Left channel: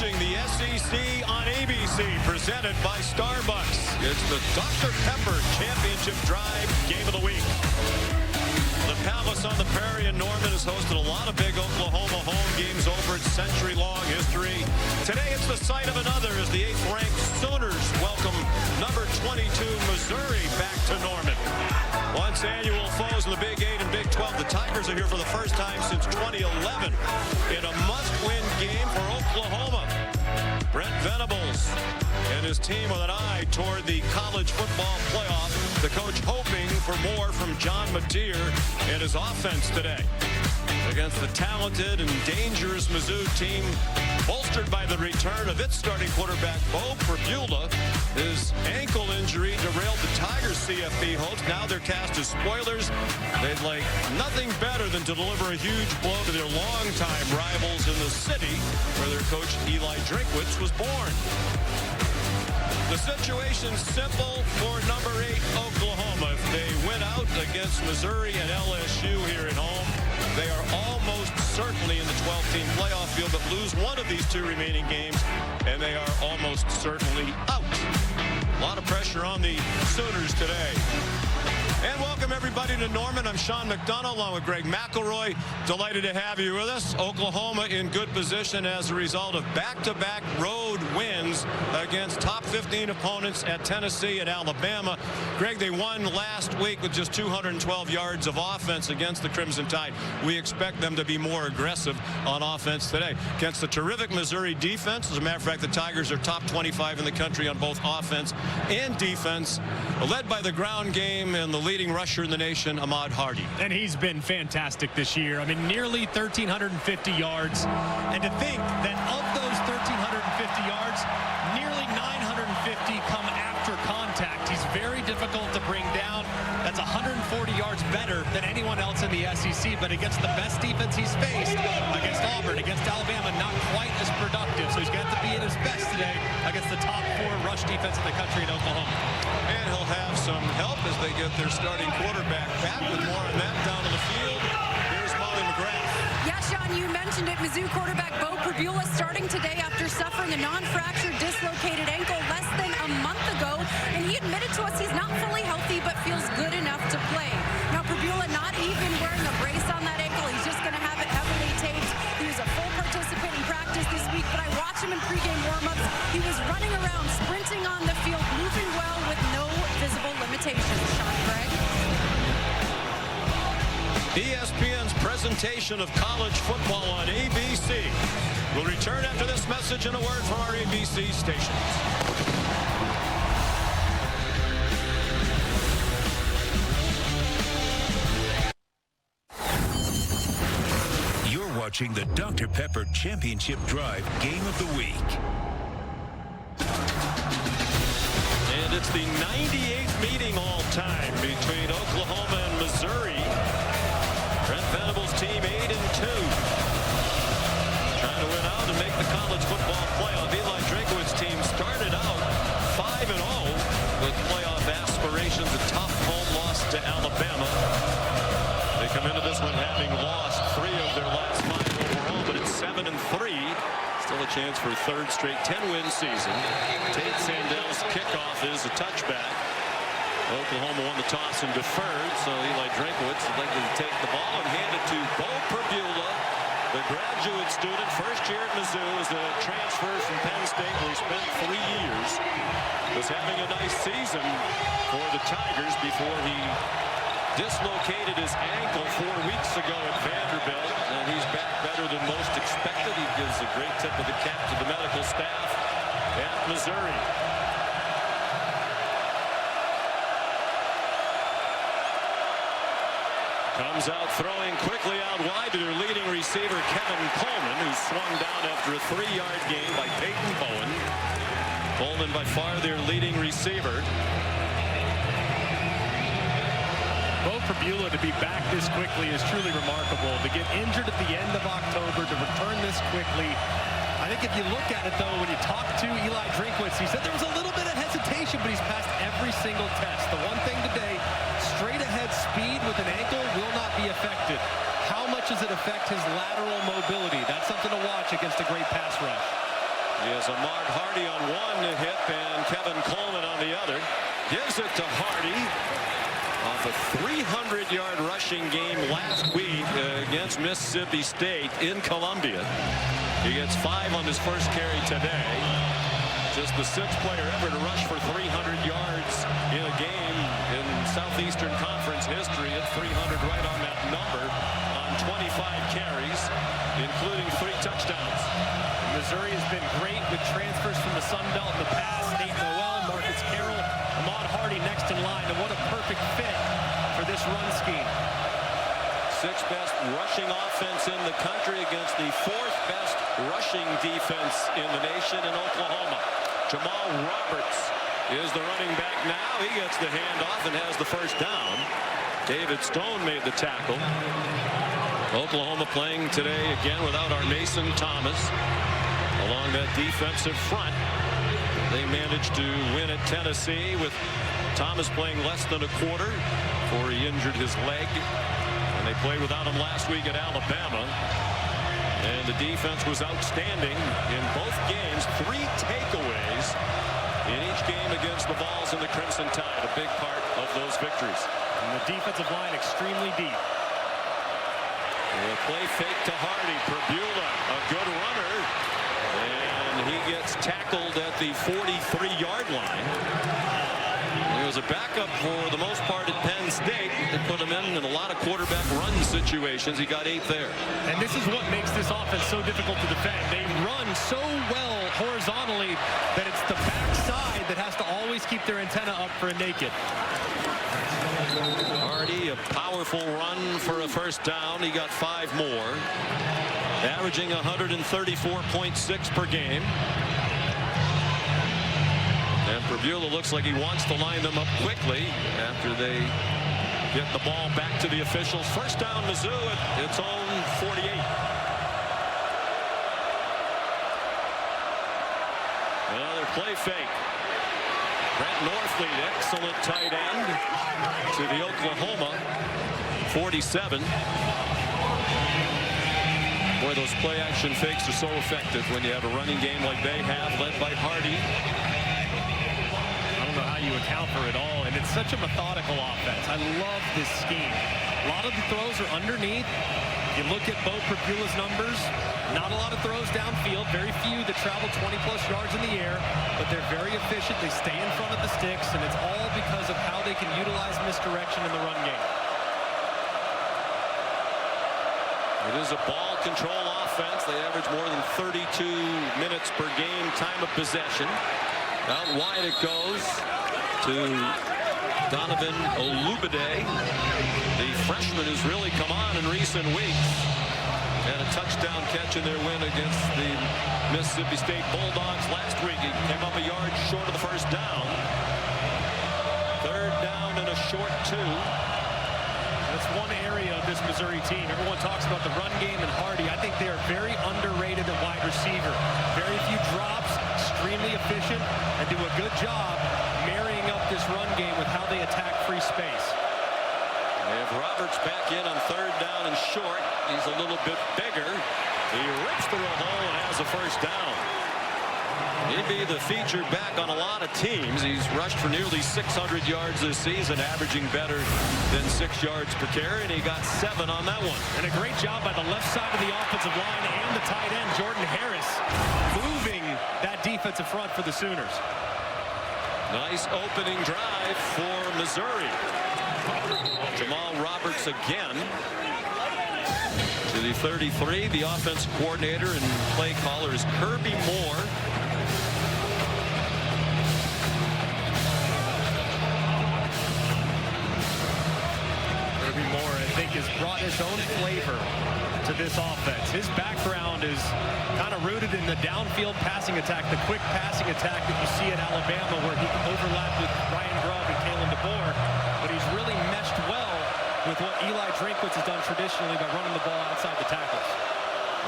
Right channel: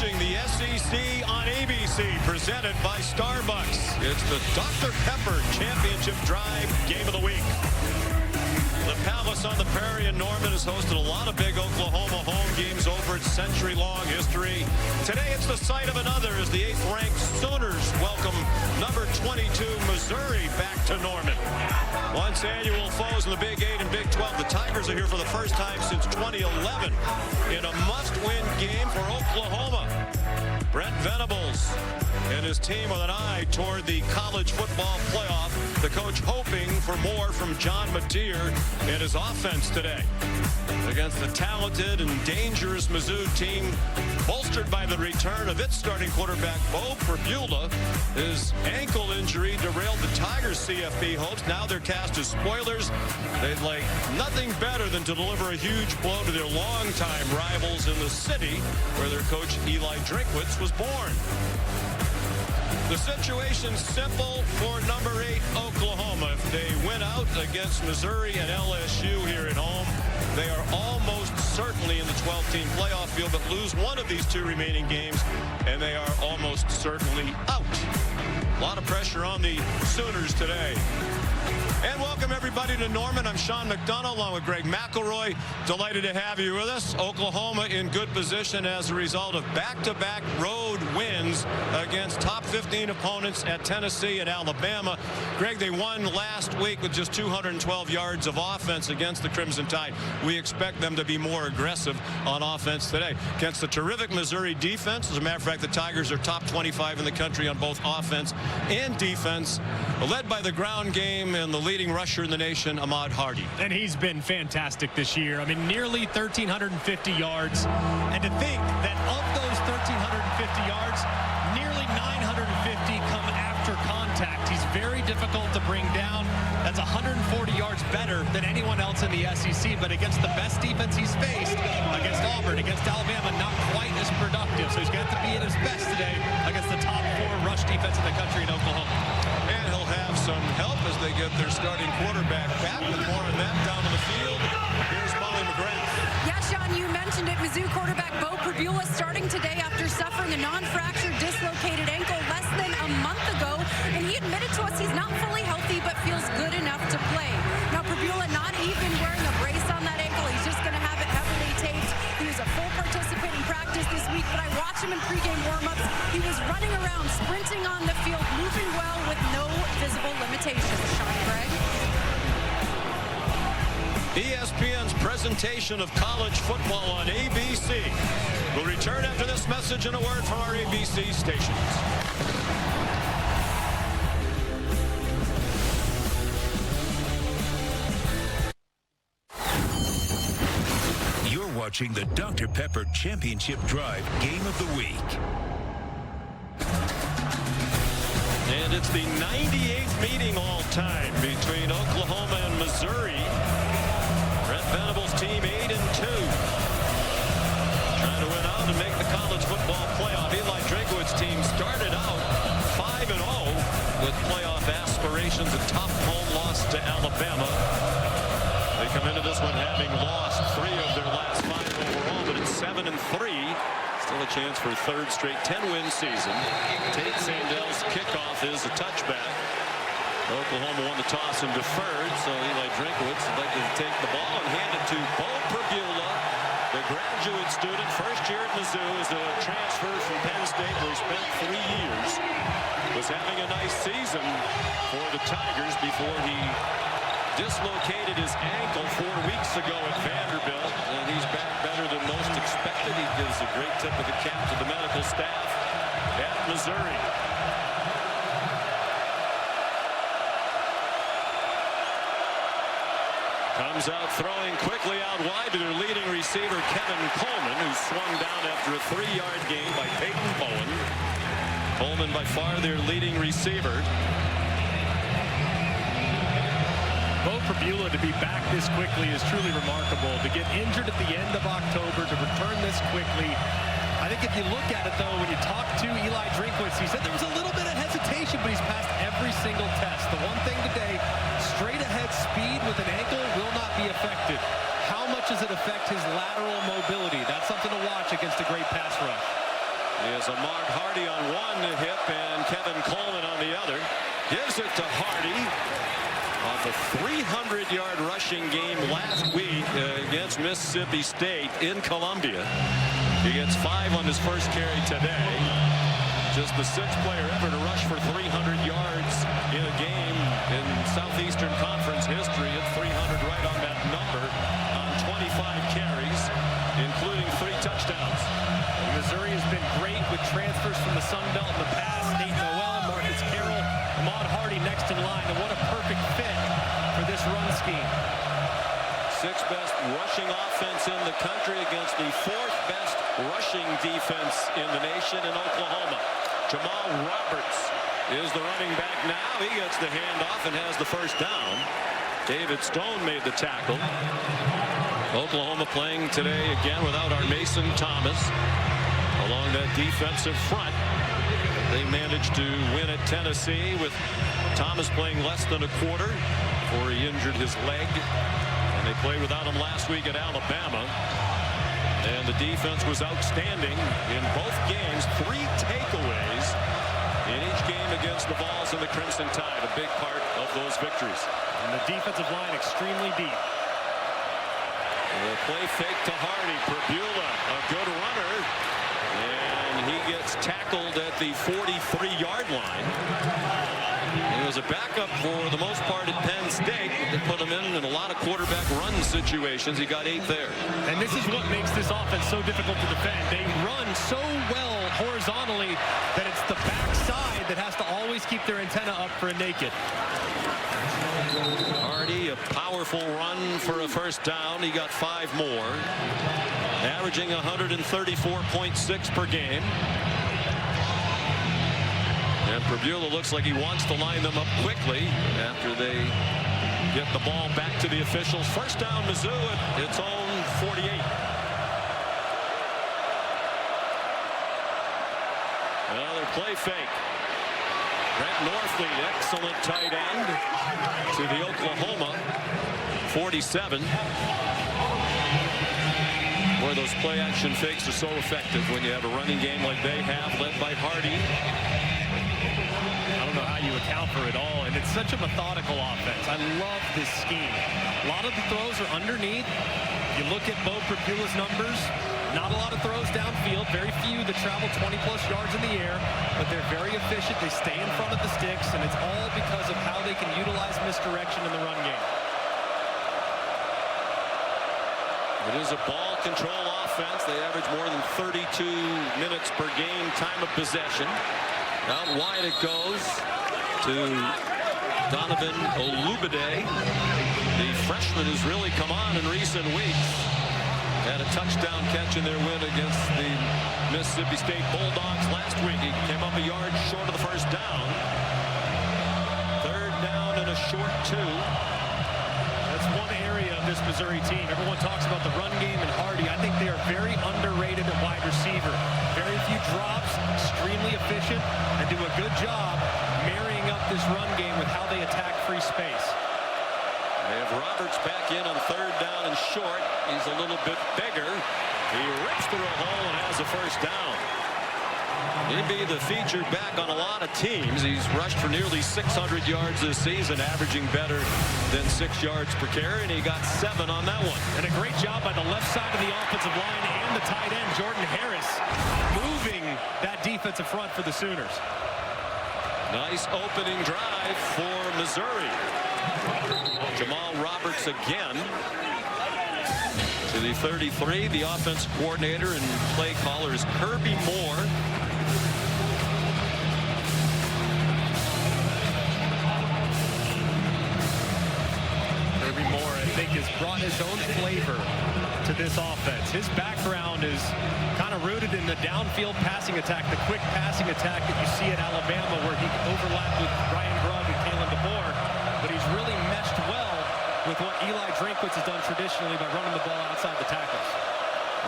watching the SEC on ABC, presented by Starbucks. It's the Dr. Pepper Championship Drive Game of the Week. The Palace on the Prairie in Norman has hosted a lot of big Oklahoma home games over its century-long history. Today it's the site of another as the 8th-ranked Sooners welcome number 22 Missouri back to Norman. Once annual foes in the Big 8 and Big 12, the Tigers are here for the first time since 2011 in a must-win game for Oklahoma. Brent Venables and his team with an eye toward the college football playoff. The coach hoping for more from John Mateer and his offense today against the talented and dangerous Mizzou team, bolstered by the return of its starting quarterback, Bo Pribula. His ankle injury derailed the Tigers' CFB hopes. Now they're cast as spoilers. They'd like nothing better than to deliver a huge blow to their longtime rivals in the city where their coach Eli Drinkwitz was born. The situation's simple for number 8 Oklahoma. If they win out against Missouri and LSU here at home, they are almost certainly in the 12-team playoff field, but lose one of these two remaining games, and they are almost certainly out. A lot of pressure on the Sooners today. And welcome everybody to Norman. I'm Sean McDonough along with Greg McElroy. Delighted to have you with us. Oklahoma in good position as a result of back-to-back road wins against top 15 opponents at Tennessee and Alabama. Greg, they won last week with just 212 yards of offense against the Crimson Tide. We expect them to be more aggressive on offense today against the terrific Missouri defense. As a matter of fact, the Tigers are top 25 in the country on both offense and defense, led by the ground game and the leading rusher in the nation, Ahmad Hardy. And he's been fantastic this year. I mean, nearly 1,350 yards. And to think that of those 1,350 yards, nearly 950 come after contact. He's very difficult to bring down. That's 140 yards better than anyone else in the SEC, but against the best defense he's faced, against Auburn, against Alabama, not quite as productive. So he's got to be at his best today against the top 4 rush defense in the country in Oklahoma. And he'll have some help as they get their starting quarterback back. With more on that down on the field, here's Molly McGrath. Yeah, Sean, you mentioned it. Mizzou quarterback Bo Pribula starting today after suffering a non-fractured dislocated ankle less than a month ago. And he admitted to us he's not fully healthy, but feels good enough to play. Now, Pribula not even wearing a brace on that ankle. He's just going to have it heavily taped. He was a full participant in practice this week, but I watched him in pregame warm-ups. He was running around, sprinting on the field, moving well with no visible limitations. Sean, Greg? ESPN's presentation of college football on ABC will return after this message and a word from our ABC stations. You're watching the Dr. Pepper Championship Drive Game of the Week. And it's the 98th meeting all-time between Oklahoma and Missouri. Brent Venables' team 8-2. Trying to win out and make the college football playoff. Eli Drinkwitz' team started out 5-0 with playoff aspirations. A tough home loss to Alabama. They come into this one having lost 3 of their last 5 overall, but it's 7-3. Still a chance for a third straight 10-win season. Tate Sandel's kickoff is a touchback. Oklahoma won the toss and deferred, so Eli Drinkwitz would like to take the ball and hand it to Bo Pribula, the graduate student, first year at Mizzou, as a transfer from Penn State, where he spent 3 years. Was having a nice season for the Tigers before he dislocated his ankle 4 weeks ago at Vanderbilt, and he's back better than most expected. He gives a great tip of the cap to the medical staff at Missouri. Comes out throwing quickly out wide to their leading receiver, Kevin Coleman, who swung down after a 3-yard gain by Peyton Bowen. Coleman by far their leading receiver. Bo Pribula to be back this quickly is truly remarkable. To get injured at the end of October, to return this quickly. I think if you look at it, though, when you talk to Eli Drinkwitz, he said there was a little bit of hesitation, but he's passed every single test. The one thing today, straight ahead speed with an ankle will not be affected. How much does it affect his lateral mobility? That's something to watch against a great pass rush. He has Ahmad Hardy on one hip and Kevin Coleman on the other. Gives it to Hardy off a 300-yard rushing game last week against Mississippi State in Columbia. He gets 5 on his first carry today. Just the 6th player ever to rush for 300 yards in a game in Southeastern Conference history at 300 right on that number on 25 carries, including 3 touchdowns. And Missouri has been great with transfers from the Sun Belt in the past. Nate Noel, Marcus Carroll, Ahmad Hardy next in line. And what a perfect fit for this run scheme. 6th best rushing offense in the country against the 4th best rushing defense in the nation in Oklahoma. Jamal Roberts is the running back now. He gets the handoff and has the first down. David Stone made the tackle. Oklahoma playing today again without our Mason Thomas along that defensive front. They managed to win at Tennessee with Thomas playing less than a quarter before he injured his leg. And they played without him last week at Alabama. And the defense was outstanding in both games. 3 takeaways in each game against the Vols and the Crimson Tide. A big part of those victories. And the defensive line extremely deep. The play fake to Hardy. Perbula, a good runner. And he gets tackled at the 43-yard line. He was a backup for the most part at Penn State. They put him in a lot of quarterback run situations. He got 8 there. And this is what makes this offense so difficult to defend. They run so well horizontally that it's the backside that has to always keep their antenna up for a naked. Hardy, a powerful run for a first down. He got 5 more. Averaging 134.6 per game. And Perbula looks like he wants to line them up quickly after they get the ball back to the officials. First down, Mizzou at its own 48. Another play fake. Brent Norfleet, excellent tight end to the Oklahoma 47. Boy, those play action fakes are so effective when you have a running game like they have, led by Hardy. I don't know how you account for it all, and it's such a methodical offense. I love this scheme. A lot of the throws are underneath. You look at Bo Perbula's numbers, not a lot of throws downfield, very few that travel 20-plus yards in the air, but they're very efficient. They stay in front of the sticks, and it's all because of how they can utilize misdirection in the run game. It is a ball control offense. They average more than 32 minutes per game time of possession. Out wide it goes to Donovan Olubide, the freshman who's really come on in recent weeks. Had a touchdown catch in their win against the Mississippi State Bulldogs last week. He came up a yard short of the first down. 3rd down and a short 2. That's one area of this Missouri team. Everyone talks about the run game and Hardy. I think they are very underrated at wide receiver. Very few drops, extremely efficient, and do a good job marrying up this run game with how they attack free space. They have Roberts back in on 3rd down and short. He's a little bit bigger. He rips through a hole and has a first down. He'd be the featured back on a lot of teams. He's rushed for nearly 600 yards this season, averaging better than 6 yards per carry, and he got 7 on that one. And a great job by the left side of the offensive line and the tight end, Jordan Harris, moving that defensive front for the Sooners. Nice opening drive for Missouri. Jamal Roberts again to the 33. The offense coordinator and play caller is Kirby Moore. Kirby Moore, I think, has brought his own flavor to this offense. His background is kind of rooted in the downfield passing attack, the quick passing attack that you see at Alabama, where he overlapped with Ryan Grubb and Kalen DeBoer. But he's really meshed well with what Eli Drinkwitz has done traditionally by running the ball outside the tackles.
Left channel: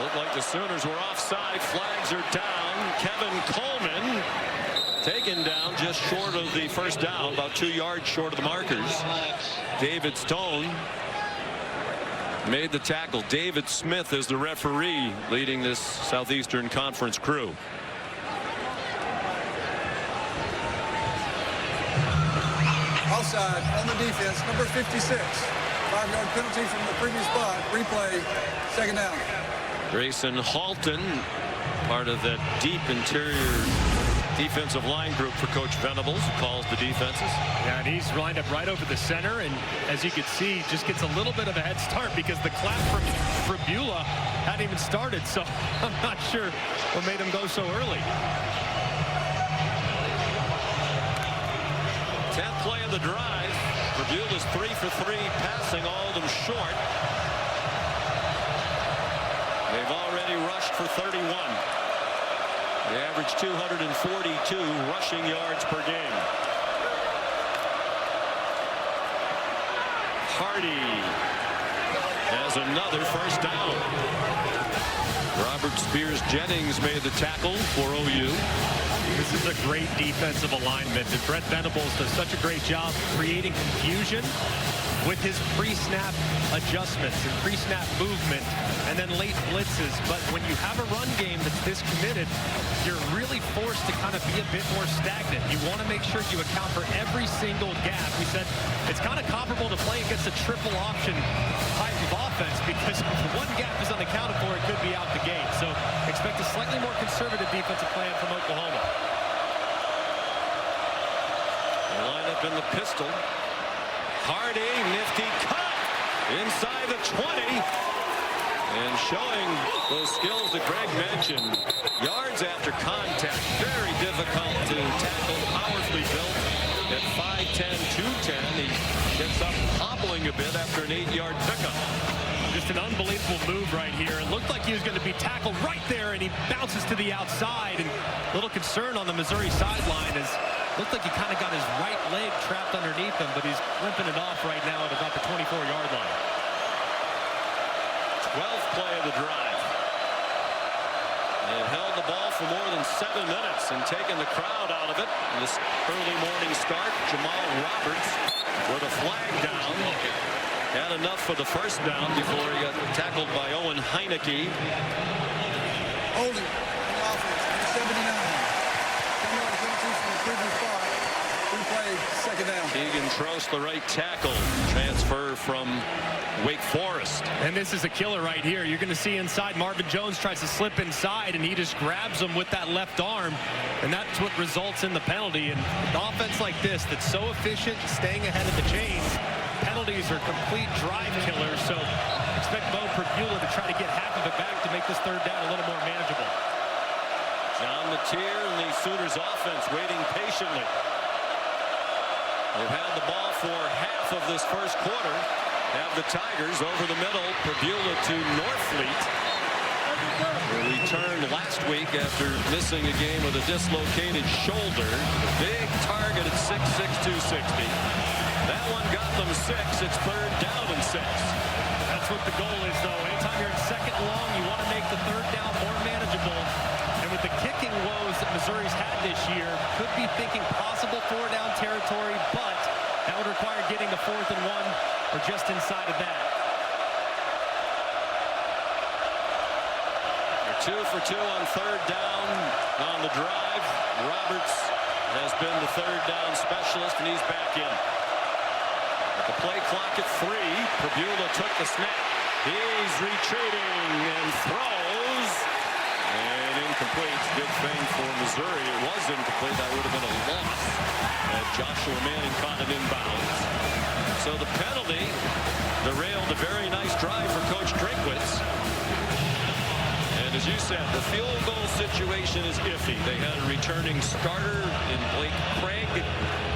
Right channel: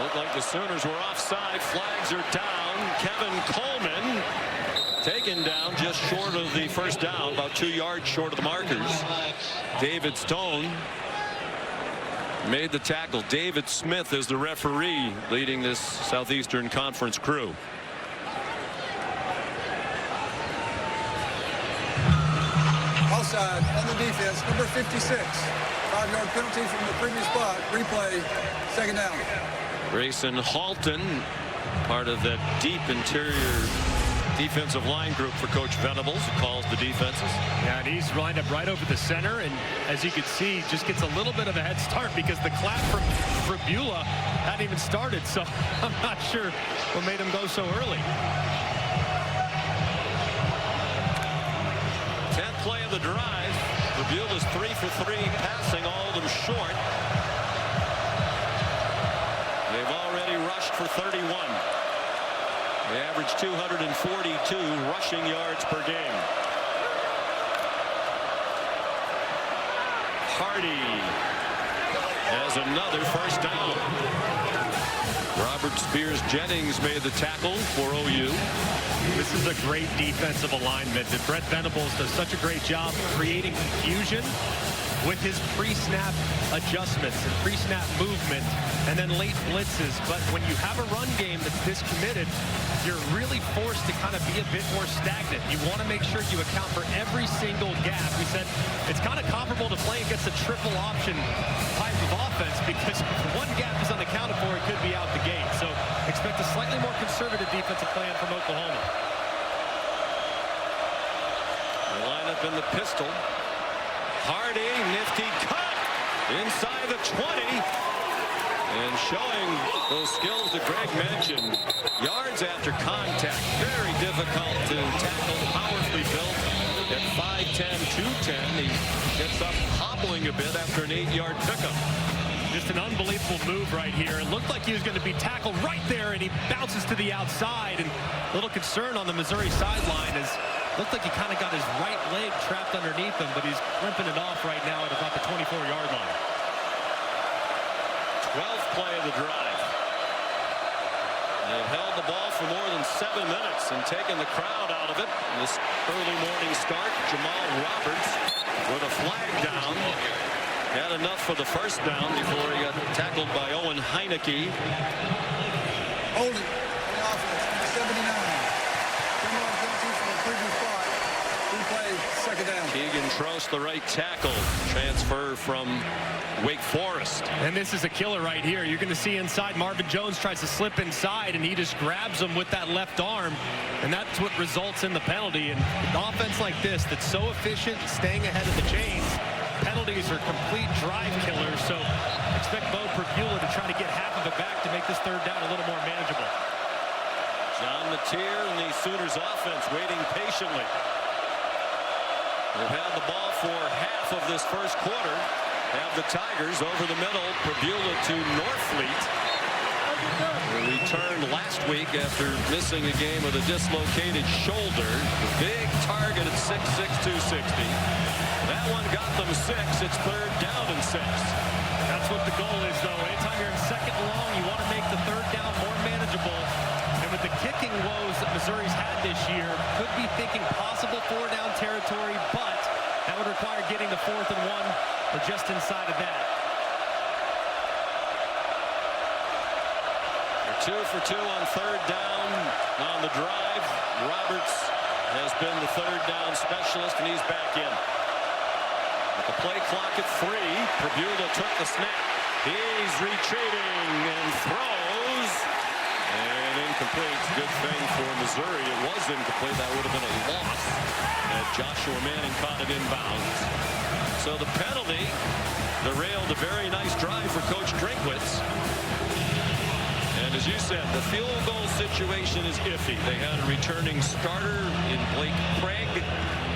Looked like the Sooners were offside. Flags are down. Kevin Coleman taken down just short of the first down, about 2 yards short of the markers. David Stone made the tackle. David Smith is the referee leading this Southeastern Conference crew. offside on the defense, number 56. 5-yard penalty from the previous spot. Replay, second down. Grayson Halton, part of that deep interior defensive line group for Coach Venables, who calls the defenses. Yeah, and he's lined up right over the center, and as you can see, just gets a little bit of a head start because the clap from Brabula hadn't even started, so I'm not sure what made him go so early. 10th play of the drive. Brabula's 3 for 3 passing, all of them short. They've already rushed for 31. They average 242 rushing yards per game. Hardy has another first down. Robert Spears-Jennings made the tackle for OU. This is a great defensive alignment, and Brett Venables does such a great job creating confusion with his pre-snap adjustments and pre-snap movement and then late blitzes. But when you have a run game that's this committed, you're really forced to kind of be a bit more stagnant. You want to make sure you account for every single gap. We said it's kind of comparable to playing against a triple option type of offense, because if one gap is unaccounted for, it could be out the gate. So expect a slightly more conservative defensive plan from Oklahoma. They line up in the pistol. Hardy, nifty cut inside the 20. And showing those skills that Greg mentioned. Yards after contact. Very difficult to tackle. Powerfully built at 5'10", 210. He gets up hobbling a bit after an 8-yard pickup. Just an unbelievable move right here. It looked like he was going to be tackled right there, and he bounces to the outside. And a little concern on the Missouri sideline is looked like he kind of got his right leg trapped underneath him, but he's limping it off right now at about the 24-yard line. 12th play of the drive. They've held the ball for more than 7 minutes and taken the crowd out of it. In this early morning start, Jamal Roberts with a flag down. Had enough for the first down before he got tackled by Owen Heineke. Holding on the offense, number 79. 10-yard penalty from the previous spot. Replay, second down. Keegan Trost, the right tackle, transfer from Wake Forest. And this is a killer right here. You're going to see inside, Marvin Jones tries to slip inside, and he just grabs him with that left arm, and that's what results in the penalty. And an offense like this that's so efficient, staying ahead of the chains, penalties are complete drive killers. So expect Bo Prabula to try to get half of it back to make this third down a little more manageable. John Mateer and the Sooners offense waiting patiently. They've had the ball for half of this first quarter. Have the Tigers over the middle. Prabula to Norfleet. Who returned last week after missing a game with a dislocated shoulder. The big target at 6'6", 260. That one got them 6. It's third down and 6. That's what the goal is, though. Anytime you're in second long, you want to make the third down more manageable. And with the kicking woes that Missouri's had this year, could be thinking possible 4-down territory, but that would require getting to 4th and 1 or just inside of that. They're 2 for 2 on third down on the drive. Roberts has been the third down specialist, and he's back in. At the play clock at 3, Prabula took the snap. He's retreating and throws. And incomplete. Good thing for Missouri. It was incomplete. That would have been a loss. Joshua Manning caught it inbounds. So the penalty derailed a very nice drive for Coach Drinkwitz. And as you said, the field goal situation is iffy. They had a returning starter in Blake Craig.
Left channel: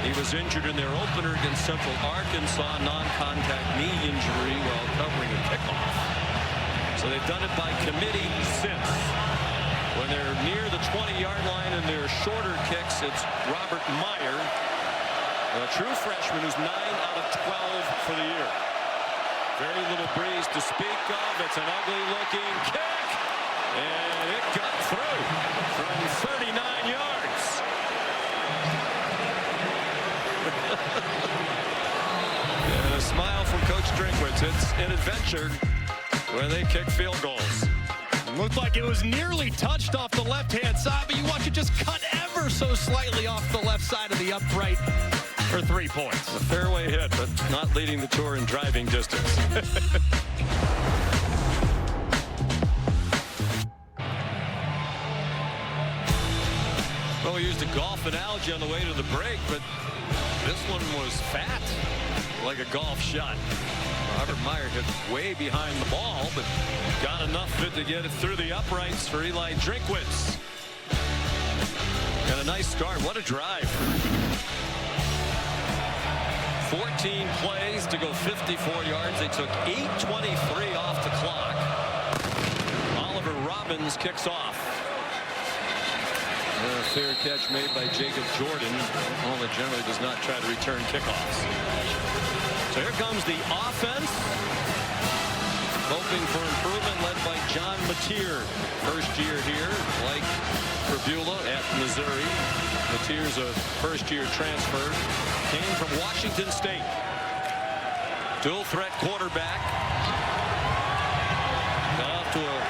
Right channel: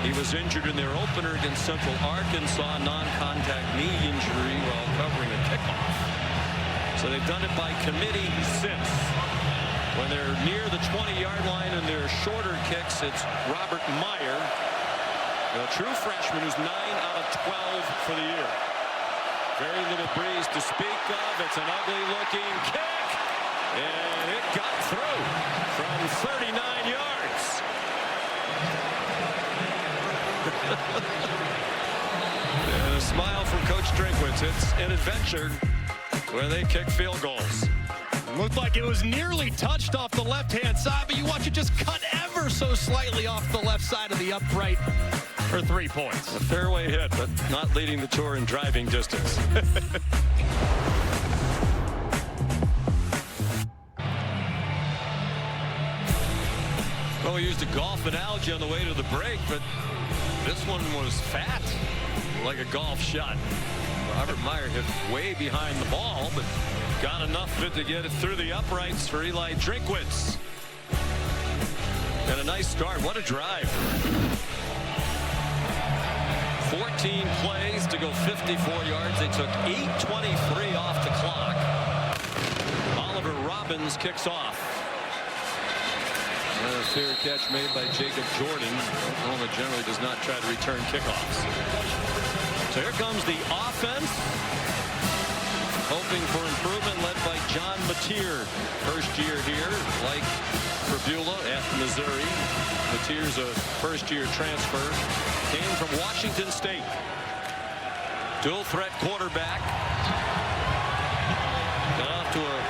He was injured in their opener against Central Arkansas, non-contact knee injury while covering a kickoff. So they've done it by committee since. When they're near the 20-yard line and they're shorter kicks, it's Robert Meyer, a true freshman who's 9 out of 12 for the year. Very little breeze to speak of. It's an ugly-looking kick, and it got through from 39 yards. And a smile from Coach Drinkwitz. It's an adventure when they kick field goals. Looked like it was nearly touched off the left-hand side, but you watch it just cut ever so slightly off the left side of the upright. for 3 points. A fairway hit, but not leading the tour in driving distance. Well, we used a golf analogy on the way to the break, but this one was fat, like a golf shot. Robert Meyer hit way behind the ball, but got enough of it to get it through the uprights for Eli Drinkwitz. And a nice start. What a drive. 14 plays to go 54 yards. They took 8:23 off the clock. Oliver Robbins kicks off. A fair catch made by Jacob Jordan. Oklahoma generally does not try to return kickoffs. So here comes the offense. Hoping for improvement, led by John Mateer. First year here, like Prabula at Missouri. Mateer's a first-year transfer. Came from Washington State. Dual threat quarterback. Got off to a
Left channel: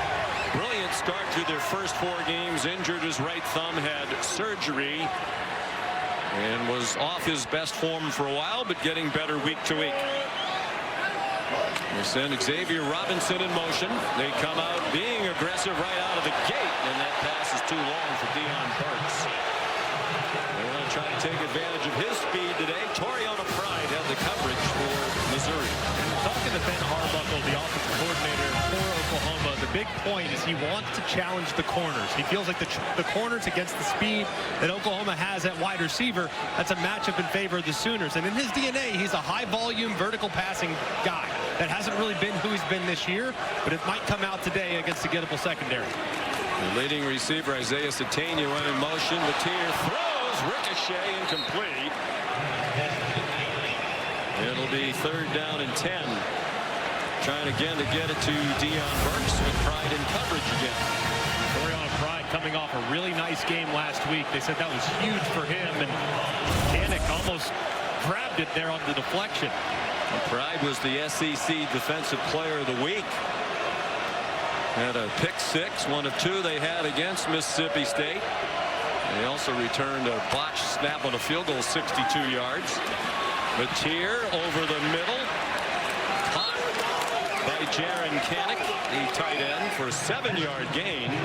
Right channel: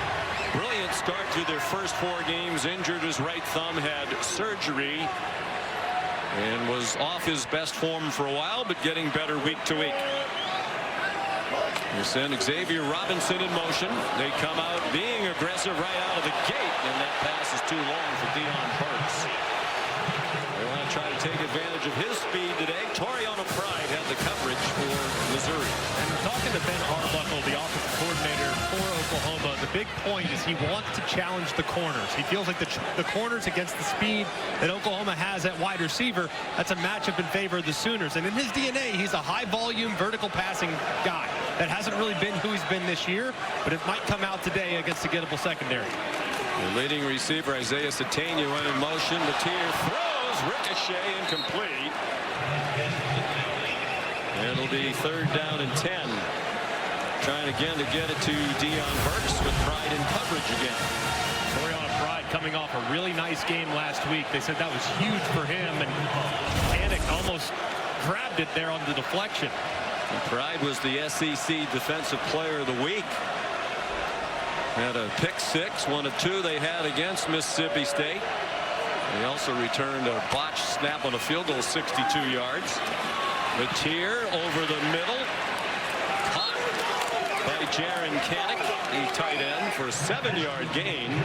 brilliant start to their first 4 games. Injured his right thumb, had surgery, and was off his best form for a while, but getting better week to week. They send Xavier Robinson in motion. They come out being aggressive right out of the gate, and that pass is too long for Deion Burks. They want to try to take advantage of his speed today. Toriano Pride had the coverage for Missouri. And talking to Ben Arbuckle, the offensive coordinator for Oklahoma, the big point is he wants to challenge the corners. He feels like the corners against the speed that Oklahoma has at wide receiver, that's a matchup in favor of the Sooners. And in his DNA, he's a high-volume, vertical passing guy. That hasn't really been who he's been this year, but it might come out today against a gettable secondary. The leading receiver, Isaiah Satania, went in motion. Mateer throws, ricochet, incomplete. It'll be 3rd down and 10. Trying again to get it to Deion Burks with Pride in coverage again. Toriano Pride coming off a really nice game last week. They said that was huge for him, and Danik almost grabbed it there on the deflection. And Pride was the SEC Defensive Player of the Week. Had a pick 6, one of 2 they had against Mississippi State. They also returned a botched snap on a field goal, 62 yards. Mateer over the middle. Caught by Jaron Kanik, the tight end, for a 7-yard gain.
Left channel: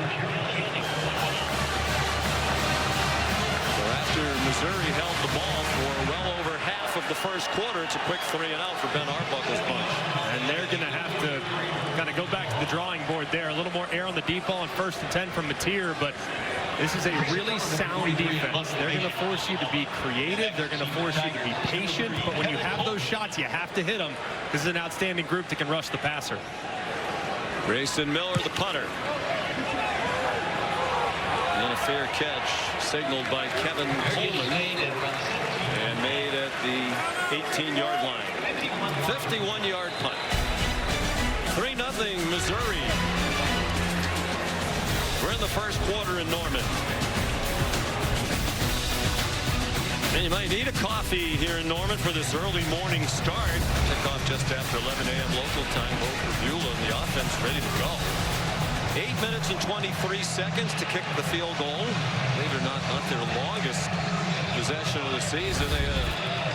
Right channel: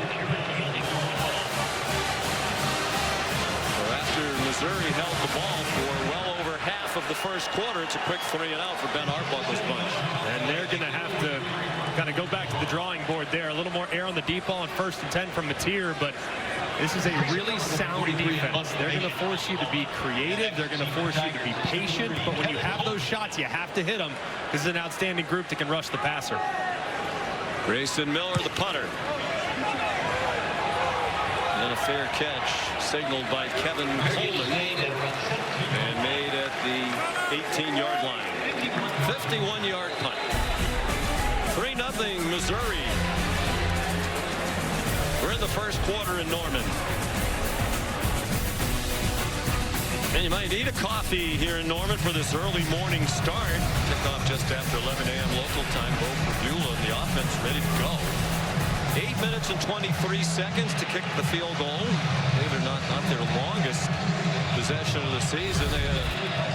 So after Missouri held the ball for well over half of the first quarter, it's a quick 3 and out for Ben Arbuckle's bunch. And they're going to have to kind of go back to the drawing board there. A little more air on the deep ball on 1st and 10 from Mateer, but this is a really sound defense. They're going to force you to be creative. They're going to force you to be patient. But when you have those shots, you have to hit them. This is an outstanding group that can rush the passer. Grayson Miller, the punter. And a fair catch signaled by Kevin Coleman and made at the 18-yard line. 51-yard punt. 3-0 Missouri. We're in the first quarter in Norman. And you might need a coffee here in Norman for this early morning start. Kickoff just after 11 a.m. local time. Bo Prabula and the offense ready to go. 8 minutes and 23 seconds to kick the field goal. Believe it or not their longest possession of the season. They had a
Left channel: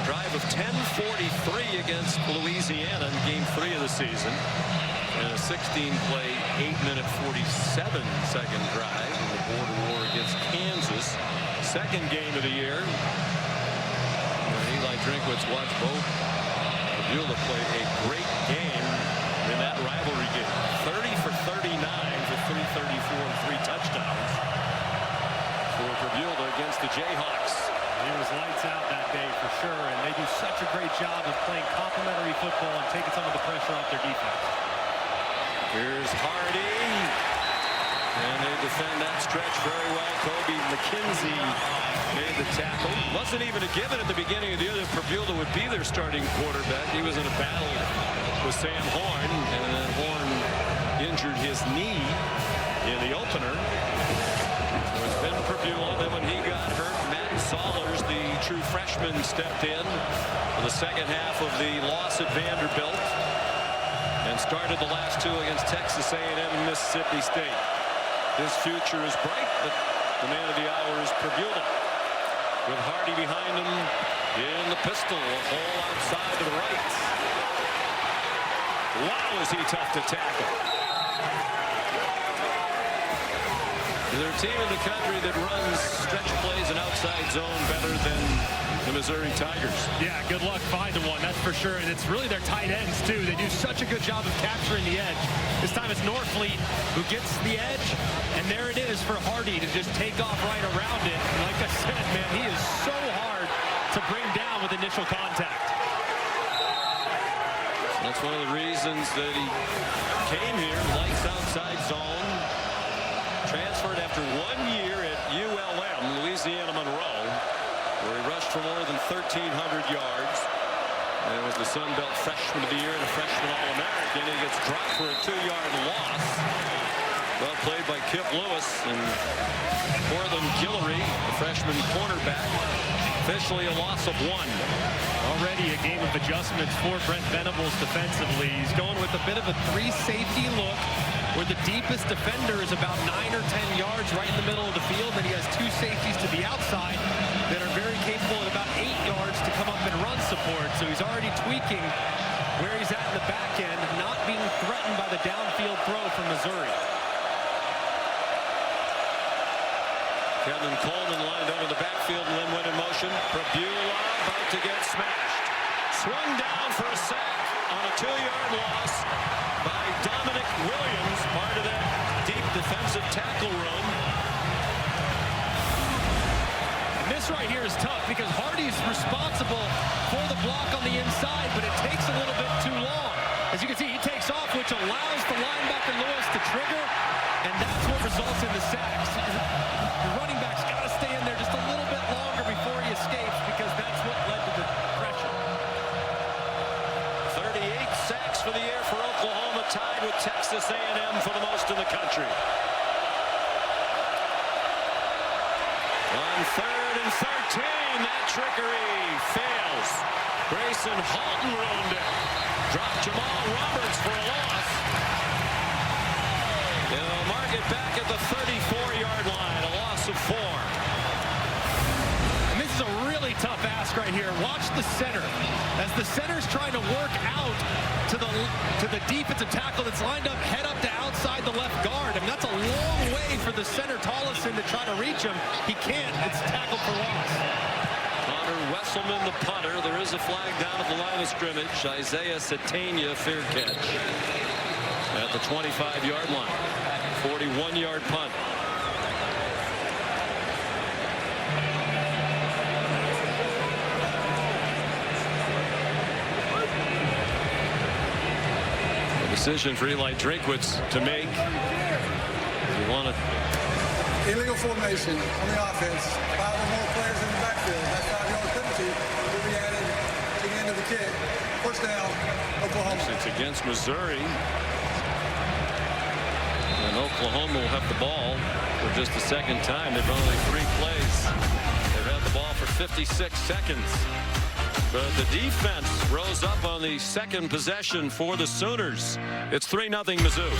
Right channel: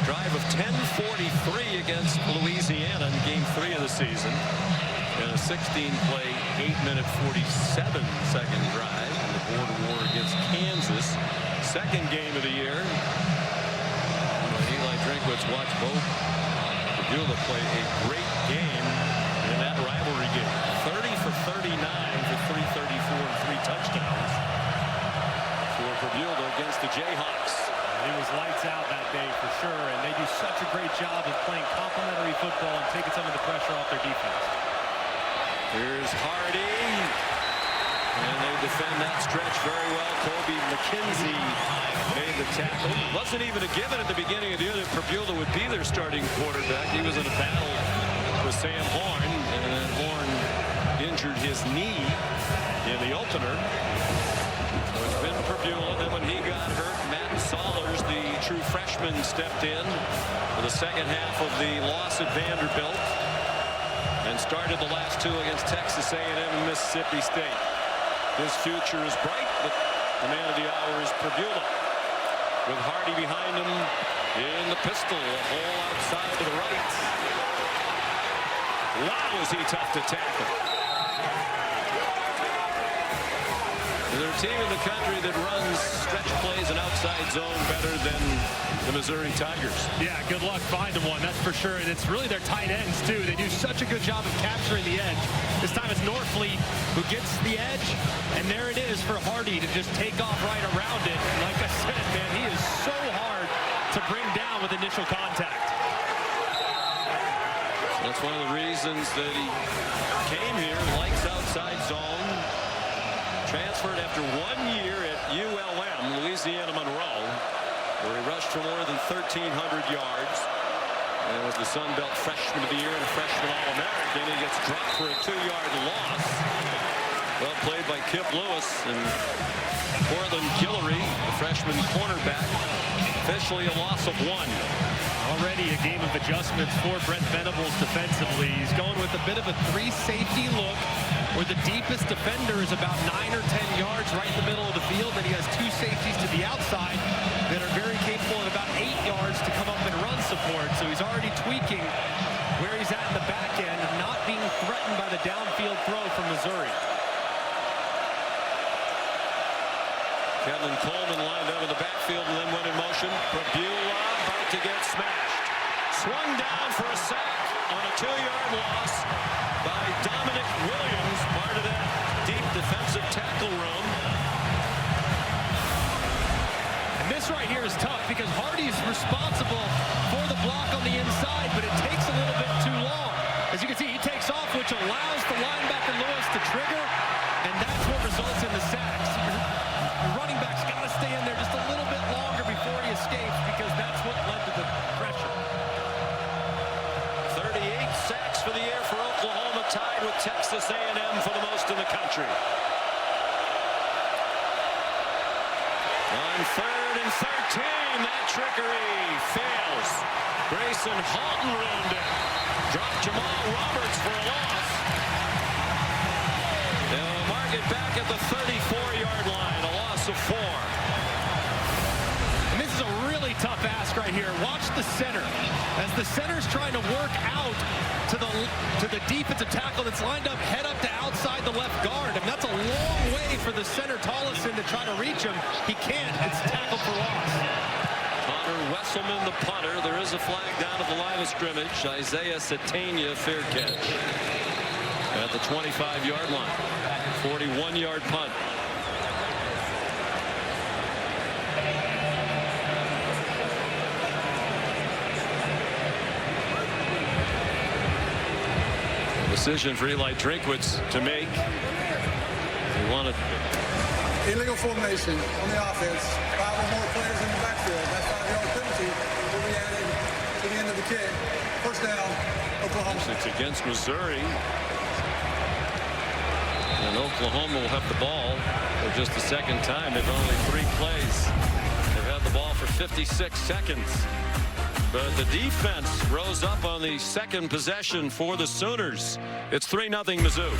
drive of 10:43 against Louisiana in game 3 of the season. And a 16-play, 8-minute, 47-second drive in the border war against Kansas. Second game of the year. When Eli Drinkwitz watched Bo Prabula play a great game in that rivalry game. 30 for 39 for 334 and 3 touchdowns for Prabula against the Jayhawks. He was lights out that day for sure, and they do such a great job of playing complementary football and taking some of the pressure off their defense. Here's Hardy, and they defend that stretch very well. Kobe McKenzie made the tackle. Wasn't even a given at the beginning of the year that Prabula would be their starting quarterback. He was in a battle with Sam Horn, and then Horn injured his knee in the opener. So it's been Prabula. Then when he got hurt, Matt Sollers, the true freshman, stepped in for the second half of the loss at Vanderbilt and started the last 2 against Texas A&M and Mississippi State. His future is bright, but the man of the hour is Prabula. With Hardy behind him in the pistol, a hole outside to the right. Wow, is he tough to tackle. They're a team in the country that runs stretch plays and outside zone better than the Missouri Tigers. Yeah, good luck finding one, that's for sure. And it's really their tight ends, too. They do such a good job of capturing the edge. This time it's Norfleet who gets the edge, and there it is for Hardy to just take off right around it. And like I said, man, he is so hard to bring down with initial contact. That's one of the reasons that he came here, likes outside zone. Transferred after 1 year at ULM, Louisiana Monroe, where he rushed for more than 1,300 yards. And was the Sun Belt Freshman of the Year and a Freshman All-American. He gets dropped for a 2-yard loss. Well played by Kip Lewis and Portland Guillory, the freshman cornerback. Officially a loss of 1. Already a game of adjustments for Brent Venables defensively. He's going with a bit of a 3-safety look, where the deepest defender is about 9 or 10 yards right in the middle of the field. Then he has 2 safeties to the outside that are very capable at about 8 yards to come up and run support. So he's already tweaking where he's at in the back end, not being threatened by the downfield throw from Missouri. Kevin Coleman lined up in the backfield and then went in motion. Prabula about to get smashed. Swung down for a sack on a 2-yard loss by Dominic Williams, part of that deep defensive tackle room. And this right here is tough because Hardy's responsible for the block on the inside, but it takes a little bit too long. As you can see, he takes off, which allows the linebacker Lewis to trigger, and that's what results in the sacks. Your running back's got to stay in there just a little bit longer before he escapes, because that's what led to the pressure. 38 sacks for the year for Oklahoma, tied with Texas A&M for the most in the country. On 3rd and 13, that trickery fails. Grayson Halton ruined it. Dropped Jamal Roberts for a loss. They'll mark it back at the 34-yard line, a loss of 4. And this is a really tough ask right here. Watch the center. As the center's trying to work out to the defensive tackle that's lined up, head up to outside the left guard. And that's a long way for the center, Tollison, to try to reach him. He can't. It's tackled for loss. Connor Wesselman, the punter. There is a flag down at the line of scrimmage. Isaiah Satania, fair catch at the 25-yard line. 41-yard punt. A decision for Eli Drinkwitz to make. He wanted Illegal formation on the offense. 5 or more players in the backfield. That 5-yard penalty will be added to the end of the kick. First down, Oklahoma. Actually, it's against Missouri. And Oklahoma will have the ball for just the second time. They've run only 3 plays. They've had the ball for 56 seconds. But the defense rose up on the second possession for the Sooners. It's 3-0 Mizzou.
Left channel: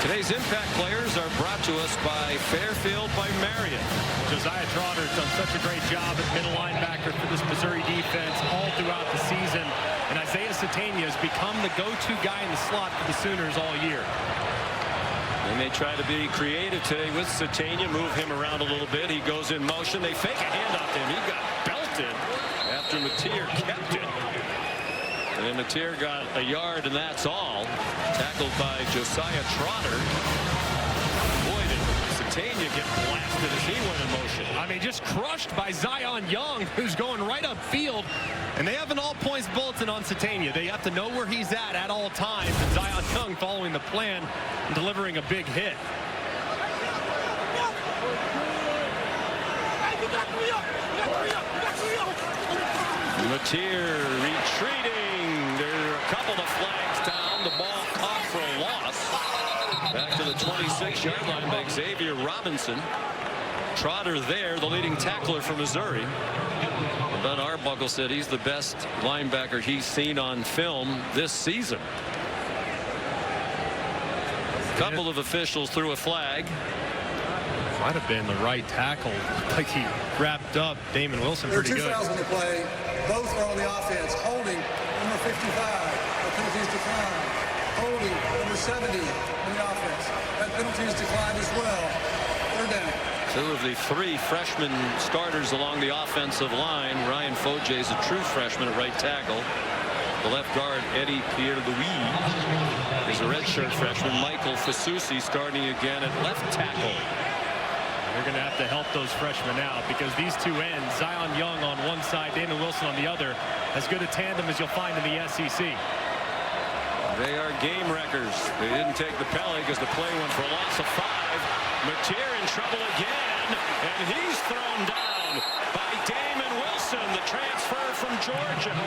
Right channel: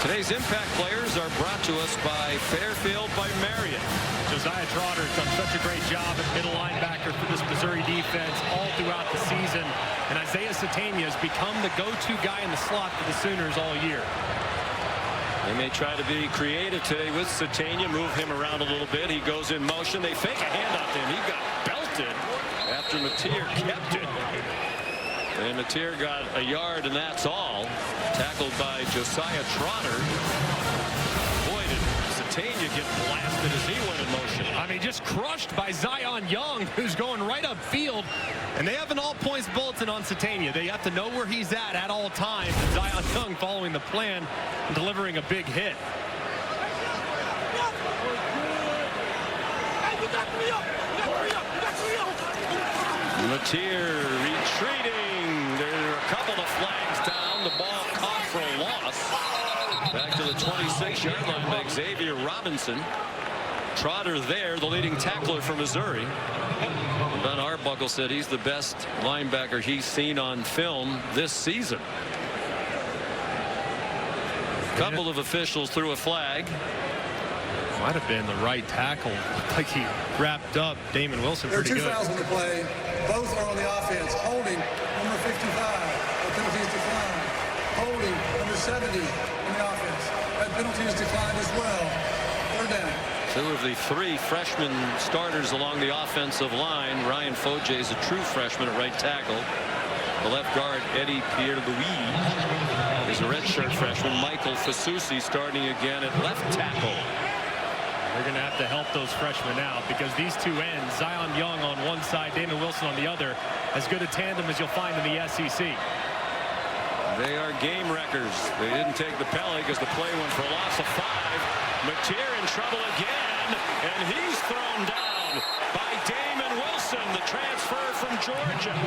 Today's Impact Players are brought to us by Fairfield by Marriott. Josiah Trotter's done such a great job at middle linebacker for this Missouri defense all throughout the season. And Isaiah Satania has become the go-to guy in the slot for the Sooners all year. They may try to be creative today with Satania, move him around a little bit. He goes in motion. They fake a handoff to him. He got belted after Mateer kept it. And Mateer got a yard, and that's all. Tackled by Josiah Trotter. Boy, did Satania get blasted as he went in motion. I mean, just crushed by Zion Young, who's going right upfield. And they have an all-points bulletin on Satania. They have to know where he's at all times. And Zion Young following the plan and delivering a big hit. Mateer retreating. There are a couple of flags down. The ball caught for a loss. Back to the 26-yard line by Xavier Robinson. Trotter there, the leading tackler for Missouri. And Ben Arbuckle said he's the best linebacker he's seen on film this season. A couple of officials threw a flag. Might have been the right tackle. Looked like he wrapped up Damon Wilson pretty good. There are 2 fouls on the play. Both are on the offense. Holding number 55. The penalties declined. Holding number 70 on the offense. That penalty is declined as well. 3rd down. 2 of the 3 freshman starters along the offensive line. Ryan Foje is a true freshman at right tackle. The left guard, Eddie Pierre-Louis, is a redshirt freshman. Michael Fasusi starting again at left tackle. They're going to have to help those freshmen out because these 2 ends, Zion Young on one side, Damon Wilson on the other, as good a tandem as you'll find in the SEC. They are game wreckers. They didn't take the penalty because the play went for a loss of 5. Mateer in trouble again, and he's thrown down by Damon Wilson, the transfer from Georgia.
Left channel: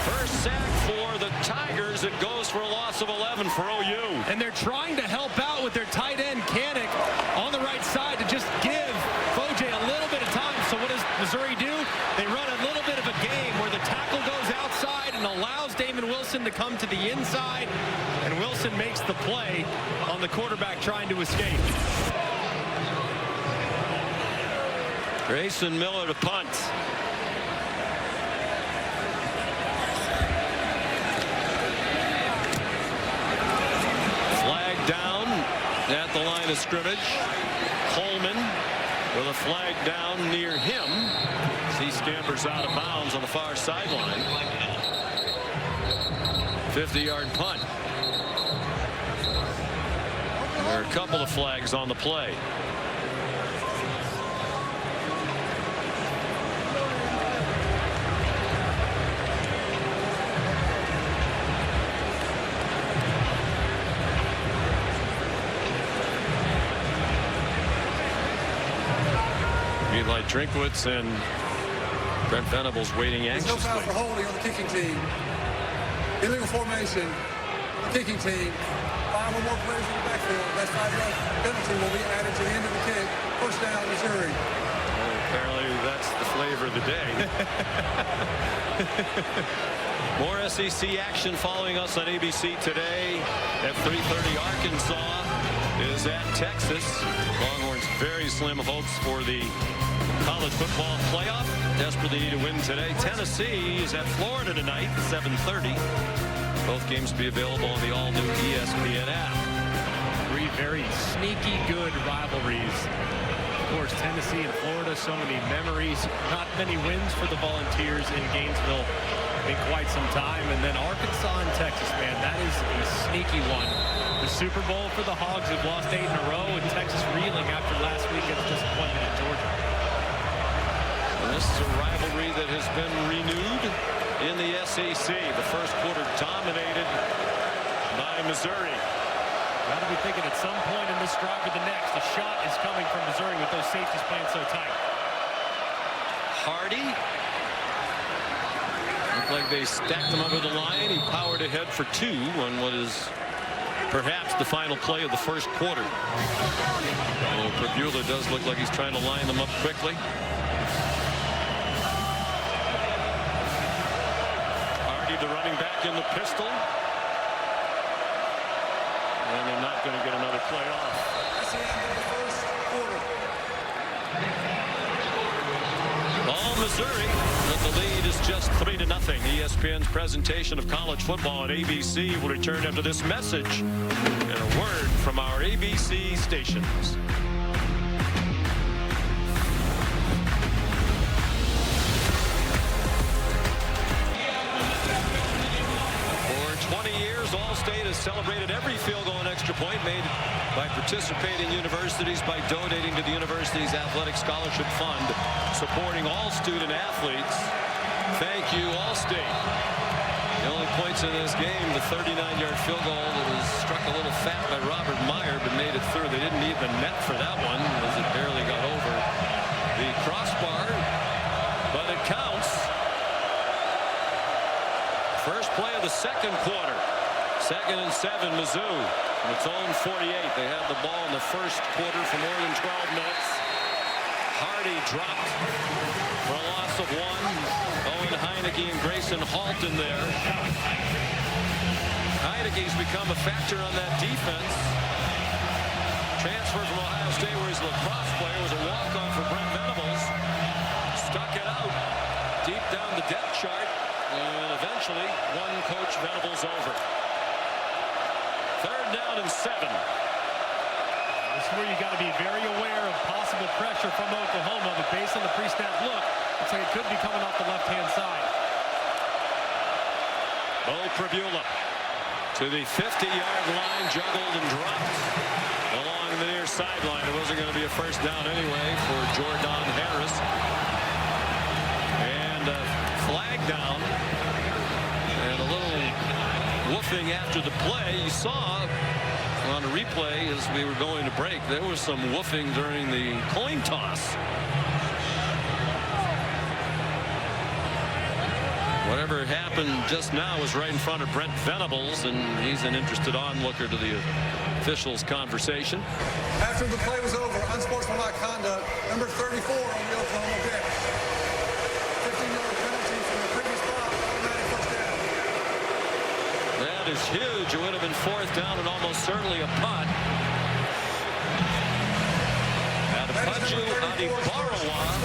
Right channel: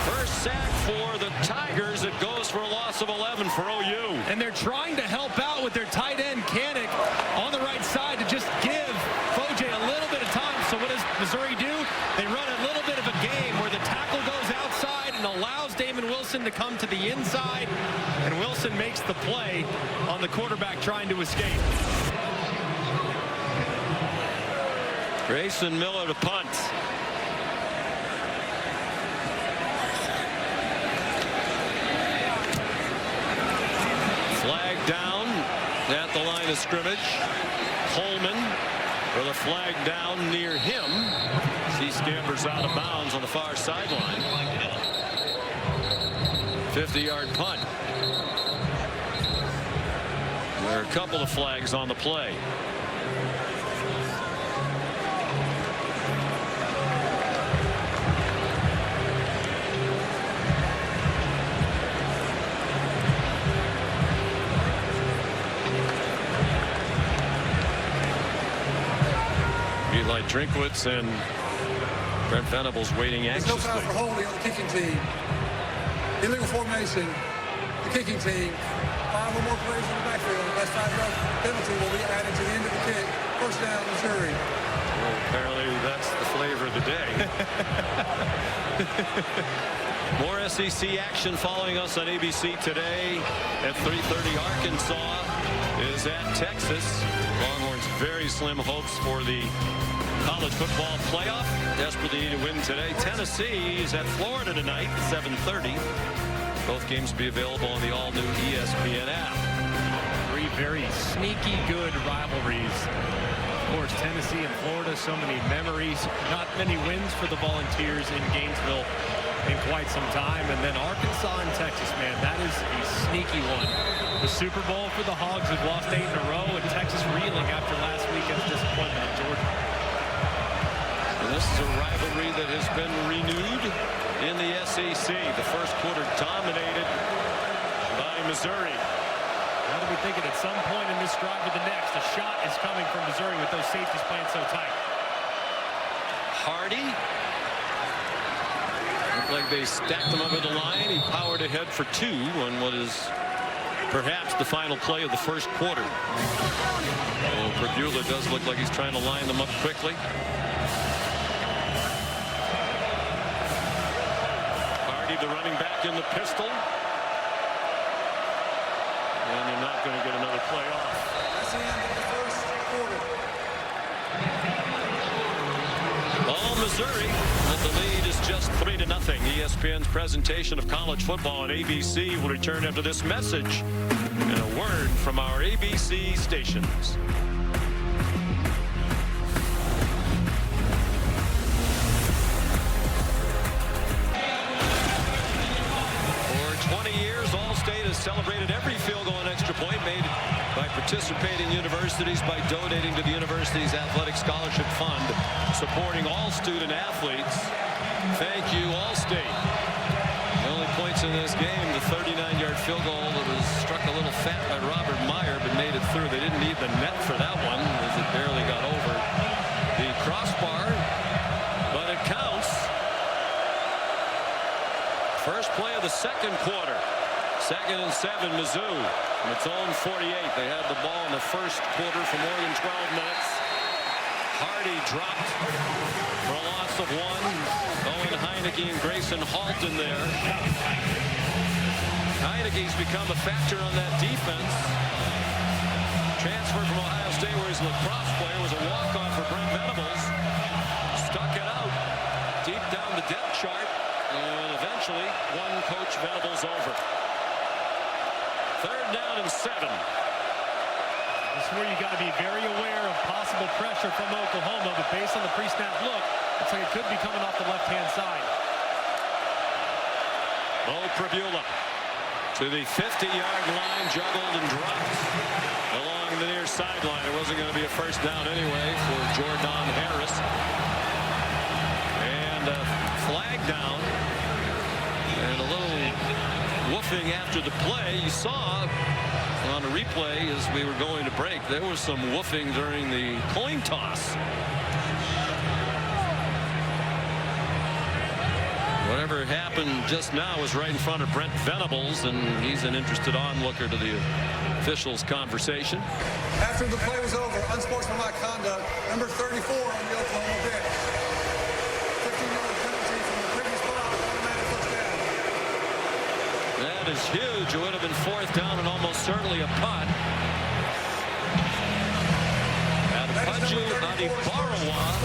First sack for the Tigers. It goes for a loss of 11 for OU. And they're trying to help out with their tight end, Kanik, on the right side to just give Foje a little bit of time. So what does Missouri do? They run a little bit of a game where the tackle goes outside and allows Damon Wilson to come to the inside. And Wilson makes the play on the quarterback trying to escape. Grayson Miller to punt. Flag down at the line of scrimmage. Coleman with a flag down near him. He scampers out of bounds on the far sideline. 50-yard punt. There are a couple of flags on the play. Eli Drinkwitz and Brent Venables waiting anxiously. There's no foul for holding on the kicking team. Illegal formation on the kicking team. 5 or more players in the backfield. That 5-yard penalty will be added to the end of the kick. First down, Missouri. Well, apparently that's the flavor of the day. More SEC action following us on ABC today at 3:30. Arkansas is at Texas. Longhorns very slim hopes for the college football playoff. Desperately need a win today. Tennessee is at Florida tonight, 7:30. Both games will be available on the all-new ESPN app. 3 very sneaky good rivalries. Of course, Tennessee and Florida, so many memories. Not many wins for the Volunteers in Gainesville in quite some time. And then Arkansas and Texas, man, that is a sneaky one. The Super Bowl for the Hogs have lost 8 in a row, and Texas reeling after last weekend's disappointment in Georgia. And this is a rivalry that has been renewed in the SEC. The first quarter dominated by Missouri. Got to be thinking at some point in this drive or the next, a shot is coming from Missouri with those safeties playing so tight. Hardy. Looked like they stacked him up at the line. He powered ahead for 2 on what is perhaps the final play of the first quarter. Oh, Pribula does look like he's trying to line them up quickly. Hardy, the running back, in the pistol. And they're not going to get another play off. That's the end of the first quarter. All Missouri, but the lead is just 3-0. ESPN's presentation of college football on ABC will return after this message and a word from our ABC stations. For 20 years, All-State has celebrated every field goal and extra point made by participating universities by donating to the university's athletic scholarship fund, supporting all student athletes. Thank you, All-State. The only points in this game, the 39-yard field goal that was struck a little fat by Robert Meyer, but made it through. They didn't need the net for that one, as it barely got over the crossbar, but it counts. First play of the second quarter. 2nd and 7, Mizzou from its own 48. They had the ball in the first quarter for more than 12 minutes. Hardy dropped for a loss of 1. Owen Heineke and Grayson Halton there. Heineke's become a factor on that defense. Transferred from Ohio State, where he's a lacrosse player, was a walk-on for Brent Venables. Stuck it out deep down the depth chart, and eventually won Coach Venables over. 3rd down and 7. This is where you got to be very aware of possible pressure from Oklahoma, but based on the pre-snap look, looks like it could be coming off the left-hand side. Bo Pribula to the 50-yard line, juggled and dropped along the near sideline. It wasn't going to be a first down anyway for Jordan Harris. And a flag down and a little woofing after the play. You saw on a replay as we were going to break, there was some woofing during the coin toss. Whatever happened just now was right in front of Brent Venables, and he's an interested onlooker to the officials' conversation. After the play was over, unsportsmanlike conduct, number 34 on the Oklahoma bench. 15-yard penalty from the previous foul, automatic first down. That is huge. It would have been 4th down and almost certainly a punt. Adepaju Adibarawa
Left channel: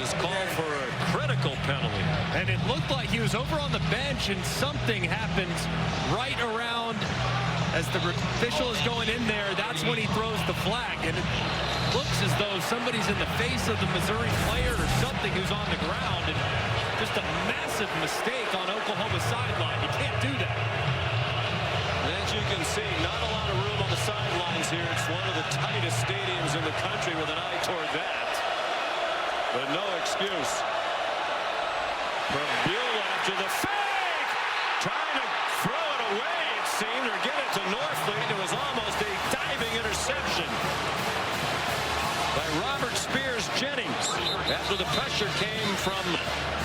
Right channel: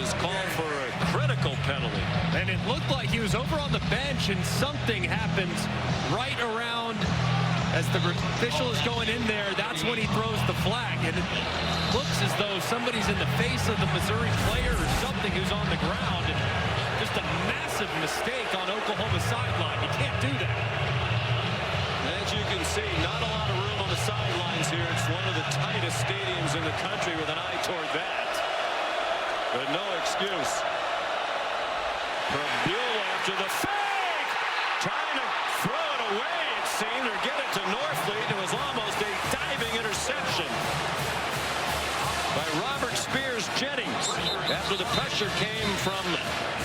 is called for a critical penalty. And it looked like he was over on the bench, and something happens right around as the official is going in there. That's when he throws the flag, and it looks as though somebody's in the face of the Missouri player or something who's on the ground, and just a massive mistake on Oklahoma's sideline. You can't do that. As you can see, not a lot of room on the sidelines here. It's one of the tightest stadiums in the country with an eye toward that. But no excuse. Pribula after the fake, trying to throw it away, it seemed, or get it to Norfleet. It was almost a diving interception by Robert Spears Jennings after the pressure came from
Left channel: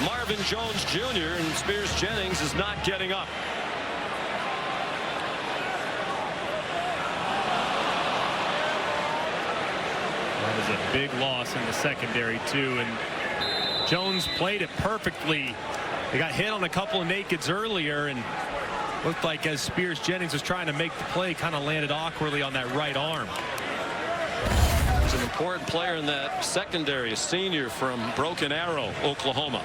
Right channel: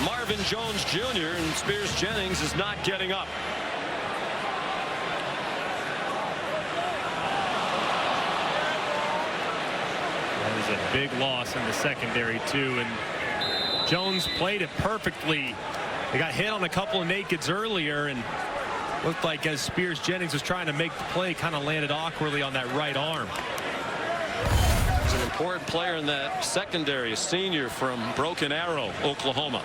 Marvin Jones Jr., and Spears Jennings is not getting up. That is a big loss in the secondary, too, and Jones played it perfectly. They got hit on a couple of nakeds earlier, and looked like as Spears Jennings was trying to make the play, kind of landed awkwardly on that right arm. He's an important player in that secondary, a senior from Broken Arrow, Oklahoma.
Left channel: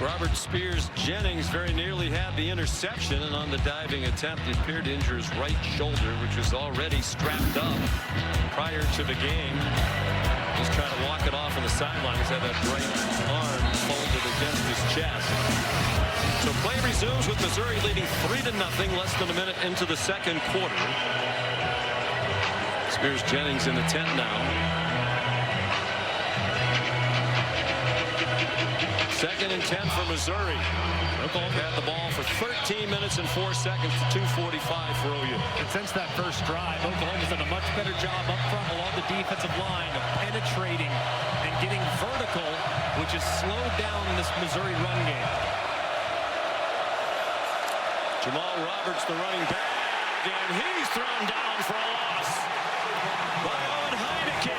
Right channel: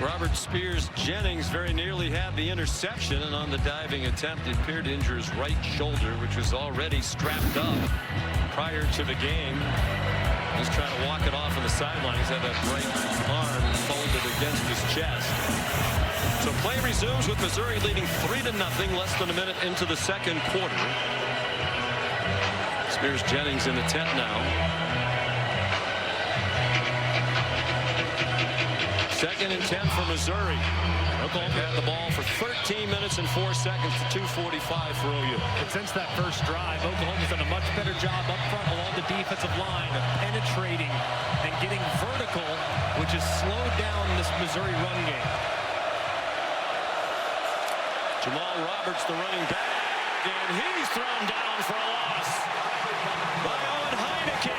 Robert Spears Jennings very nearly had the interception, and on the diving attempt he appeared to injure his right shoulder, which was already strapped up prior to the game. He's trying to walk it off on the sideline. He's had that right arm folded against his chest. So play resumes with Missouri leading 3-0, less than a minute into the second quarter. Spears Jennings in the tent now. 2nd and 10 for Missouri. Oklahoma had the ball for 13 minutes and 4 seconds to 2:45 for OU. And since that first drive, Oklahoma's done a much better job up front along the defensive line of penetrating and getting vertical, which has slowed down this Missouri run game. Jamal Roberts, the running back, and he's thrown down for a loss by Owen Heineke.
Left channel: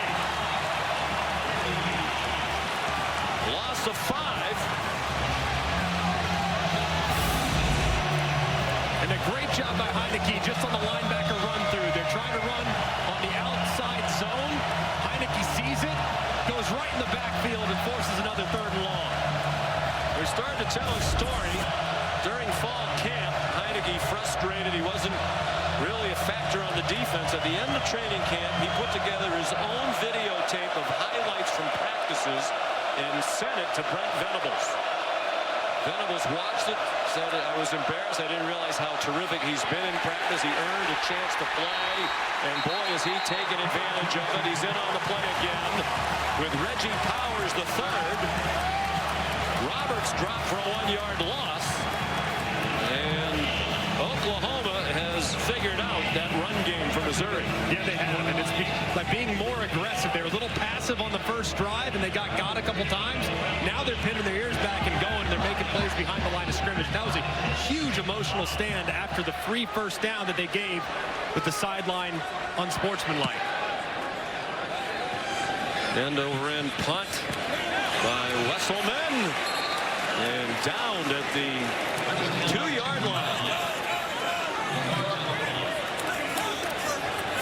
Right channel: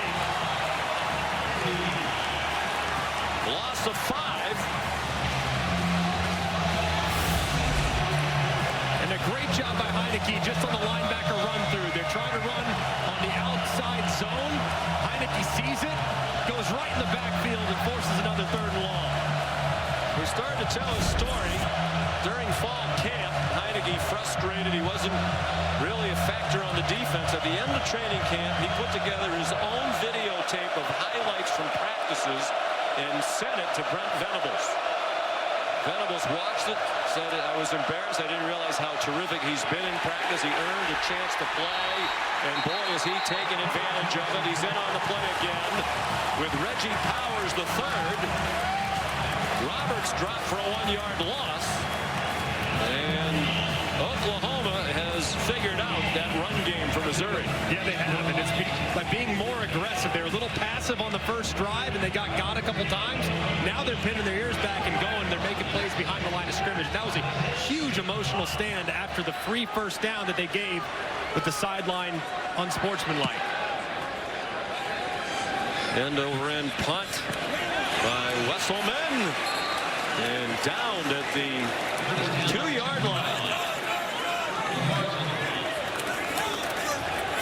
Loss of 5. And a great job by Heineke just on the linebacker run through. They're trying to run on the outside zone. Heineke sees it, goes right in the backfield, and forces another 3rd and long. We started to tell his story during fall camp. Heineke frustrated. He wasn't really a factor on the defense. At the end of training camp, he put together his own videotape of highlights from practices and sent it to Brent Venables. Venables watched it, said, I was embarrassed. I didn't realize how terrific he's been in practice. He earned a chance to play, and boy, is he taking advantage of it. He's in on the play again with Reggie Powers the 3rd. Roberts dropped for a 1-yard loss, and Oklahoma has figured out that run game for Missouri. Yeah, they have, and it's by being more aggressive. They were a little passive on the first drive, and they got a couple times. Now they're pinning their ears back and going. They're making plays behind the line of scrimmage. That was a huge emotional stand after the free first down that they gave with the sideline unsportsmanlike. End over end punt by Wesselman, and downed at the 2-yard line.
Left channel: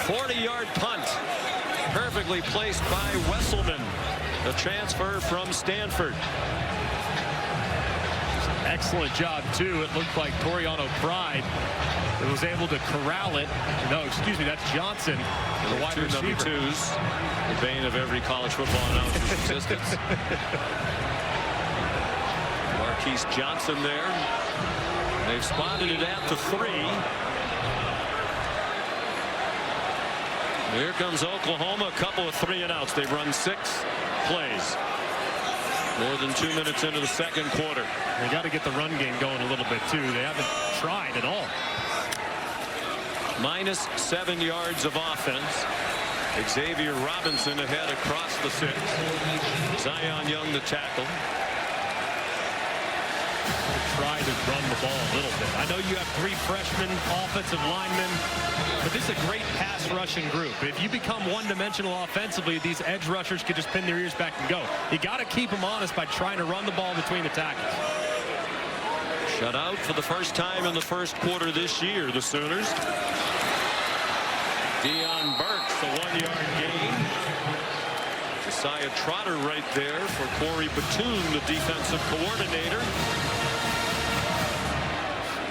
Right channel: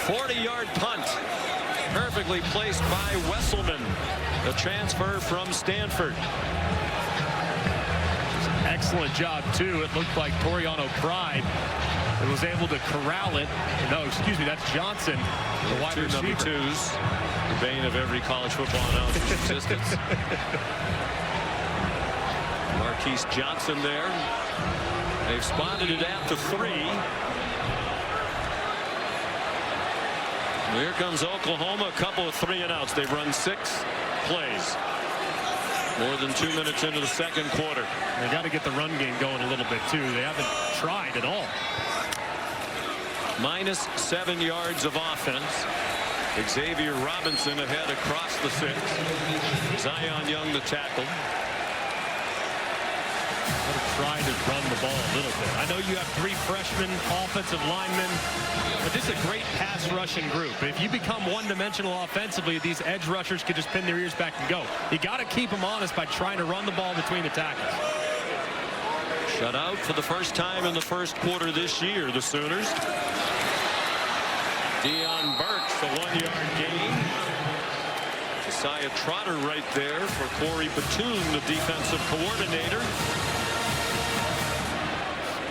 40-yard punt, perfectly placed by Wesselman, the transfer from Stanford. Excellent job too. It looked like Toriano Pride that was able to corral it. No, excuse me, that's Johnson, the wide receiver. Number 2s, the bane of every college football announcer's existence. Marquise Johnson there. They've spotted it at the 3. Here comes Oklahoma, a couple of 3-and-outs. They've run 6 plays. More than 2 minutes into the second quarter. They got to get the run game going a little bit too. They haven't tried at all. Minus 7 yards of offense. Xavier Robinson ahead across the 6. Zion Young the tackle. Got to try to run the ball a little bit. I know you have 3 freshmen offensive linemen, but this is a great pass rushing group. If you become one-dimensional offensively, these edge rushers could just pin their ears back and go. You got to keep them honest by trying to run the ball between the tackles. Shut out for the first time in the first quarter this year, the Sooners. Deion Burks, the 1-yard gain. Josiah Trotter right there for Corey Batoon, the defensive coordinator.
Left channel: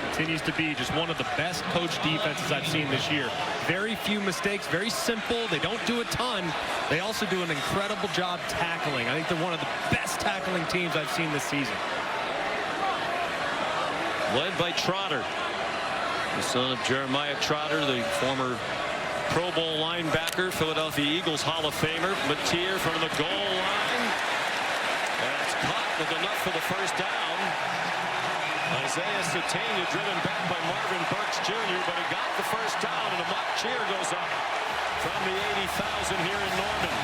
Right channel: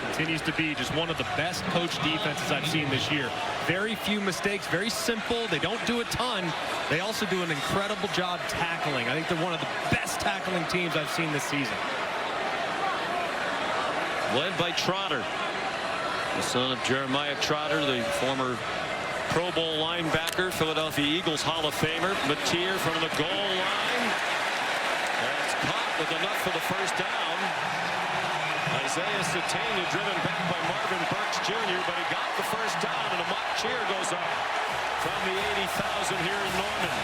Continues to be just one of the best coached defenses I've seen this year. Very few mistakes, very simple. They don't do a ton. They also do an incredible job tackling. I think they're one of the best tackling teams I've seen this season. Led by Trotter, the son of Jeremiah Trotter, the former Pro Bowl linebacker, Philadelphia Eagles Hall of Famer. Mateer from the goal line. That's caught with enough for the first down. Isaiah Satania driven back by Marvin Burks Jr., but he got the first down, and a mock cheer goes up from the 80,000 here in Norman.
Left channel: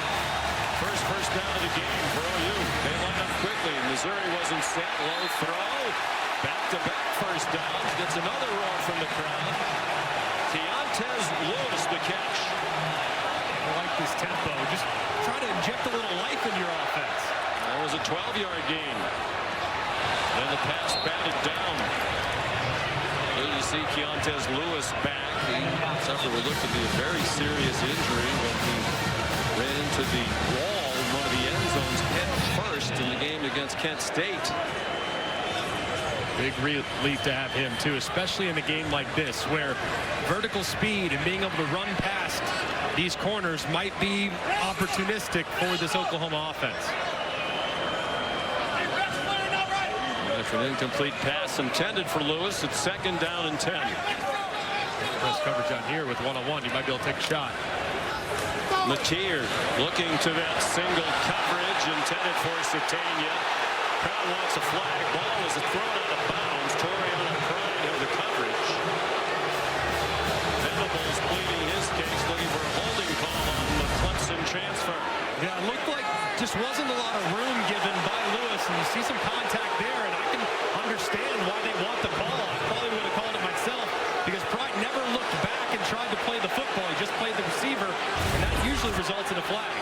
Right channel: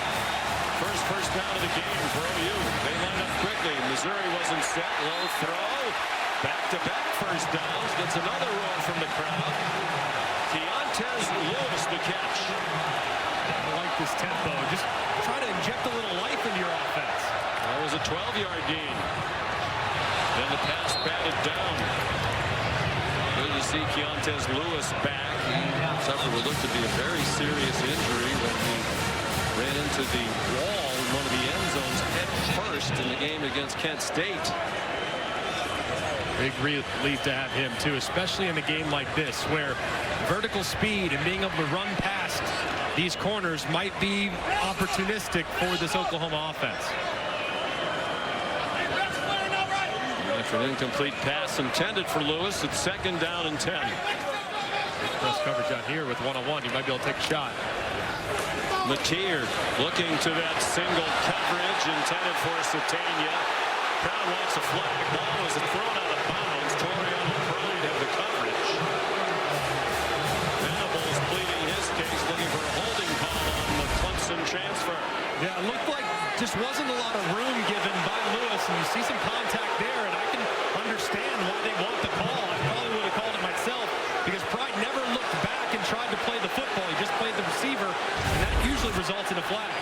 First down of the game for OU. They line up quickly. Missouri wasn't set. Low throw. Back-to-back first downs. Gets another roar from the crowd. Keontez Lewis the catch. I like this tempo. Just try to inject a little life into your offense. That was a 12-yard gain. And the pass batted down. Good to see Keontez Lewis back. He suffered what looked to be a very serious injury when he ran into the wall in one of the end zones head first in the game against Kent State. Big relief to have him too, especially in a game like this where vertical speed and being able to run past these corners might be opportunistic for this Oklahoma offense. After an incomplete pass intended for Lewis, it's 2nd down and 10. Press coverage on here with one-on-one. You might be able to take a shot. Mateer looking to that single coverage intended for Satania. Crowd wants a flag. Ball is thrown out of bounds. Toriano Pride have the coverage. Venables pleading his case, looking for a holding call on the Clemson transfer. Yeah, it looked like just wasn't a lot of room given by Lewis, and you see some contact there, and I can understand why they want the call. I probably would have called it myself because Pride never looked back and tried to play the football. He just played the receiver, and that usually results in a flag.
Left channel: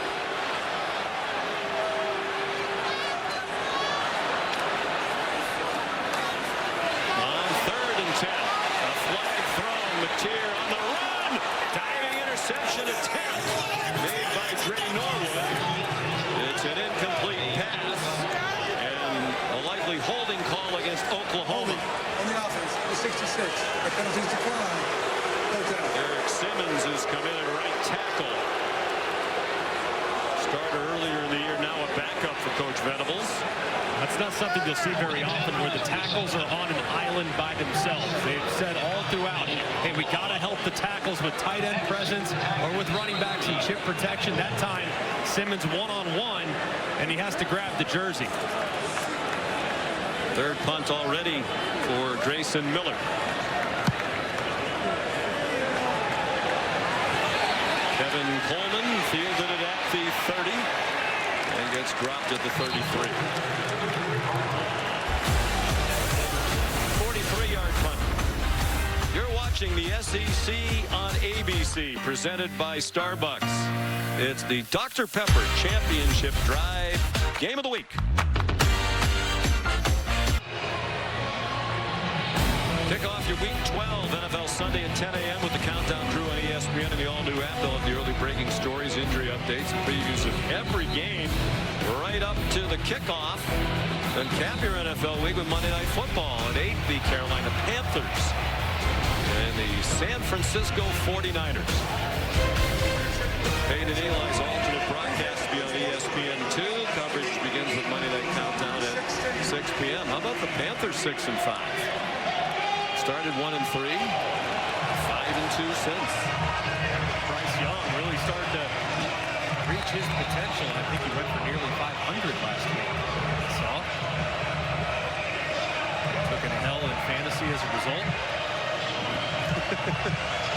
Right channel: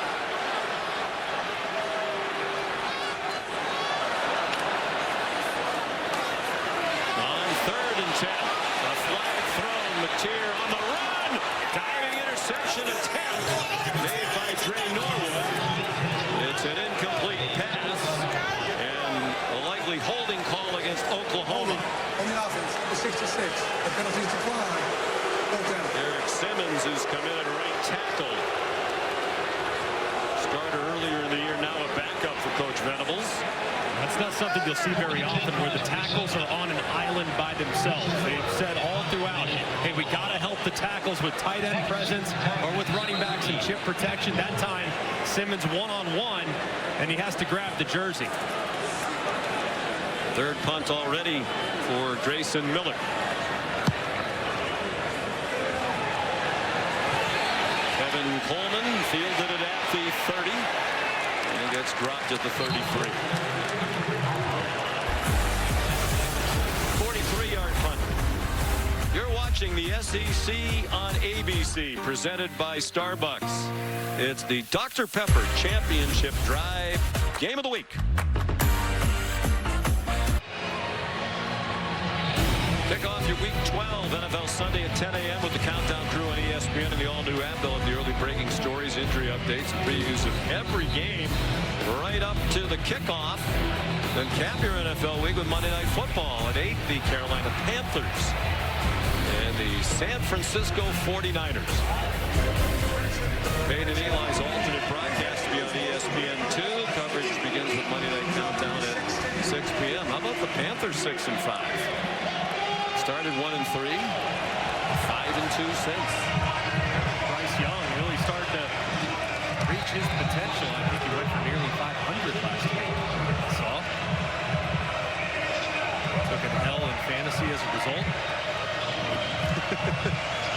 On 3rd and 10, a flag thrown. Mateer on the run. Diving interception attempt made by Dre Norwood. It's an incomplete pass and a likely holding call against Oklahoma. On the offense, number 66. The penalties decline. Eric Simmons has come in at right tackle. Starter earlier in the year, now a backup for Coach Venables. That's not something you'll see very often where the tackles are on an island by themselves. They've said all throughout, hey, we got to help the tackles with tight end presence or with running backs and chip protection. That time, Simmons one-on-one, and he has to grab the jersey. 3rd punt already for Grayson Miller. Kevin Coleman fielded it at the 30 and gets dropped at the 33. 43-yard punt. You're watching the SEC on ABC, presented by Starbucks. It's the Dr. Pepper Championship Drive Game of the Week. Kick off your Week 12 NFL Sunday at 10 a.m. with the Countdown crew on ESPN and the all-new app. They'll have the early breaking stories, injury updates, and previews of every game right up to the kickoff. Then cap your NFL week with Monday Night Football at 8. The Carolina Panthers and the San Francisco 49ers. Peyton Eli's alternate broadcast to be on ESPN2. Coverage begins with Monday Night Countdown at 6 p.m. How about the Panthers 6-5? Started 1-3, 5-2 since. Bryce Young really started to reach his potential. I think he went for nearly 500 last week. I saw. Took an L in fantasy as a result.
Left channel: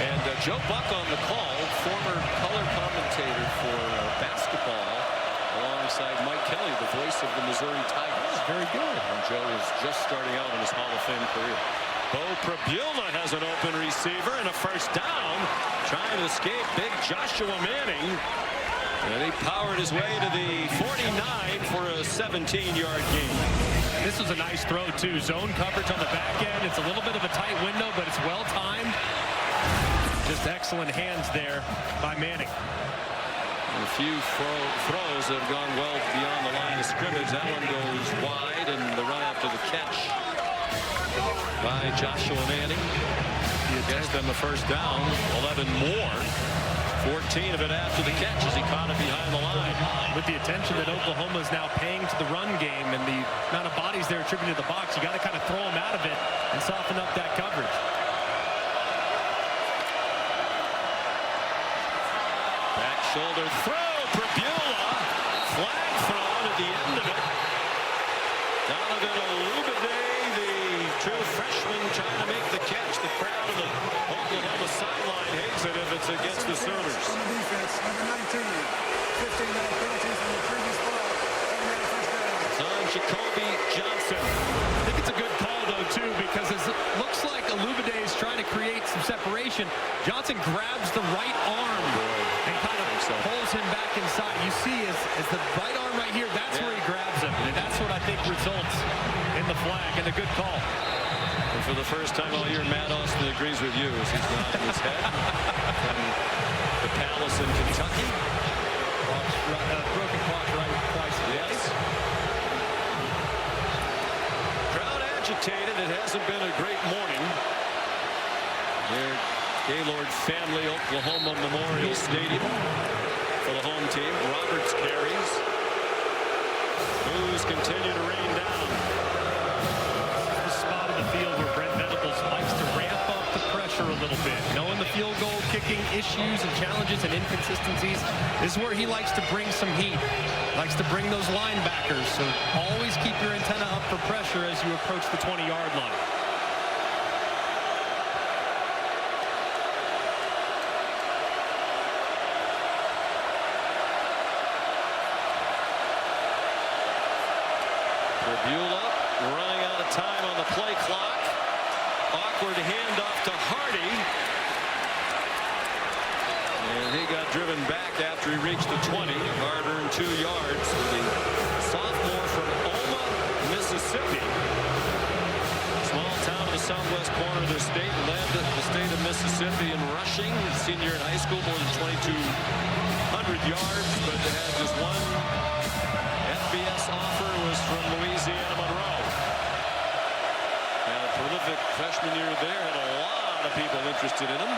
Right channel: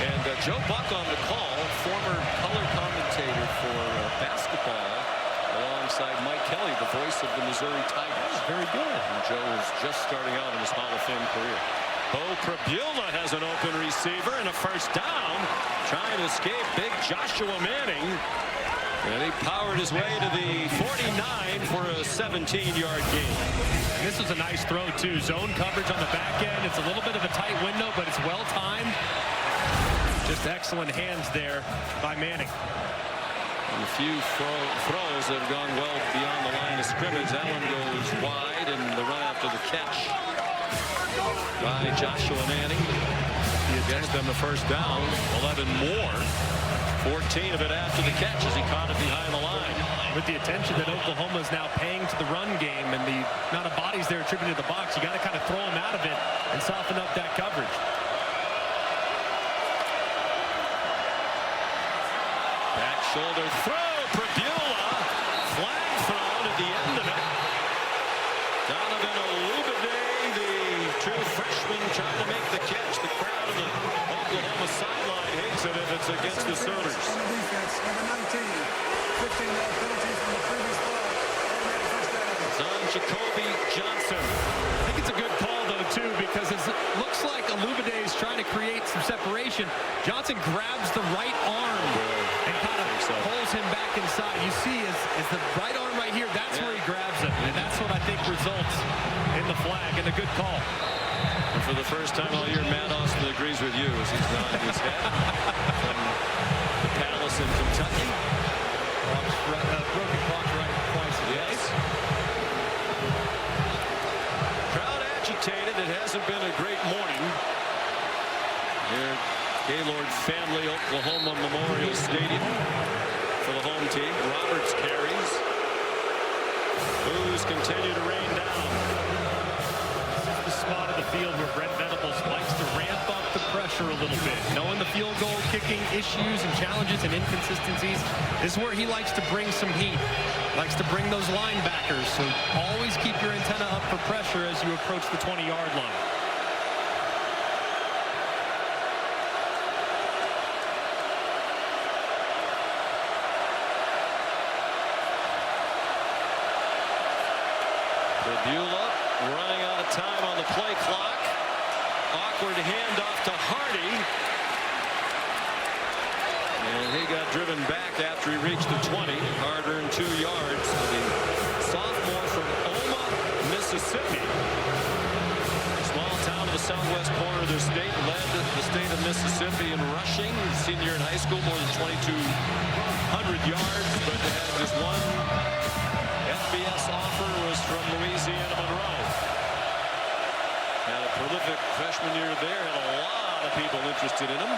And Joe Buck on the call, former color commentator for basketball, alongside Mike Kelly, the voice of the Missouri Tigers. Oh, very good. And Joe was just starting out in his Hall of Fame career. Bo Prabula has an open receiver and a first down, trying to escape big Joshua Manning. And he powered his way to the 49 for a 17-yard gain. And this was a nice throw, too. Zone coverage on the back end. It's a little bit of a tight window, but it's well-timed. Just excellent hands there by Manning. And a few throws that have gone well beyond the line of scrimmage. That one goes wide, and the run after the catch by Joshua Manning. He gets them a first down. 11 more. 14 of it after the catch as he caught it behind the line. With the attention that Oklahoma is now paying to the run game and the amount of bodies they're attributed to the box, you got to kind of throw them out of it and soften up that coverage. Back shoulder throw. Prabula. Flag thrown at the end of it. Donovan Olubade, the true freshman, trying to make the catch. The crowd on the Oklahoma sideline hates it if it's against the Sooners. It's on Jacoby Johnson. I think it's a good call, though, too, because it looks like Olubade is trying to create some separation. Johnson grabs the right arm and kind of pulls him back inside. You see, as the right arm right here, that's where he grabs him. And that's what I think results in the flag, and a good call. And for the first time all year, Matt Austin agrees with you as he's nodding his head from the Palace in Kentucky. Broken clocks right twice a day. Yes. Crowd agitated. It hasn't been a great morning here at Gaylord Family Oklahoma Memorial Stadium for the home team. Roberts carries. Boos continue to rain down. This is the spot of the field where Brent Venables likes to ramp up the pressure a little bit. Knowing the field goal kicking issues and challenges and inconsistencies, this is where he likes to bring some heat. Likes to bring those linebackers, so always keep your antenna up for pressure as you approach the 20-yard line. Prabula running out of time on the play clock. Awkward handoff to Hardy. And he got driven back after he reached the 20. Hard-earned 2 yards for the sophomore from Oma, Mississippi. Small town of the southwest corner of their state. Led the state of Mississippi in rushing. Senior in high school, more than 2,200 yards, but had just one FBS offer, was from Louisiana Monroe. Had a prolific freshman year there. Had a lot of people interested in him.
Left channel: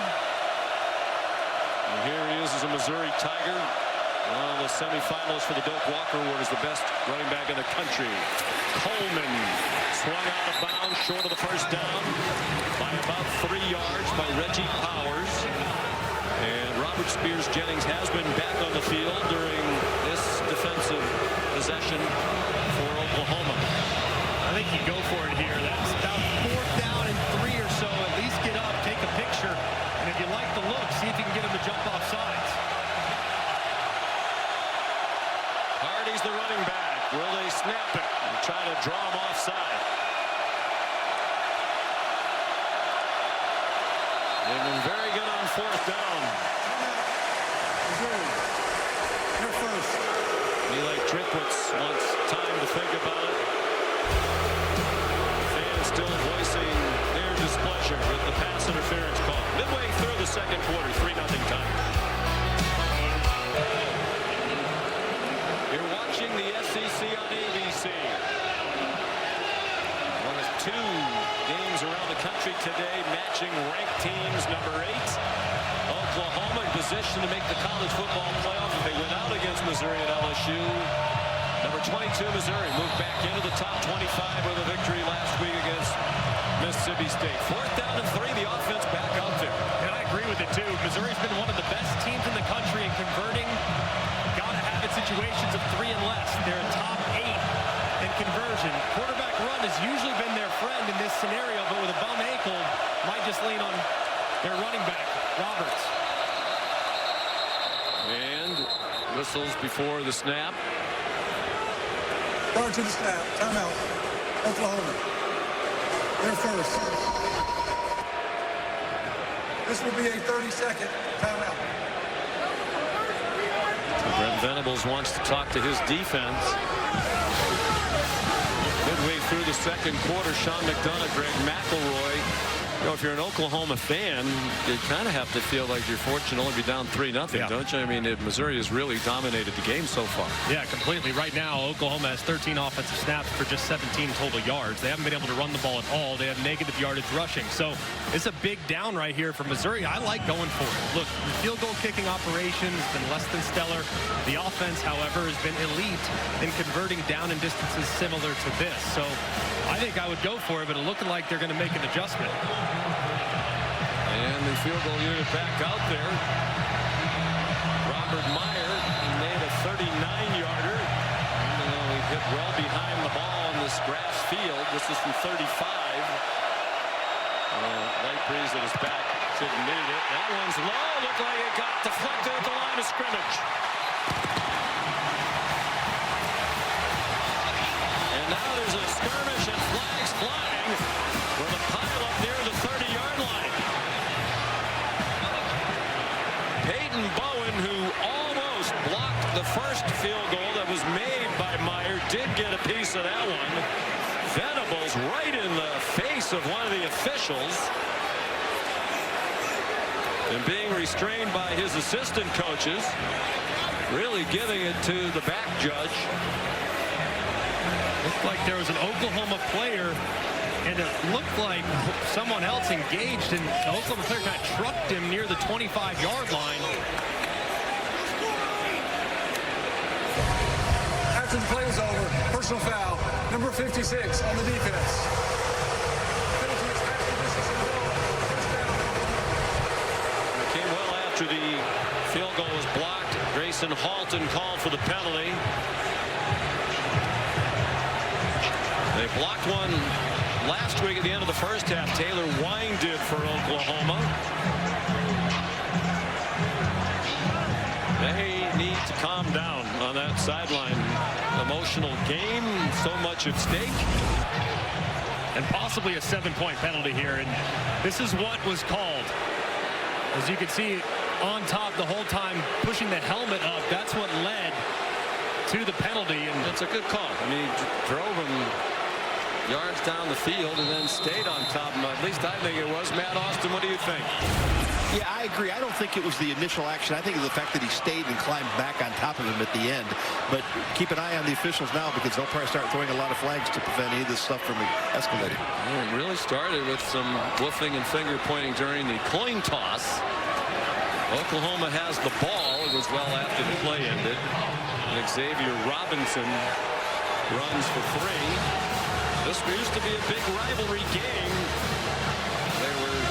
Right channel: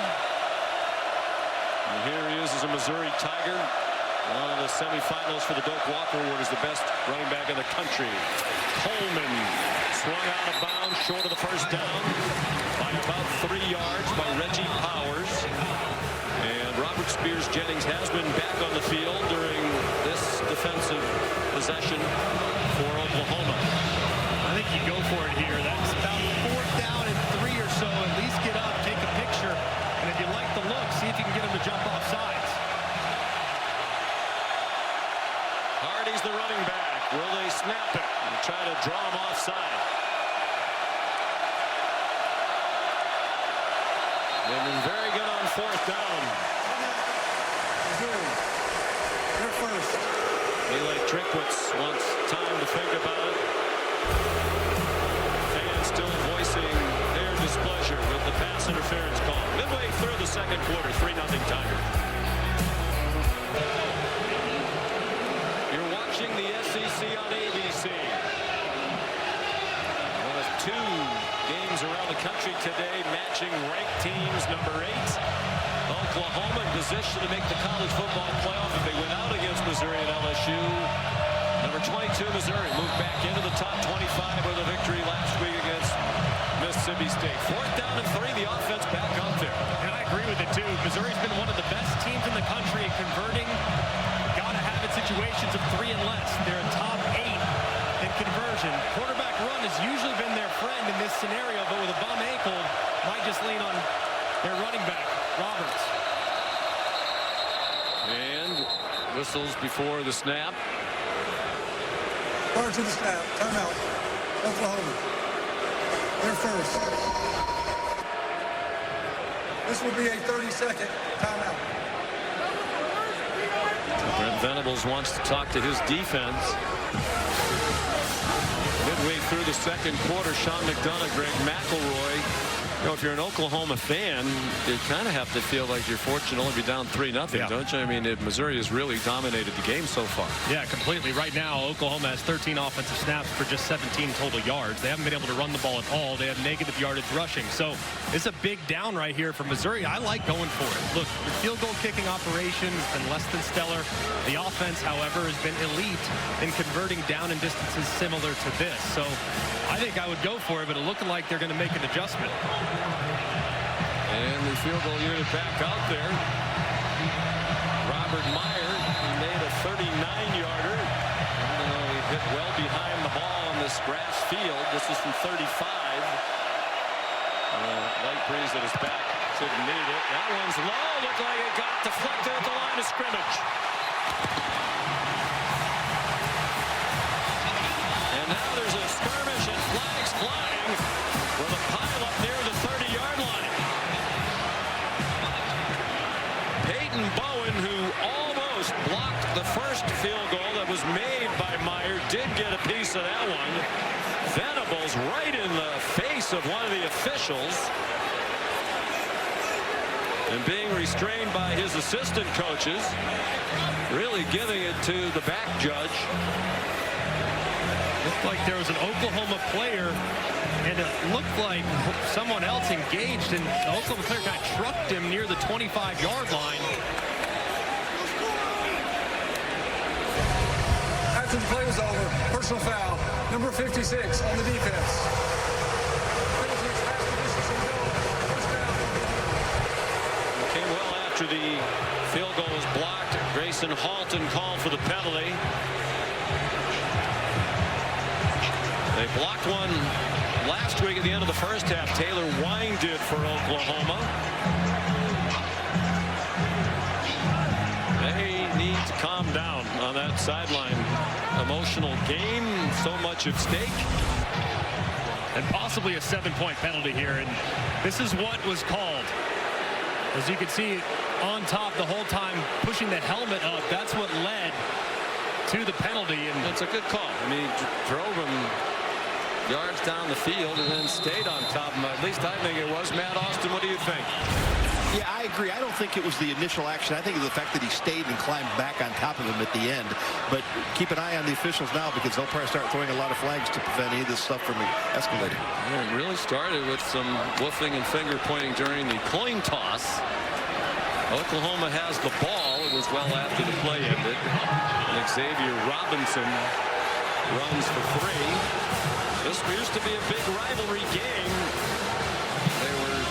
And here he is as a Missouri Tiger. One of the semifinalists for the Doak Walker Award as the best running back in the country. Coleman swung out of bounds short of the first down by about 3 yards by Reggie Powers. And Robert Spears Jennings has been back on the field during this defensive possession for Oklahoma. I think you go for it here. That's about 4th down and 3 or so. At least get up, take a picture, and if you like the look, see if you can get him to jump off sides. Hardy's the running back. Will they snap it and try to draw him offside? They've been very good on fourth down. They're first. Eli Drinkwitz wants time to think about it. Fans still voicing their displeasure with the pass interference call. Midway through the second quarter, 3-0 Tigers. You're watching the SEC on ABC. One of two games around the country today matching ranked teams. Number 8, Oklahoma, in position to make the college football playoff if they went out against Missouri and LSU. Number 22, Missouri, moved back into the top 25 with a victory last week against Mississippi State. Fourth down and 3, the offense back out there. And I agree with it, too. Missouri's been one of the best teams in the country in converting got-to-have-it situations of 3 and less. They're a top 8 in conversion. Quarterback run has usually been their friend in this scenario, but with a bum ankle, might just lean on their running back, Roberts. And whistles before the snap. Prior to the snap, timeout. Oklahoma. They're first. This will be a 30-second timeout. Brent Venables wants to talk to his defense. Midway through the second quarter, Sean McDonough, Greg McElroy. You know, if you're an Oklahoma fan, you kind of have to feel like you're fortunate to only be down 3-0, don't you? I mean, Missouri has really dominated the game so far. Yeah, completely. Right now, Oklahoma has 13 offensive snaps for just 17 total yards. They haven't been able to run the ball at all. They have negative yardage rushing. So it's a big down right here for Missouri. I like going for it. Look, your field goal kicking operation has been less than stellar. The offense, however, has been elite in converting down and distances similar to this. So I think I would go for it, but it's looking like they're going to make an adjustment. And the field goal unit back out there. Robert Meyer, he made a 39-yarder. Even though he hit well behind the ball on this grass field. This is from 35. Light breeze at his back. Shouldn't need it. That one's low. Looked like it got deflected at the line of scrimmage. And now there's a skirmish and flags flying with a pile-up near the 30-yard line. Peyton Bowen, who almost blocked the first field goal that was made by Meyer, did get a piece of that one. Venables right in the face of one of the officials and being restrained by his assistant coaches, really giving it to the back judge. Looked like there was an Oklahoma player, and it looked like someone else engaged, and the Oklahoma player kind of trucked him near the 25-yard line. After the play is over, personal foul, number 56 on the defense. It came well after the field goal was blocked. Grayson Halton called for the penalty. They blocked one last week at the end of the first half. Taylor Wine did for Oklahoma. They need to calm down on that sideline. Emotional game, so much at stake. And possibly a 7-point penalty here. And this is what was called. As you can see on top the whole time, pushing the helmet up. That's what led to the penalty. And that's a good call. I mean, he drove him yards down the field and then stayed on top of him. At least I think it was. Matt Austin, what do you think? Yeah, I agree. I don't think it was the initial action. I think of the fact that he stayed and climbed back on top of him at the end. But keep an eye on the officials now, because they'll probably start throwing a lot of flags to prevent any of this stuff from escalating. Well, it really started with some woofing and finger pointing during the coin toss. Oklahoma has the ball. It was well after the play ended. And Xavier Robinson runs for 3. This used to be a big rivalry game. They were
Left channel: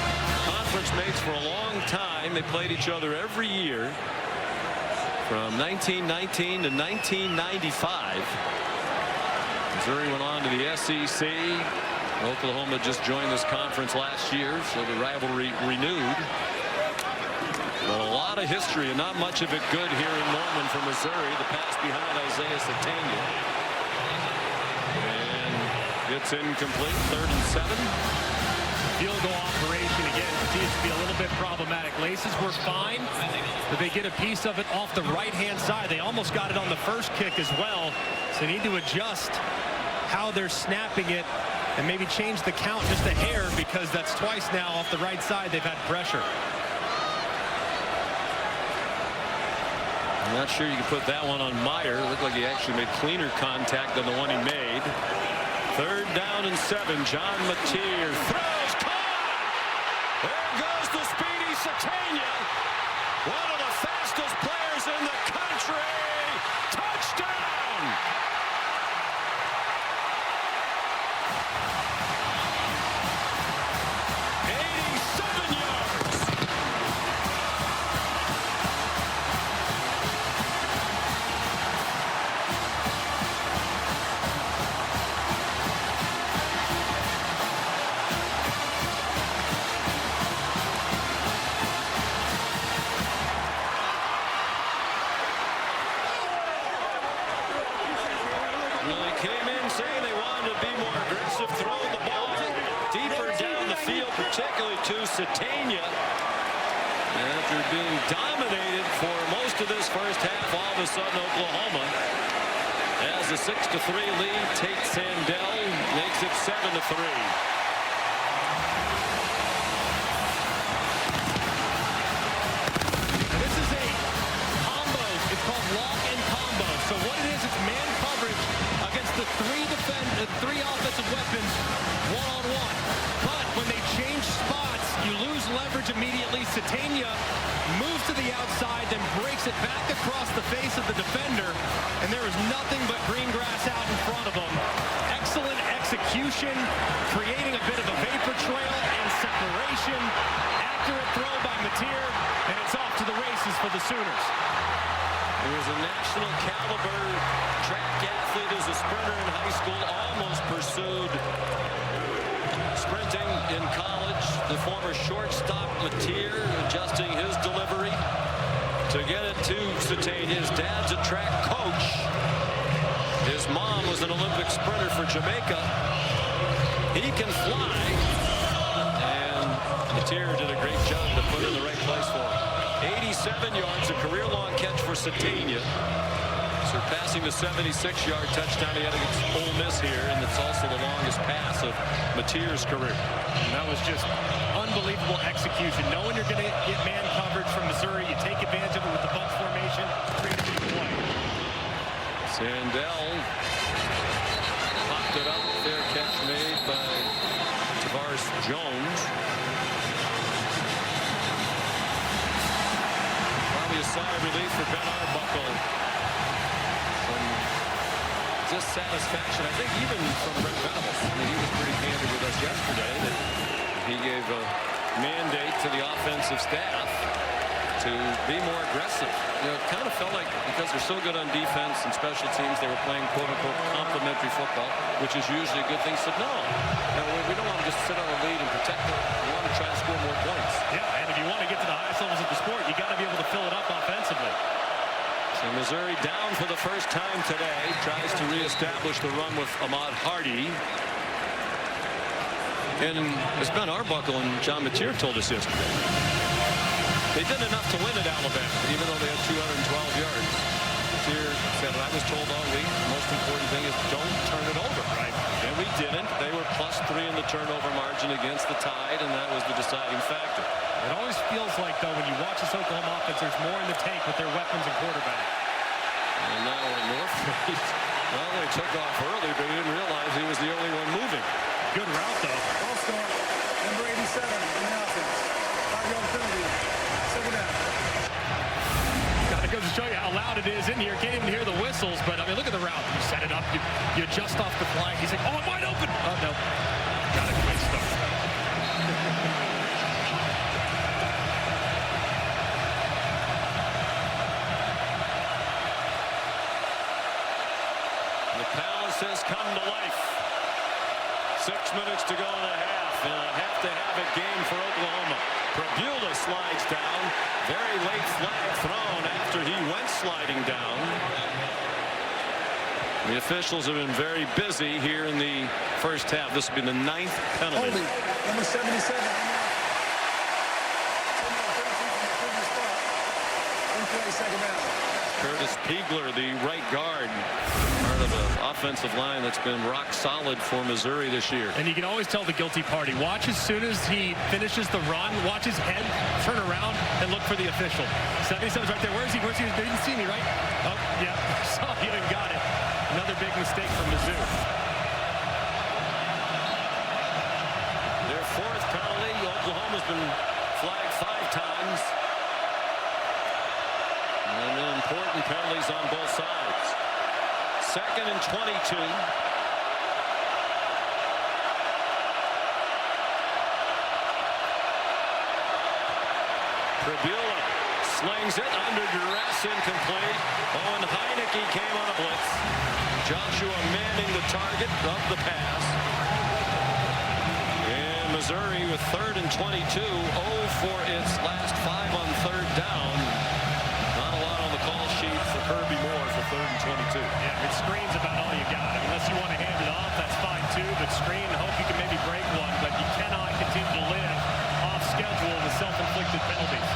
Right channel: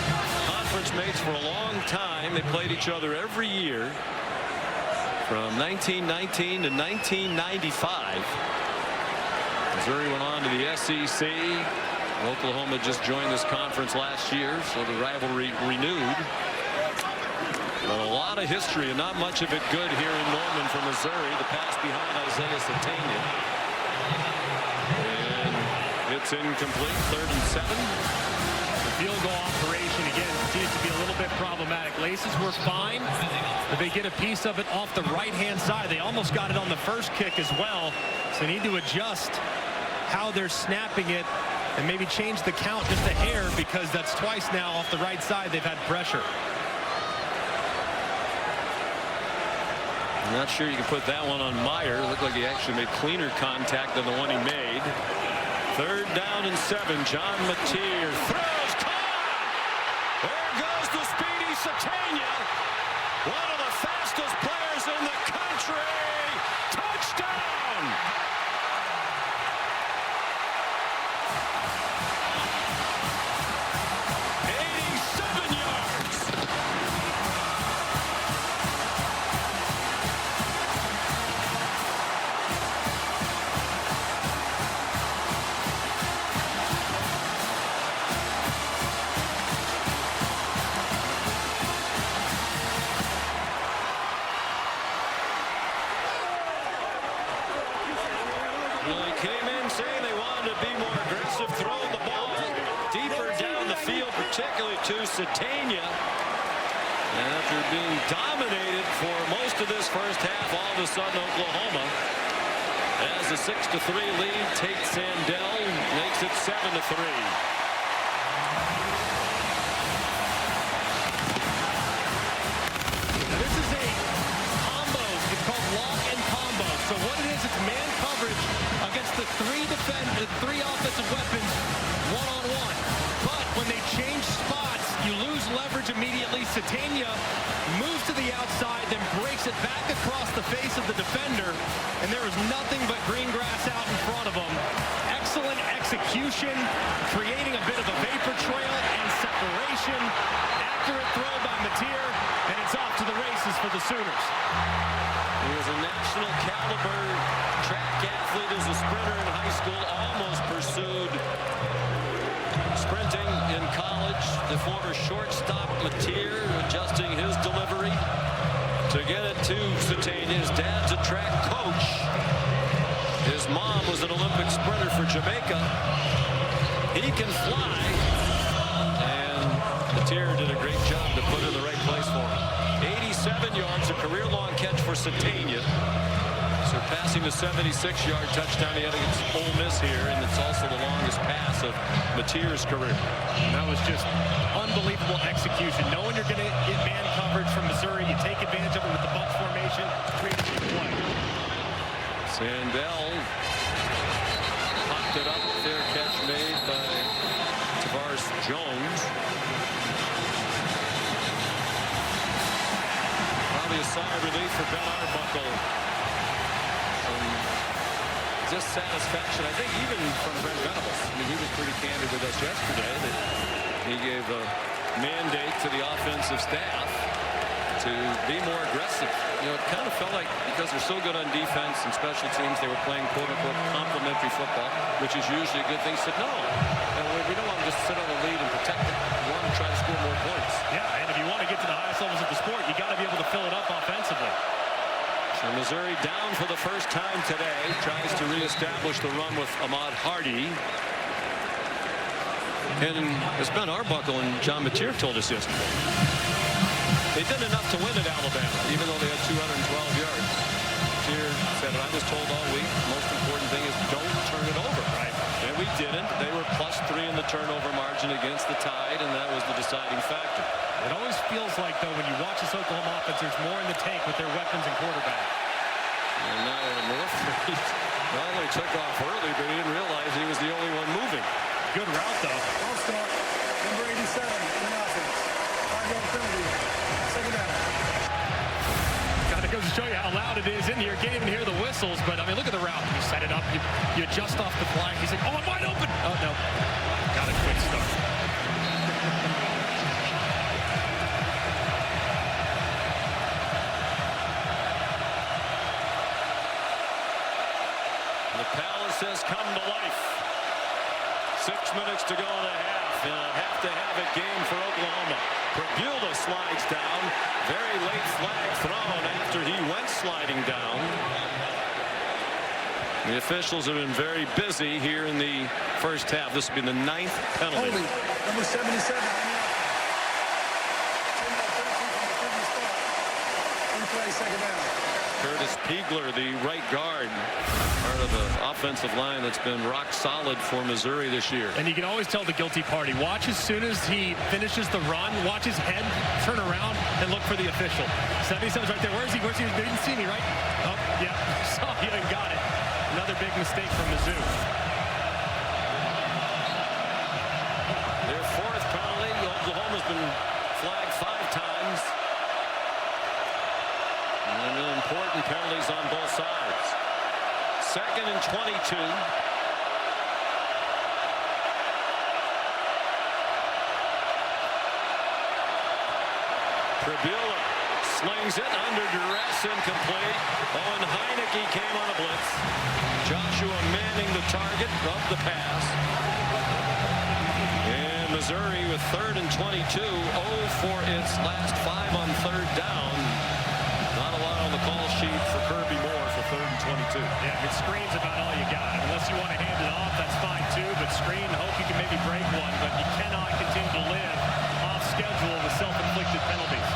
conference mates for a long time. They played each other every year from 1919 to 1995. Missouri went on to the SEC. Oklahoma just joined this conference last year, so the rivalry renewed. But a lot of history and not much of it good here in Norman for Missouri. The pass behind Isaiah Satania. And it's incomplete. 3rd and 7. Field goal operation again continues to be a little bit problematic. Laces were fine, but they get a piece of it off the right-hand side. They almost got it on the first kick as well. So they need to adjust how they're snapping it and maybe change the count just a hair, because that's twice now off the right side they've had pressure. I'm not sure you can put that one on Meyer. Looked like he actually made cleaner contact than the one he made. 3rd down and 7. John Mateer throws, caught! There goes the speedy Satania. One of the fastest players in the country. Touchdown! Well, he came in saying they wanted to be more aggressive, throw the ball deeper down the field, particularly to Satania. After being dominated for most of this first half, all of a sudden Oklahoma has a 6-3 lead. Tate Sandell makes it 7-3. Now this is a combo. It's called lock and combo. So what it is, it's man coverage against the three offensive weapons one-on-one. But when they change spots, you lose leverage immediately. Satania moves to the outside, then breaks it back across the face of the defender, and there was nothing but green grass out in front of him. Excellent execution, creating a bit of a vapor trail and separation. Accurate throw by Mateer, and it's off to the races for the Sooners. He was a national caliber track athlete as a sprinter in high school, almost pursued sprinting in college. The former shortstop Mateer adjusting his delivery to get it to Satania. His dad's a track coach. His mom was an Olympic sprinter for Jamaica. He can fly, and Mateer did a great job to put it in the right place for him. 87 yards, a career-long catch for Satania, surpassing the 76-yard touchdown he had against Ole Miss here, and it's also the longest pass of Mateer's career. And that was just unbelievable execution. Knowing you're going to get man coverage from Missouri, you take advantage of it with the bunch formation, create a big play. Sandell popped it up. Fair catch made by Tavares Jones. Probably a sigh of relief for Ben Arbuckle. Some dissatisfaction, I think, even from Brent Venables. I mean, he was pretty candid with us yesterday that he gave a mandate to the offensive staff to be more aggressive. You know, it kind of felt like because they're so good on defense and special teams, they were playing quote-unquote complementary football, which is usually a good thing. Said, no, we don't want to just sit on the lead and protect it. We want to try to score more points. Yeah, and if you want to get to the highest levels of the sport, you got to be able to fill it up offensively. So Missouri down for the first time today, tries to reestablish the run with Ahmad Hardy. And as Ben Arbuckle and John Mateer told us yesterday, they did enough to win at Alabama, even though they had 212 yards. Mateer said, I was told all week, most important thing is don't turn it over. Right. And we didn't. They were +3 in the turnover margin against the Tide, and that was the deciding factor. It always feels like, though, when you watch this Oklahoma offense, there's more in the tank with their weapons and quarterback. And now North not only took off early, but he didn't realize he was the only one moving. Good route, though. Ball start, number 87 in the offense. 5-yard penalty. Second down. Got to go to show you how loud it is in here. Can't even hear the whistles, but I mean, look at the route. You set it up, you adjust off the fly. He's like, oh, I'm wide open. Oh, no. Got a quick start. The Palace has come to life. 6 minutes to go in the half. In a have-to-have-it game for Oklahoma. Prabula slides down. Very late flag thrown after he went sliding down. The officials have been very busy here in the first half. This will be the 9th penalty. Holding, number 77. In play, second down. Curtis Piegler, the right guard, part of an offensive line that's been rock solid for Missouri this year. And you can always tell the guilty party. Watch as soon as he finishes the run, watch his head turn around and look for the official. 77's right there. Where's he? Where's he? They didn't see me, right? Oh, yeah. Saw you and got it. Another big mistake from Mizzou. Their 4th penalty. Oklahoma's been flagged 5 times. And important penalties on both sides. 2nd and 22. Prabula slings it under duress, incomplete. Owen Heineke came on a blitz. Joshua Manning the target of the pass. And Missouri with 3rd and 22. 0 for its last 5 on 3rd down. Not a lot on the call sheet for Kirby Moore for 3rd and 22. Yeah, I mean, screen's about all you got. I mean, unless you want to hand it off, that's fine too. But screen, hope you can maybe break one. But you cannot continue to live off schedule with self-inflicted penalties.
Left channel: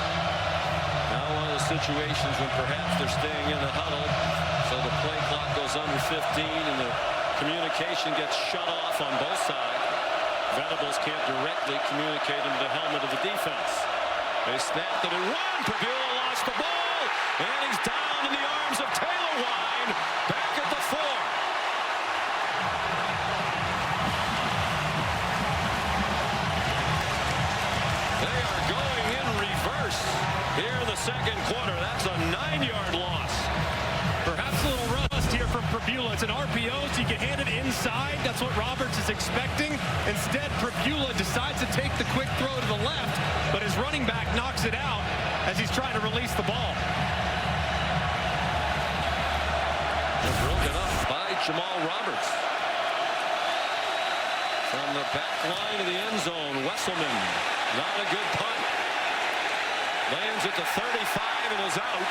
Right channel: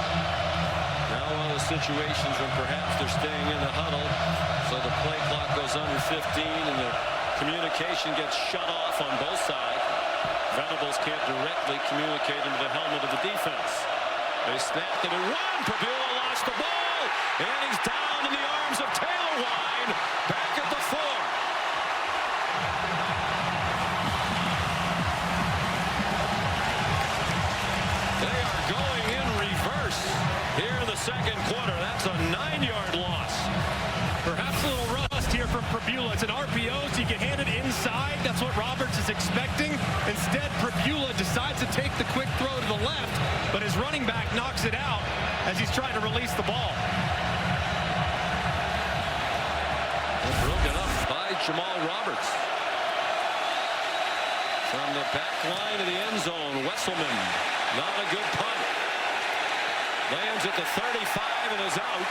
Now one of those situations when perhaps they're staying in the huddle, so the play clock goes under 15 and the communication gets shut off on both sides. Venables can't directly communicate into the helmet of the defense. They snapped it at 1. Prabula lost the ball. And he's down in the arms of Taylor Wine, back at the 4. They are going in reverse here in the 2nd quarter. That's a 9-yard loss. Perhaps a little rust here from Prabula. It's an RPO, so you can hand it inside. That's what Roberts is expecting. Instead, Prabula decides to take the quick throw to the left, but his running back knocks it out as he's trying to release the ball. They're broken up by Jamal Roberts. From the back line of the end zone, Wesselman, not a good punt. Lands at the 35 and is out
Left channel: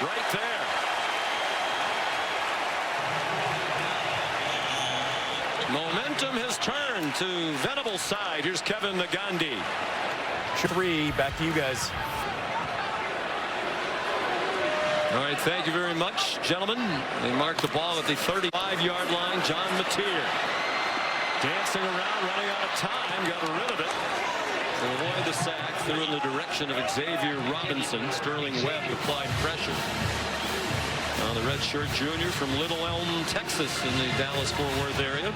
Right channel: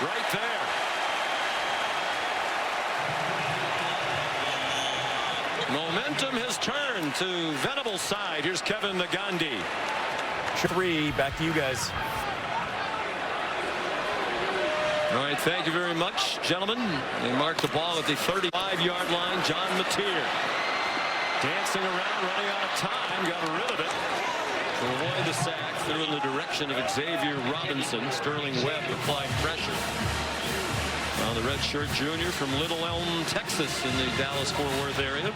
right there. Momentum has turned to Venables' side. Here's Kevin Nagandi. 3, back to you guys. All right, thank you very much, gentlemen. They mark the ball at the 35-yard line. John Mateer dancing around, running out of time, got rid of it to avoid the sack, threw in the direction of Xavier Robinson. Sterling Webb applied pressure. Now the redshirt junior from Little Elm, Texas, in the Dallas-Fort Worth area.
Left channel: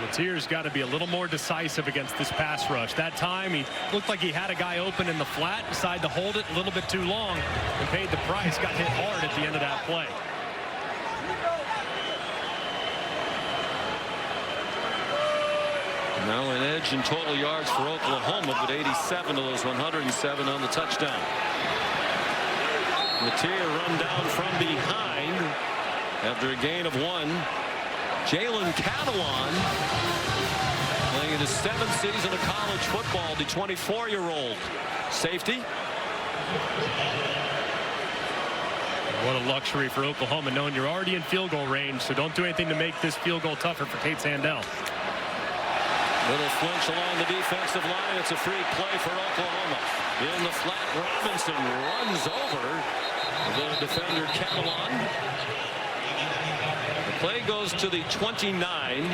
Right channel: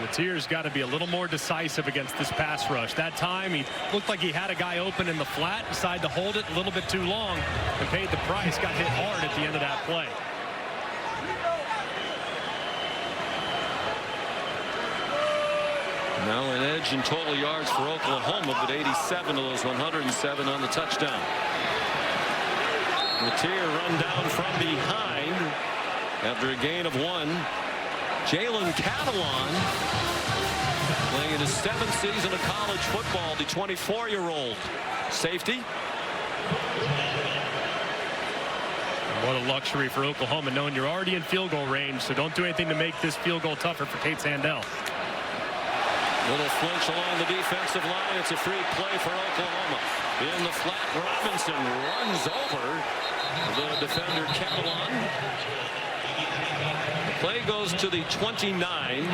Mateer's got to be a little more decisive against this pass rush. That time he looked like he had a guy open in the flat, decided to hold it a little bit too long and paid the price. Got hit hard at the end of that play. Now an edge in total yards for Oklahoma, but 87 of those 107 on the touchdown. Mateer run down from behind after a gain of 1. Jalen Catalon, playing in his 7th season of college football, the 24-year-old safety. What a luxury for Oklahoma, knowing you're already in field goal range, so don't do anything to make this field goal tougher for Tate Sandell. Little flinch along the defensive line. It's a free play for Oklahoma. In the flat, Robinson runs over the defender Catalon. The play goes to the 29.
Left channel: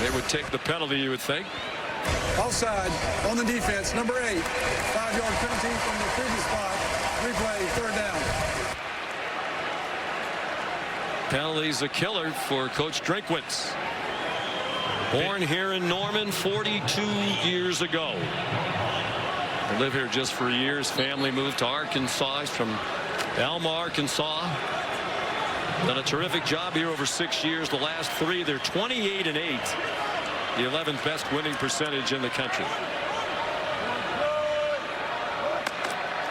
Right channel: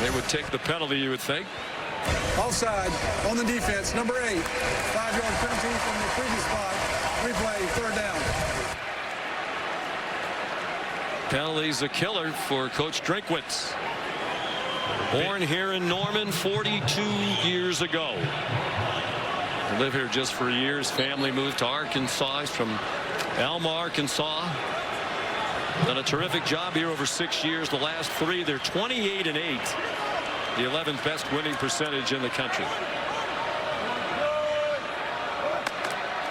They would take the penalty, you would think. Offside on the defense, number 8. 5-yard penalty from the previous spot. Replay, 3rd down. Penalty's a killer for Coach Drinkwitz. Born here in Norman 42 years ago. I live here just for years. Family moved to Arkansas. He's from Alma, Arkansas. Done a terrific job here over 6 years. The last 3, they're 28-8. The 11th best winning percentage in the country.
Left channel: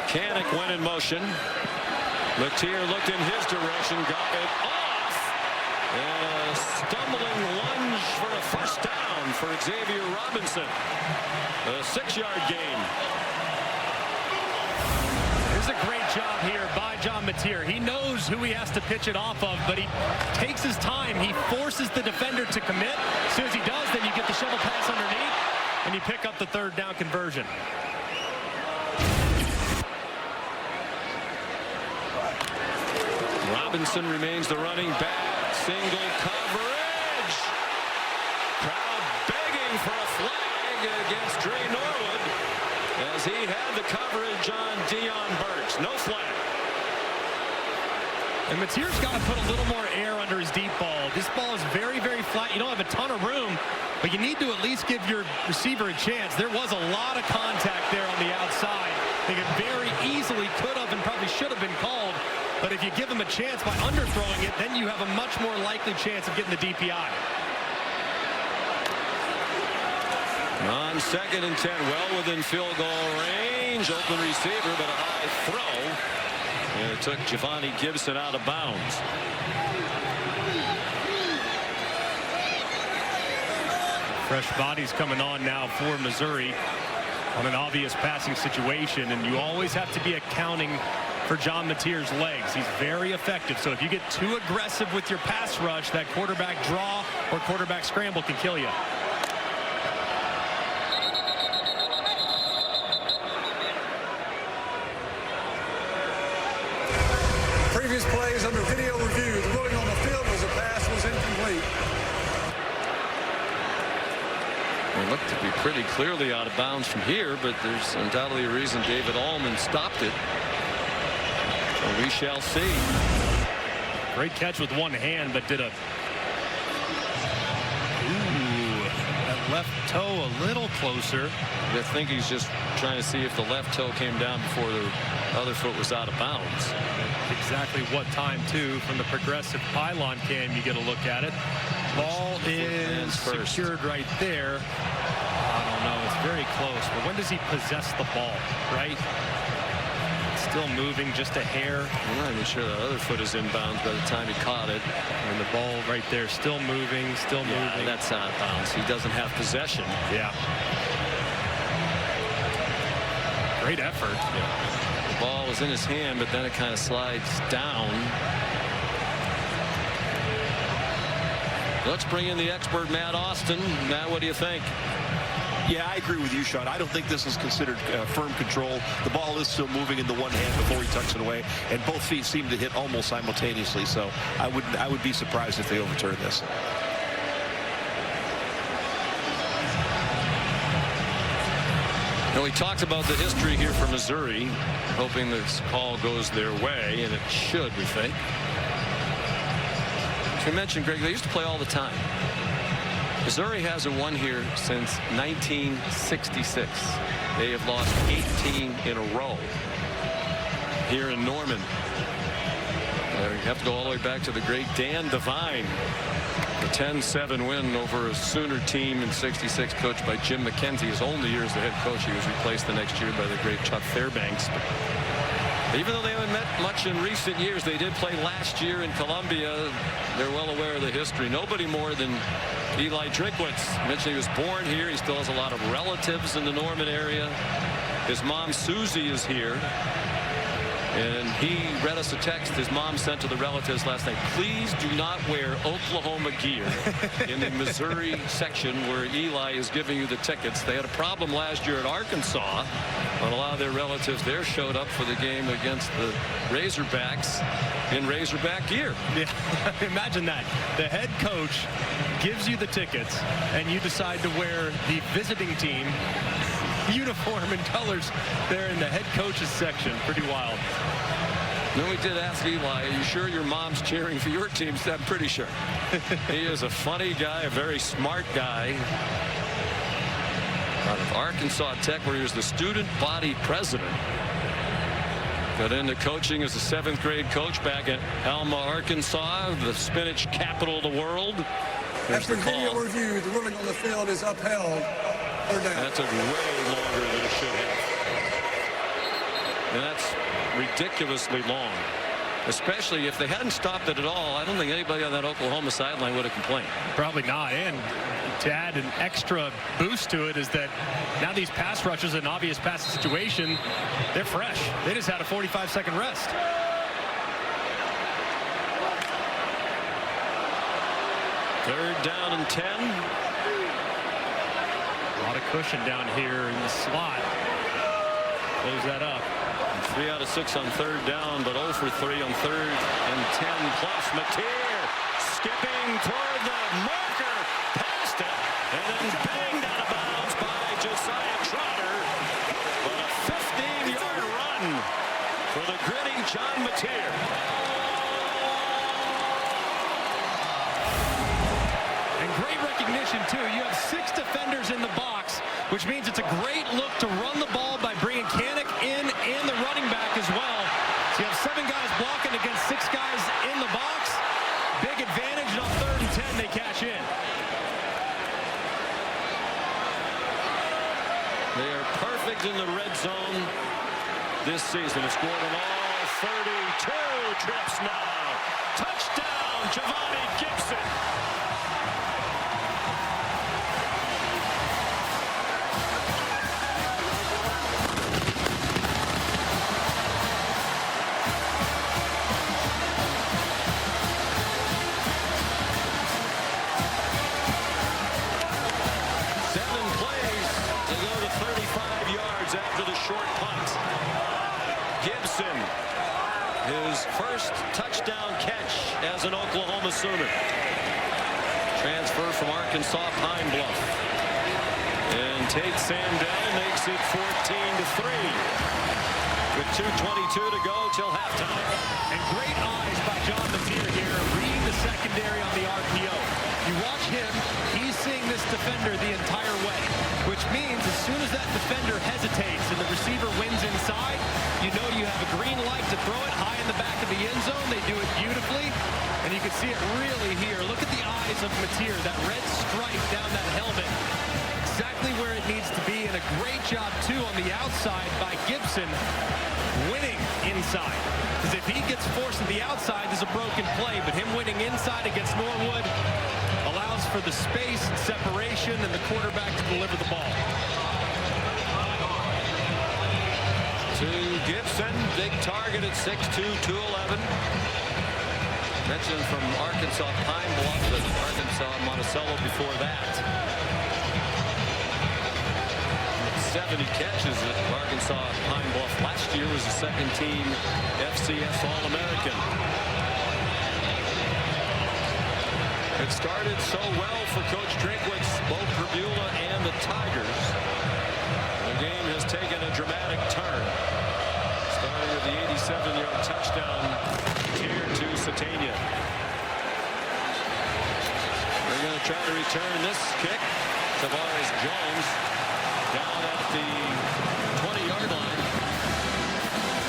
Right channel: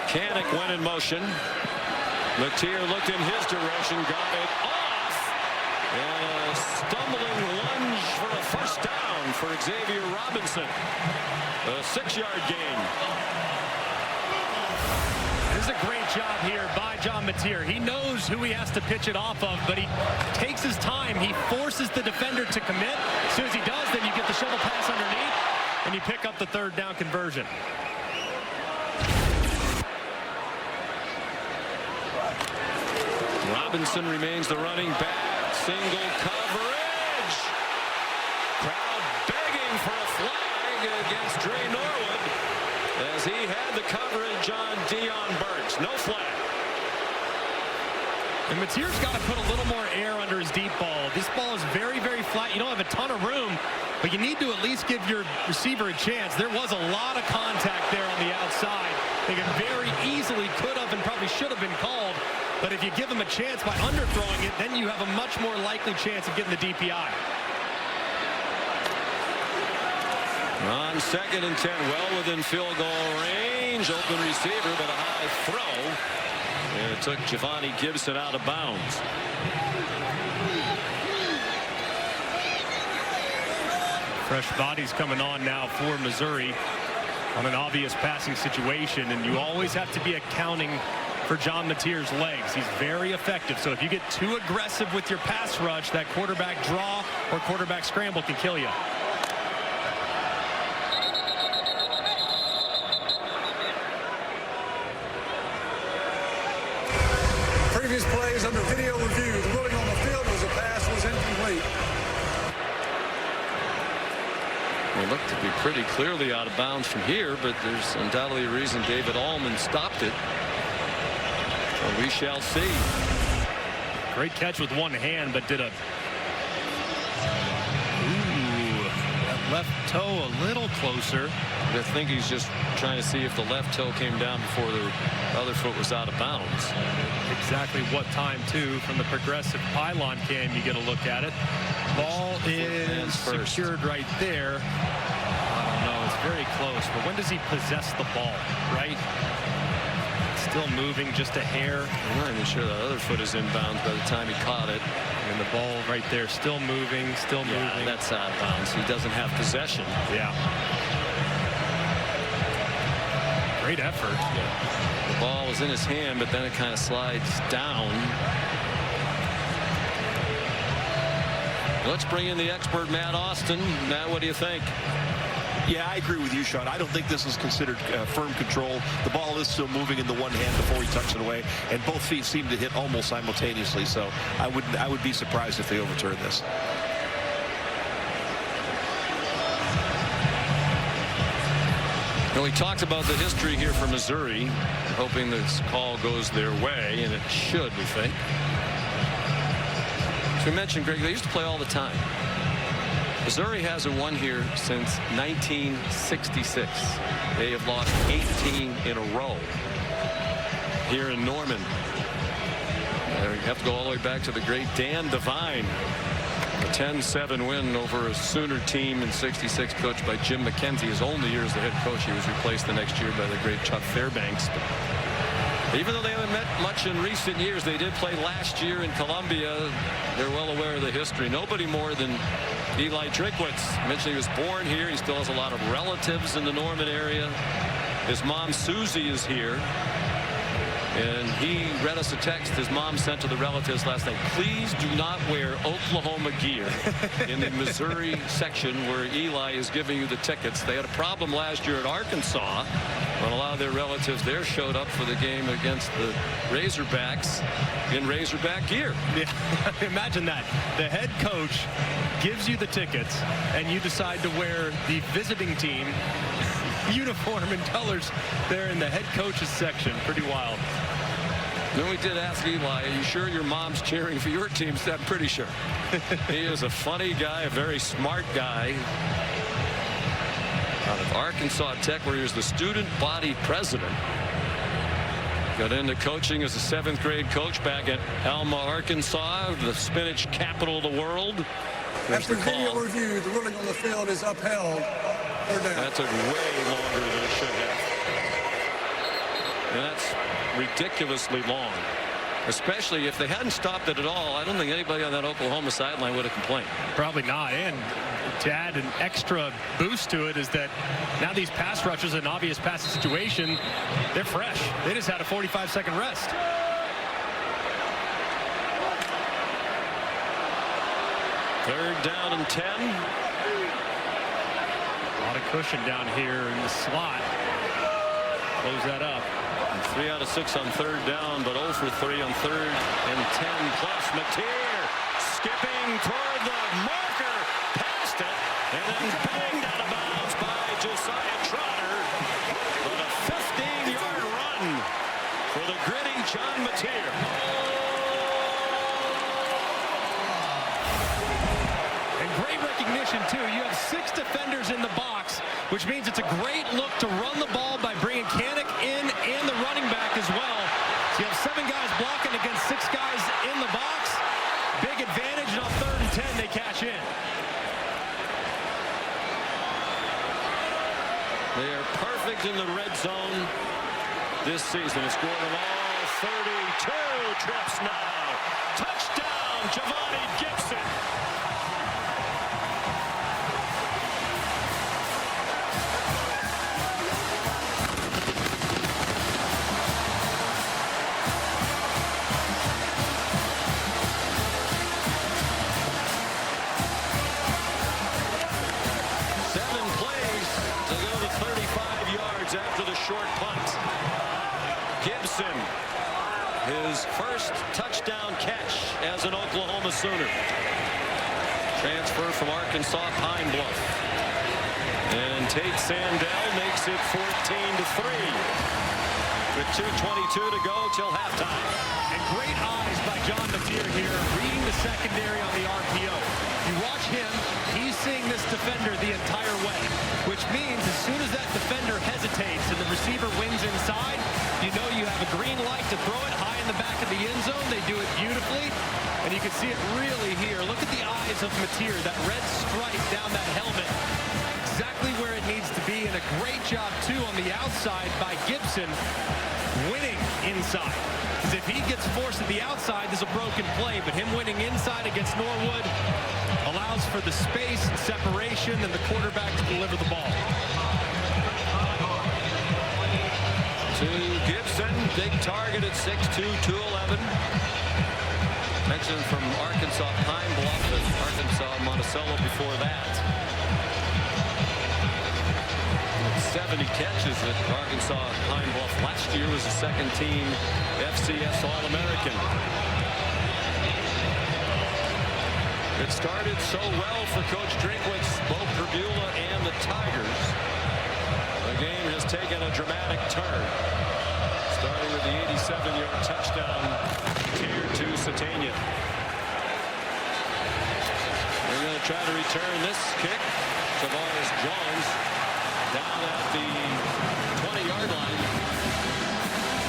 Kanik went in motion. Mateer looked in his direction, got it off. And a stumbling lunge for a First down for Xavier Robinson. A 6-yard gain. This is a great job here by John Mateer. He knows who he has to pitch it off of, but he takes his time. He forces the defender to commit. As soon as he does, then you get the shovel pass underneath, and you pick up the 3rd down conversion. Robinson remains the running back. Single coverage. Crowd begging for a flag against Dre Norwood as he had the coverage on Dion Burks. No flag. And Mateer's got to put a little more air under his deep ball. This ball is very, very flat. You don't have a ton of room, but you need to at least give your receiver a chance. There was a lot of contact there on the outside. They could very easily could have and probably should have been called. But if you give him a chance by underthrowing it, then you have a much more likely chance of getting the DPI. On 2nd and 10, well within field goal range. Open receiver, but a high throw. And it took Giovanni Gibson out of bounds. Fresh bodies coming on now for Missouri on an obvious passing situation, and you always have to be accounting for John Mateer's legs. He's very effective, so if you get too aggressive with your pass rush, that quarterback draw or quarterback scramble can kill you. Previous plays under video review. The ruling on the field was a pass was incomplete. It looked to be pretty clearly out of bounds from here, but there's undoubtedly a reason David Allman stopped it. So we shall see. Great catch with one hand, but did a that left toe a little closer. I think he's just trying to see if the left toe came down before the other foot was out of bounds. Exactly what time, too, from the progressive pylon cam, you get a look at it. Ball is secured right there. I don't know. It's very close. But when does he possess the ball, right? It's still moving just a hair. I'm not even sure that other foot is inbounds by the time he caught it. I mean, the ball right there still moving, moving. That's out of bounds. He doesn't have possession. Yeah. Great effort. Yeah. The ball was in his hand, but then it kind of slides down. Let's bring in the expert, Matt Austin. Matt, what do you think? Yeah, I agree with you, Sean. I don't think this is considered firm control. The ball is still moving in the one hand before he tucks it away, and both feet seem to hit almost simultaneously. So I would be surprised if they overturn this. Well, we talked about the history here for Missouri, hoping this call goes their way, and it should, we think. As we mentioned, Greg, they used to play all the time. Missouri hasn't won here since 1966. They have lost 18 in a row here in Norman. You have to go all the way back to the great Dan Devine. A 10-7 win over a Sooner team in '66, coached by Jim McKenzie. His only year as the head coach. He was replaced the next year by the great Chuck Fairbanks. But even though they haven't met much in recent years, they did play last year in Columbia. They're well aware of the history. Nobody more than Eli Drinkwitz. Mentioned he was born here. He still has a lot of relatives in the Norman area. His mom Susie is here. And he read us a text his mom sent to the relatives last night. Please do not wear Oklahoma gear in the Missouri section where Eli is giving you the tickets. They had a problem last year at Arkansas when a lot of their relatives there showed up for the game against the Razorbacks in Razorback gear. Yeah, imagine that. The head coach gives you the tickets and you decide to wear the visiting team uniform and colors there in the head coach's section. Pretty wild. Then we did ask Eli, are you sure your mom's cheering for your team? I'm pretty sure. He is a funny guy, a very smart guy. Out of Arkansas Tech, where he was the student body president. Got into coaching as a 7th grade coach back at Alma, Arkansas, the spinach capital of the world. There's the call. Review, the ruling on the field is upheld. That took way longer than it should have. And that's ridiculously long. Especially if they hadn't stopped it at all, I don't think anybody on that Oklahoma sideline would have complained. Probably not. And to add an extra boost to it is that now these pass rushers, an obvious passing situation, they're fresh. They just had a 45-second rest. Third down and 10. A lot of cushion down here in the slot. Close that up. And 3 out of 6 on third down, but 0 for 3 on third and 10 plus. Mateer skipping toward the marker, past it, and then banged out of bounds by Josiah Trotter. But a 15-yard run for the gritty John Mateer. And great recognition, too. You have 6 defenders in the box, which means it's a great look to run the ball by bringing Kanik in and the running back as well. So you have 7 guys blocking against 6 guys in the box. Big advantage, and on third and 10, they cash in. They are perfect in the red zone this season. It's scored them all 32 trips now. Touchdown, Giovanni Gibson. After the short punt. Gibson, his first touchdown catch as an Oklahoma Sooner. Transfer from Arkansas Pine Bluff. And Tate Sandell makes it 14-3 with 2:22 to go till halftime. And great eyes by John Mateer here, reading the secondary on the RPO. You watch him, he's seeing this defender the entire way, which means as soon as that defender hesitates and the receiver wins inside, you know you have a green light to throw it high in the back of the end zone. They do it beautifully, and you can see it really here. Look at the eyes of Mateer, that red stripe down that helmet, exactly where it needs to be, and a great job, too, on the outside by Gibson, winning inside. Because if he gets forced at the outside, there's a broken play, but him winning inside against Norwood allows for the space and separation and the quarterback to deliver the ball. To Gibson, big target at 6'2", 211. Mentioned from Arkansas Pine Bluff, but Arkansas Monticello before that. And 70 catches at Arkansas Pine Bluff last year, was a second-team FCS All-American. It started so well for Coach Drinkwitz, Bo Perbula, and the Tigers. The game has taken a dramatic turn, starting with the 87-yard touchdown Tier to Satania. They're going to try to return this kick. Tavares Jones down at the 20-yard line.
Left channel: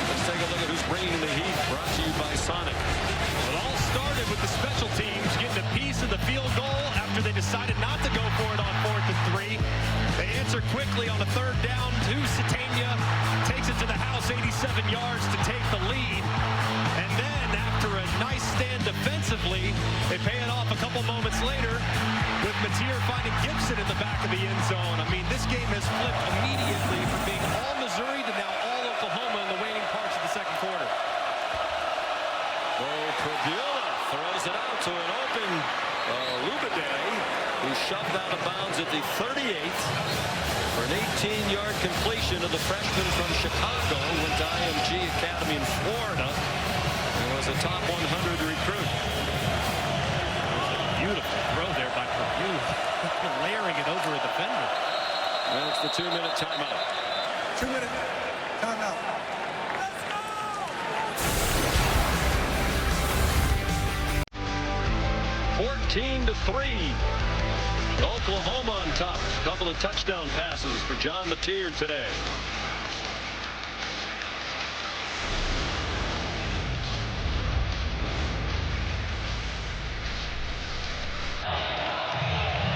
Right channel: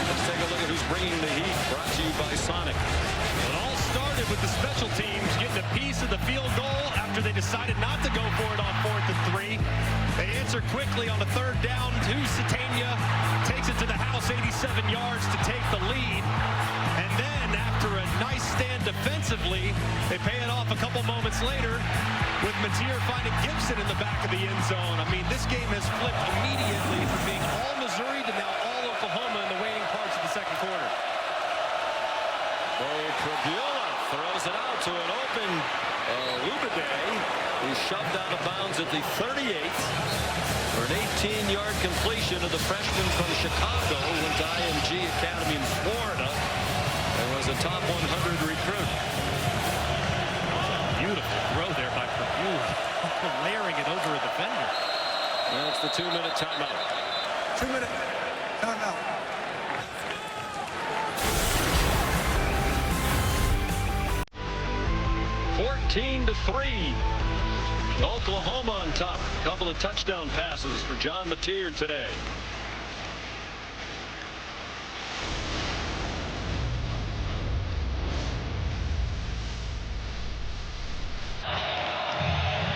Let's take a look at who's bringing the heat, brought to you by Sonic. Well, it all started with the special teams getting a piece of the field goal after they decided not to go for it on 4th and 3. They answer quickly on a third down to Satania, takes it to the house 87 yards to take the lead. And then after a nice stand defensively, they pay it off a couple moments later with Mateer finding Gibson in the back of the end zone. I mean, this game has flipped immediately from being all Missouri to now all Oklahoma in the waning parts of the second quarter. Bo Perbula throws it out to an open Lubide, who shoved out of bounds at the 38 for an 18-yard completion of the freshman from Chicago, went to IMG Academy in Florida, and was a top 100 recruit. That was a beautiful throw there by Perbula, layering it over a defender. And it's the 2-minute timeout. 2-minute timeout. 14-3. Oklahoma on top. A couple of touchdown passes for John Mateer today.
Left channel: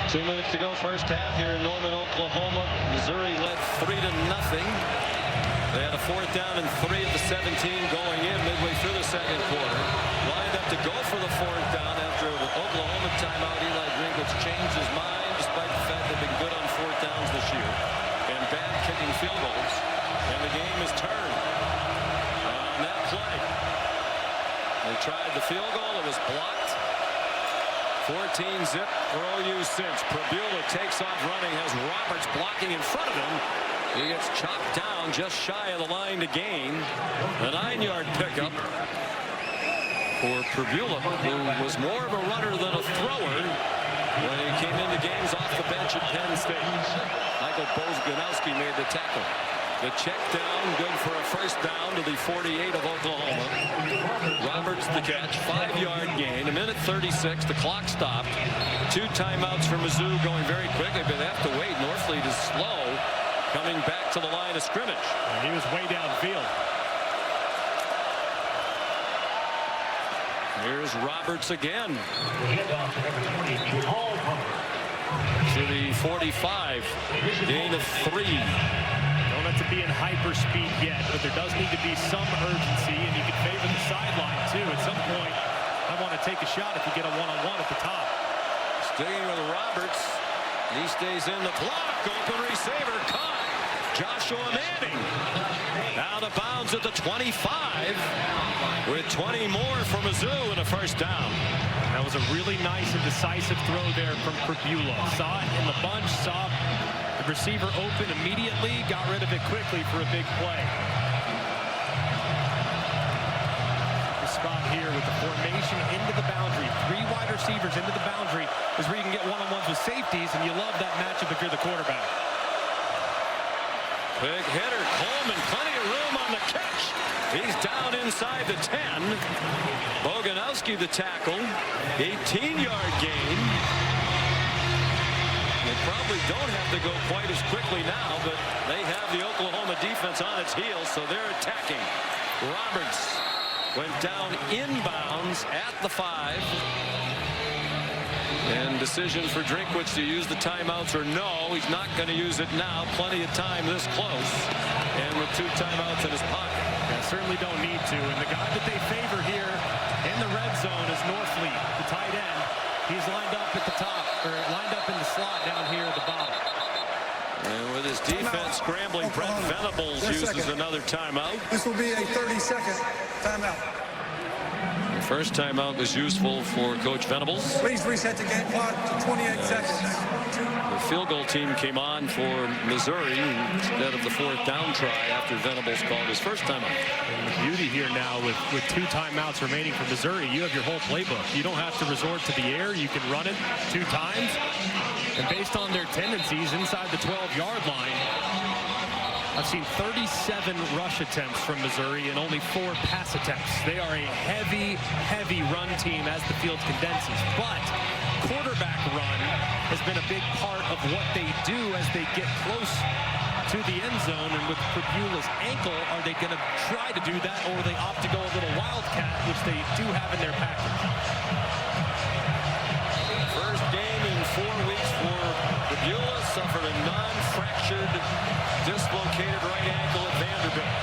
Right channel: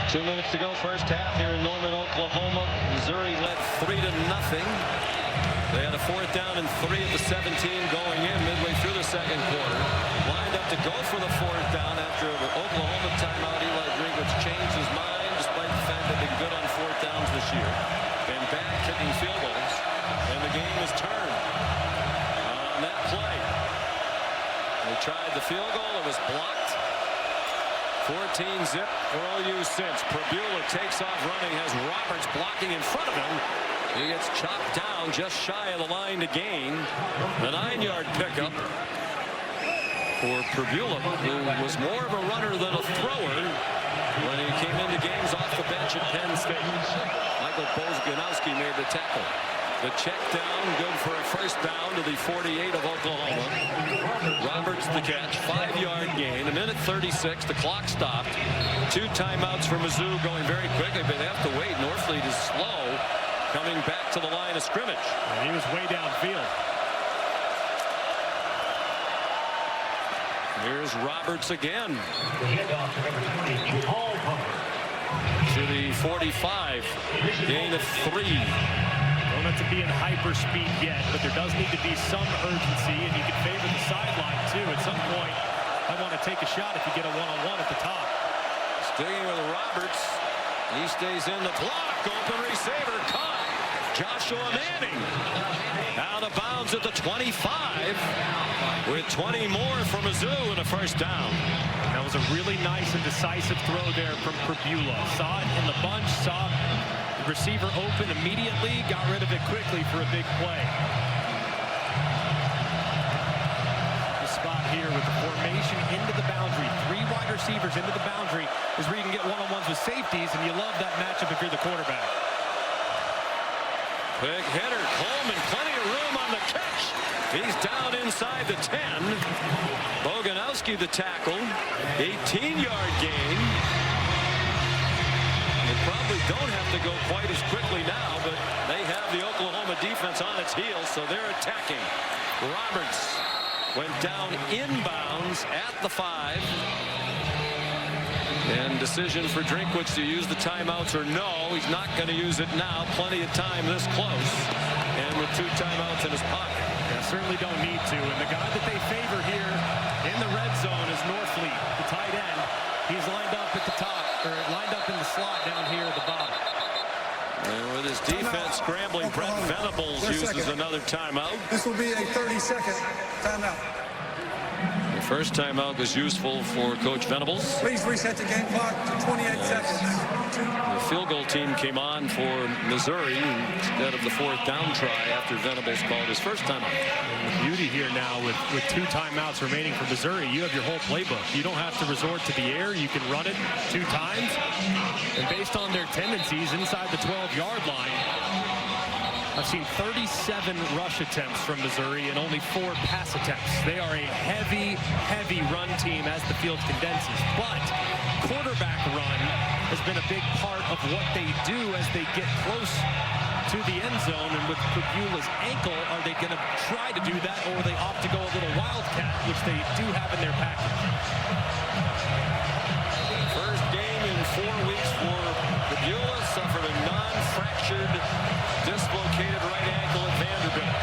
Two minutes to go, first half here in Norman, Oklahoma. Missouri led 3-0. They had a 4th down and 3 at the 17 going in midway through the second quarter. Lined up to go for the 4th down after an Oklahoma timeout. Eli Drinkwitz changed his mind despite the fact they've been good on 4th downs this year and bad kicking field goals. And the game is turned on that play. They tried the field goal. It was blocked. 14 zip for OU since. Prabula takes off running, has Roberts blocking in front of him. He gets chopped down just shy of the line to gain. A 9-yard pickup for Prabula, who was more of a runner than a thrower when he came into games off the bench at Penn State. Michael Boganowski made the tackle. The check down, good for a 1st down to the 48 of Oklahoma. Roberts the catch, 5-yard gain, 1:36. The clock stopped. 2 timeouts for Mizzou going very quickly, but they have to wait. Norfleet is slow coming back to the line of scrimmage. And he was way downfield. Here's Roberts again. To the 45. Gain of 3. Don't have to be in hyper speed yet, but there does need to be some urgency, and you can favor the sideline too. At some point, I want to take a shot if you get a one-on-one at the top. Sticking with Roberts. He stays in the block. Open receiver caught. Joshua Manning out of bounds at the 25 with 20 more for Mizzou and a 1st down. And that was a really nice and decisive throw there from Prabula. Saw it in the bunch, saw the receiver open immediately, got rid of it quickly for a big play. The spot here with the formation into the boundary. 3 wide receivers into the boundary is where you can get one-on-ones with safeties, and you love that matchup if you're the quarterback. Big hitter, Coleman, plenty of room on the catch. He's down inside the 10. Boganowski the tackle. 18-yard gain. They probably don't have to go quite as quickly now, but they have the Oklahoma defense on its heels, so they're attacking. Roberts went down inbounds at the 5. And decision for Drinkwitz to use the timeouts or no. He's not going to use it now. Plenty of time this close. And with 2 timeouts in his pocket. Yeah, certainly don't need to. And the guy that they favor here in the red zone is Norfleet, the tight end. He's lined up at the top, or lined up in the slot down here at the bottom. And with his defense scrambling, Brent Venables uses another timeout. This will be a 30-second timeout. The first timeout was useful for Coach Venables. Please reset the game clock to 28 seconds. The field goal team came on for Missouri instead of the 4th down try after Venables called his first timeout. And the beauty here now with 2 timeouts remaining for Missouri, you have your whole playbook. You don't have to resort to the air. You can run it 2 times. And based on their tendencies inside the 12-yard line, I've seen 37 rush attempts from Missouri and only 4 pass attempts. They are a heavy, heavy run team as the field condenses. But quarterback run has been a big part of what they do as they get close to the end zone. And with Prabula's ankle, are they going to try to do that, or will they opt to go a little wildcat, which they do have in their package? First game in 4 weeks for Prabula. Suffered a non-fractured dislocated right ankle at Vanderbilt.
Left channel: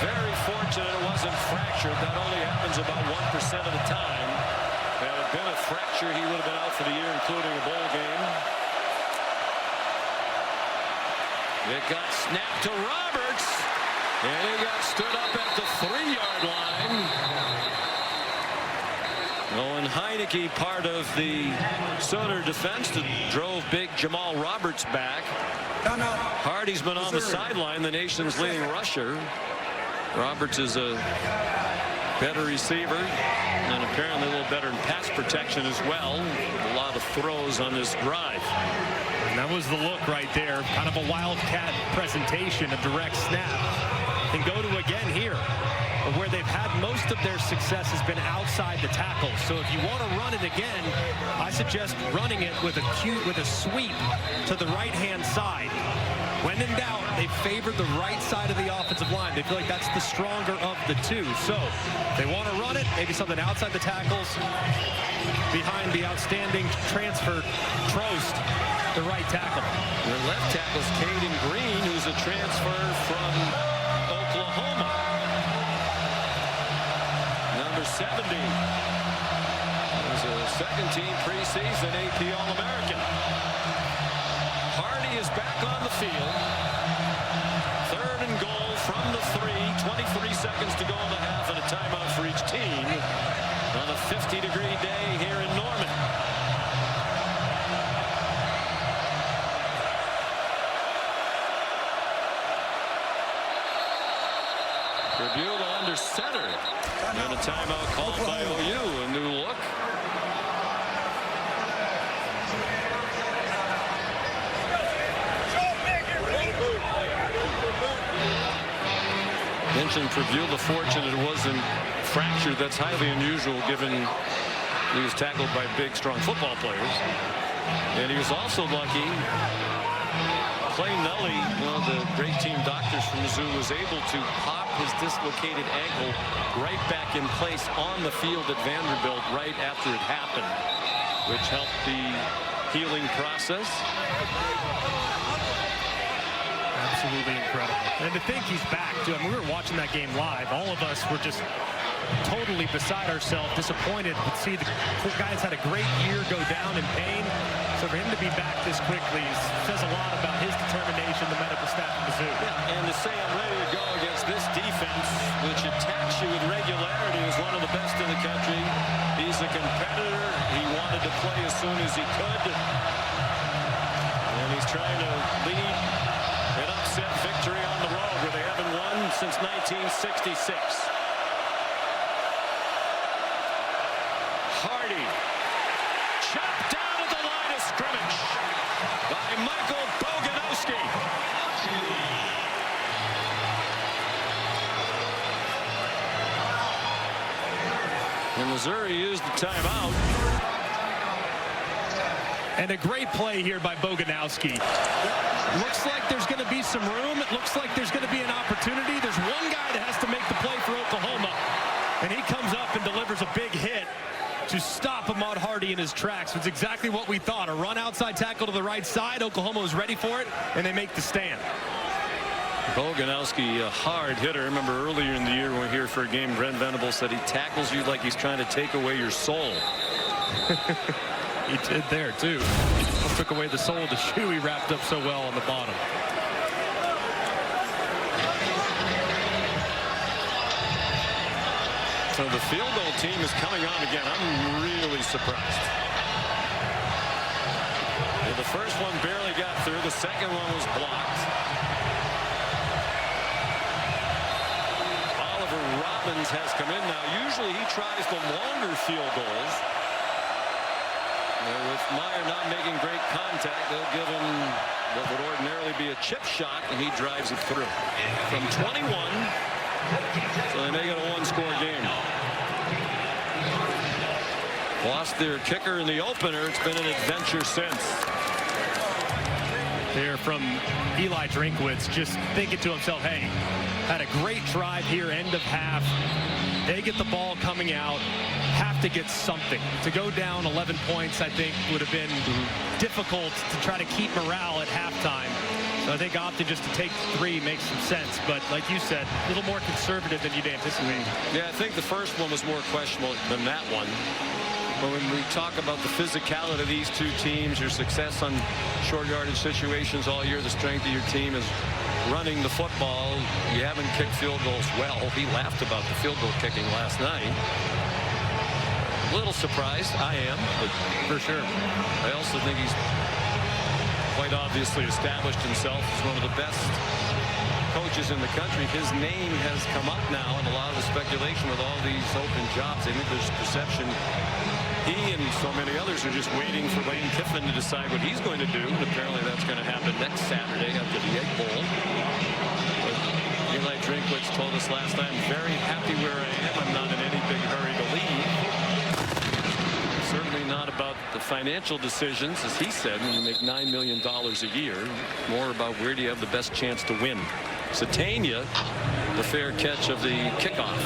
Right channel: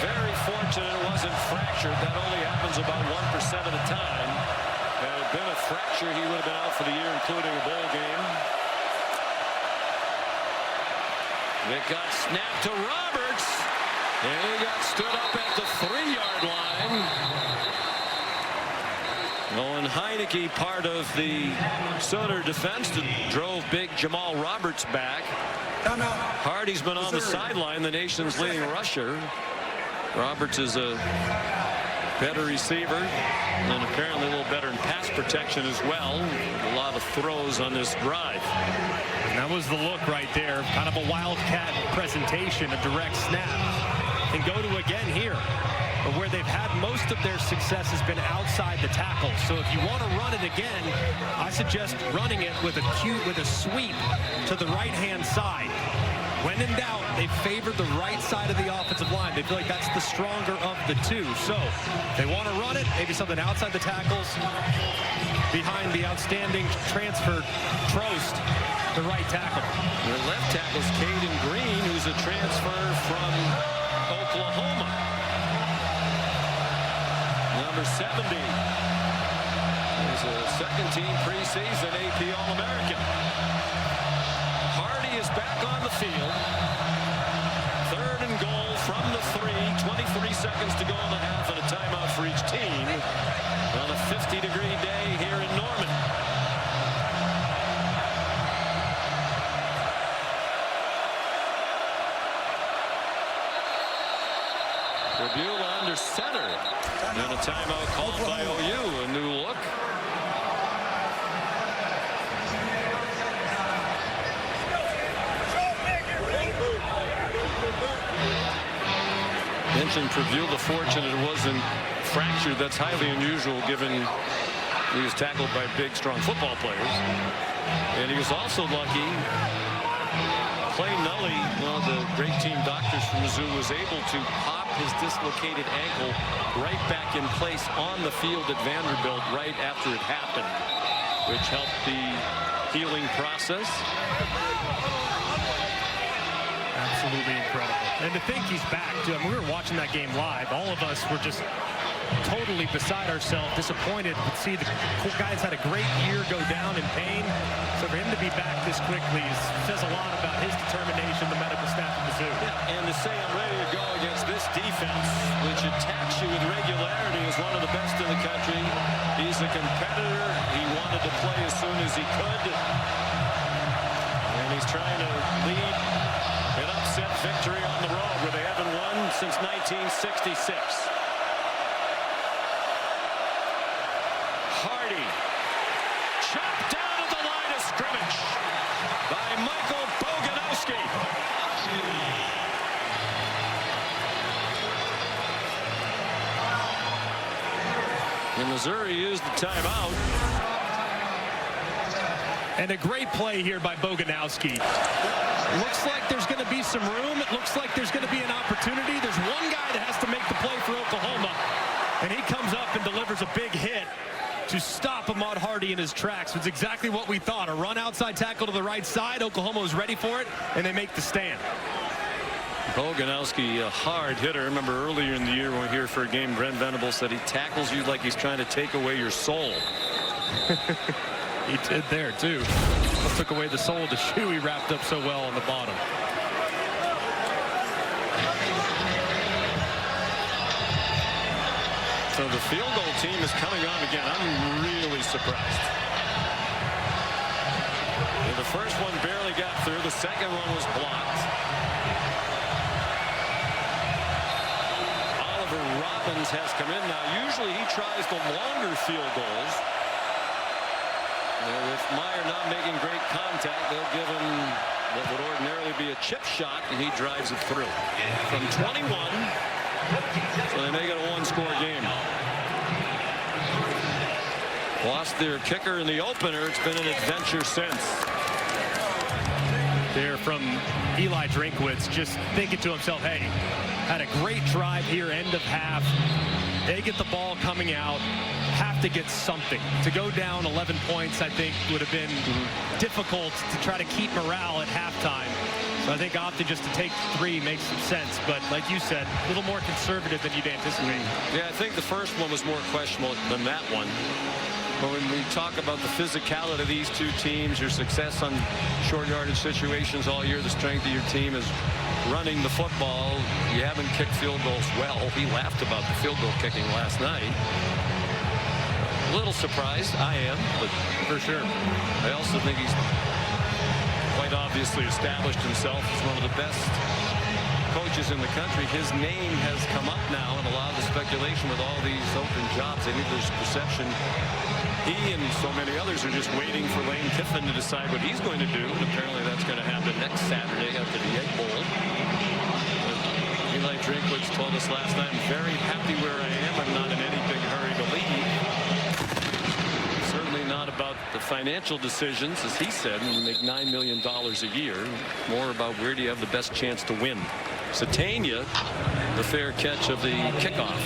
Very fortunate it wasn't fractured. That only happens about 1% of the time. Had it been a fracture, he would have been out for the year, including a bowl game. It got snapped to Roberts, and he got stood up at the 3-yard line. Owen Heineke, part of the Sooner defense that drove big Jamal Roberts back. Hardy's been on the sideline, the nation's leading rusher. Roberts is a better receiver and apparently a little better in pass protection as well. A lot of throws on this drive. And that was the look right there, kind of a wildcat presentation, a direct snap. And go to again here. But where they've had most of their success has been outside the tackle. So if you want to run it again, I suggest running it with a sweep to the right-hand side. When in doubt, they favor the right side of the offensive line. They feel like that's the stronger of the 2. So if they want to run it, maybe something outside the tackles, behind the outstanding transfer Trost, the right tackle. Your left tackle's Caden Green, who's a transfer from Oklahoma. Number 70. Was a second-team preseason AP All-American. Hardy is back on the field. 3rd and goal from the 3. 23 seconds to go in the half, and a timeout for each team on a 50-degree day here in Norman. Tribula under center, and a timeout called by OU. A new look. Mentioned Tribula, fortunate it wasn't fractured. That's highly unusual given he was tackled by big, strong football players. And he was also lucky. Clay Nully, one of the great team doctors from Mizzou, was able to pop his dislocated ankle right back in place on the field at Vanderbilt right after it happened, which helped the healing process. Absolutely incredible. And to think he's back, too. I mean, we were watching that game live. All of us were just totally beside ourselves, disappointed to see the guy's had a great year go down in pain. So for him to be back this quickly says a lot about his determination, the medical staff of Mizzou. Yeah, and to say I'm ready to go against this defense, which attacks you with regularity, is one of the best in the country. He's a competitor. He wanted to play as soon as he could. And he's trying to lead an upset victory on the road where they haven't won since 1966. Hardy chopped down at the line of scrimmage by Michael Boganowski. And Missouri used the timeout. And a great play here by Boganowski. Looks like there's going to be some room. It looks like there's going to be an opportunity. There's one guy that has to make the play for Oklahoma, and he comes up and delivers a big hit to stop Ahmad Hardy in his tracks. It's exactly what we thought. A run outside tackle to the right side. Oklahoma was ready for it, and they make the stand. Boganowski, a hard hitter. I remember earlier in the year when we were here for a game, Brent Venables said he tackles you like he's trying to take away your soul. He did there, too. Almost took away the sole of the shoe he wrapped up so well on the bottom. So the field goal team is coming on again. I'm really surprised. Yeah, the first one barely got through. The second one was blocked. Oliver Robbins has come in now. Usually he tries the longer field goals. With Meyer not making great contact, they'll give him what would ordinarily be a chip shot, and he drives it through from 21. So they make it a one-score game. Lost their kicker in the opener. It's been an adventure since. There from Eli Drinkwitz, just thinking to himself, hey, had a great drive here, end of half. They get the ball coming out. Have to get something. To go down 11 points, I think, would have been difficult to try to keep morale at halftime. So I think opting just to take 3 makes some sense. But like you said, a little more conservative than you'd anticipate. Yeah, I think the first one was more questionable than that one. But when we talk about the physicality of these two teams, your success on short yardage situations all year, the strength of your team is running the football. You haven't kicked field goals well. He laughed about the field goal kicking last night. A little surprised, I am, but For sure. I also think he's quite obviously established himself as one of the best coaches in the country. His name has come up now in a lot of the speculation with all these open jobs. I think there's perception he and so many others are just waiting for Lane Kiffin to decide what he's going to do, and apparently that's going to happen next Saturday after the Egg Bowl. But Eli Drinkwitz told us last night, I'm very happy where I am. I'm not in any big hurry to leave. Certainly not about the financial decisions, as he said, when you make $9 million a year. More about where do you have the best chance to win. Satania, the fair catch of the kickoff.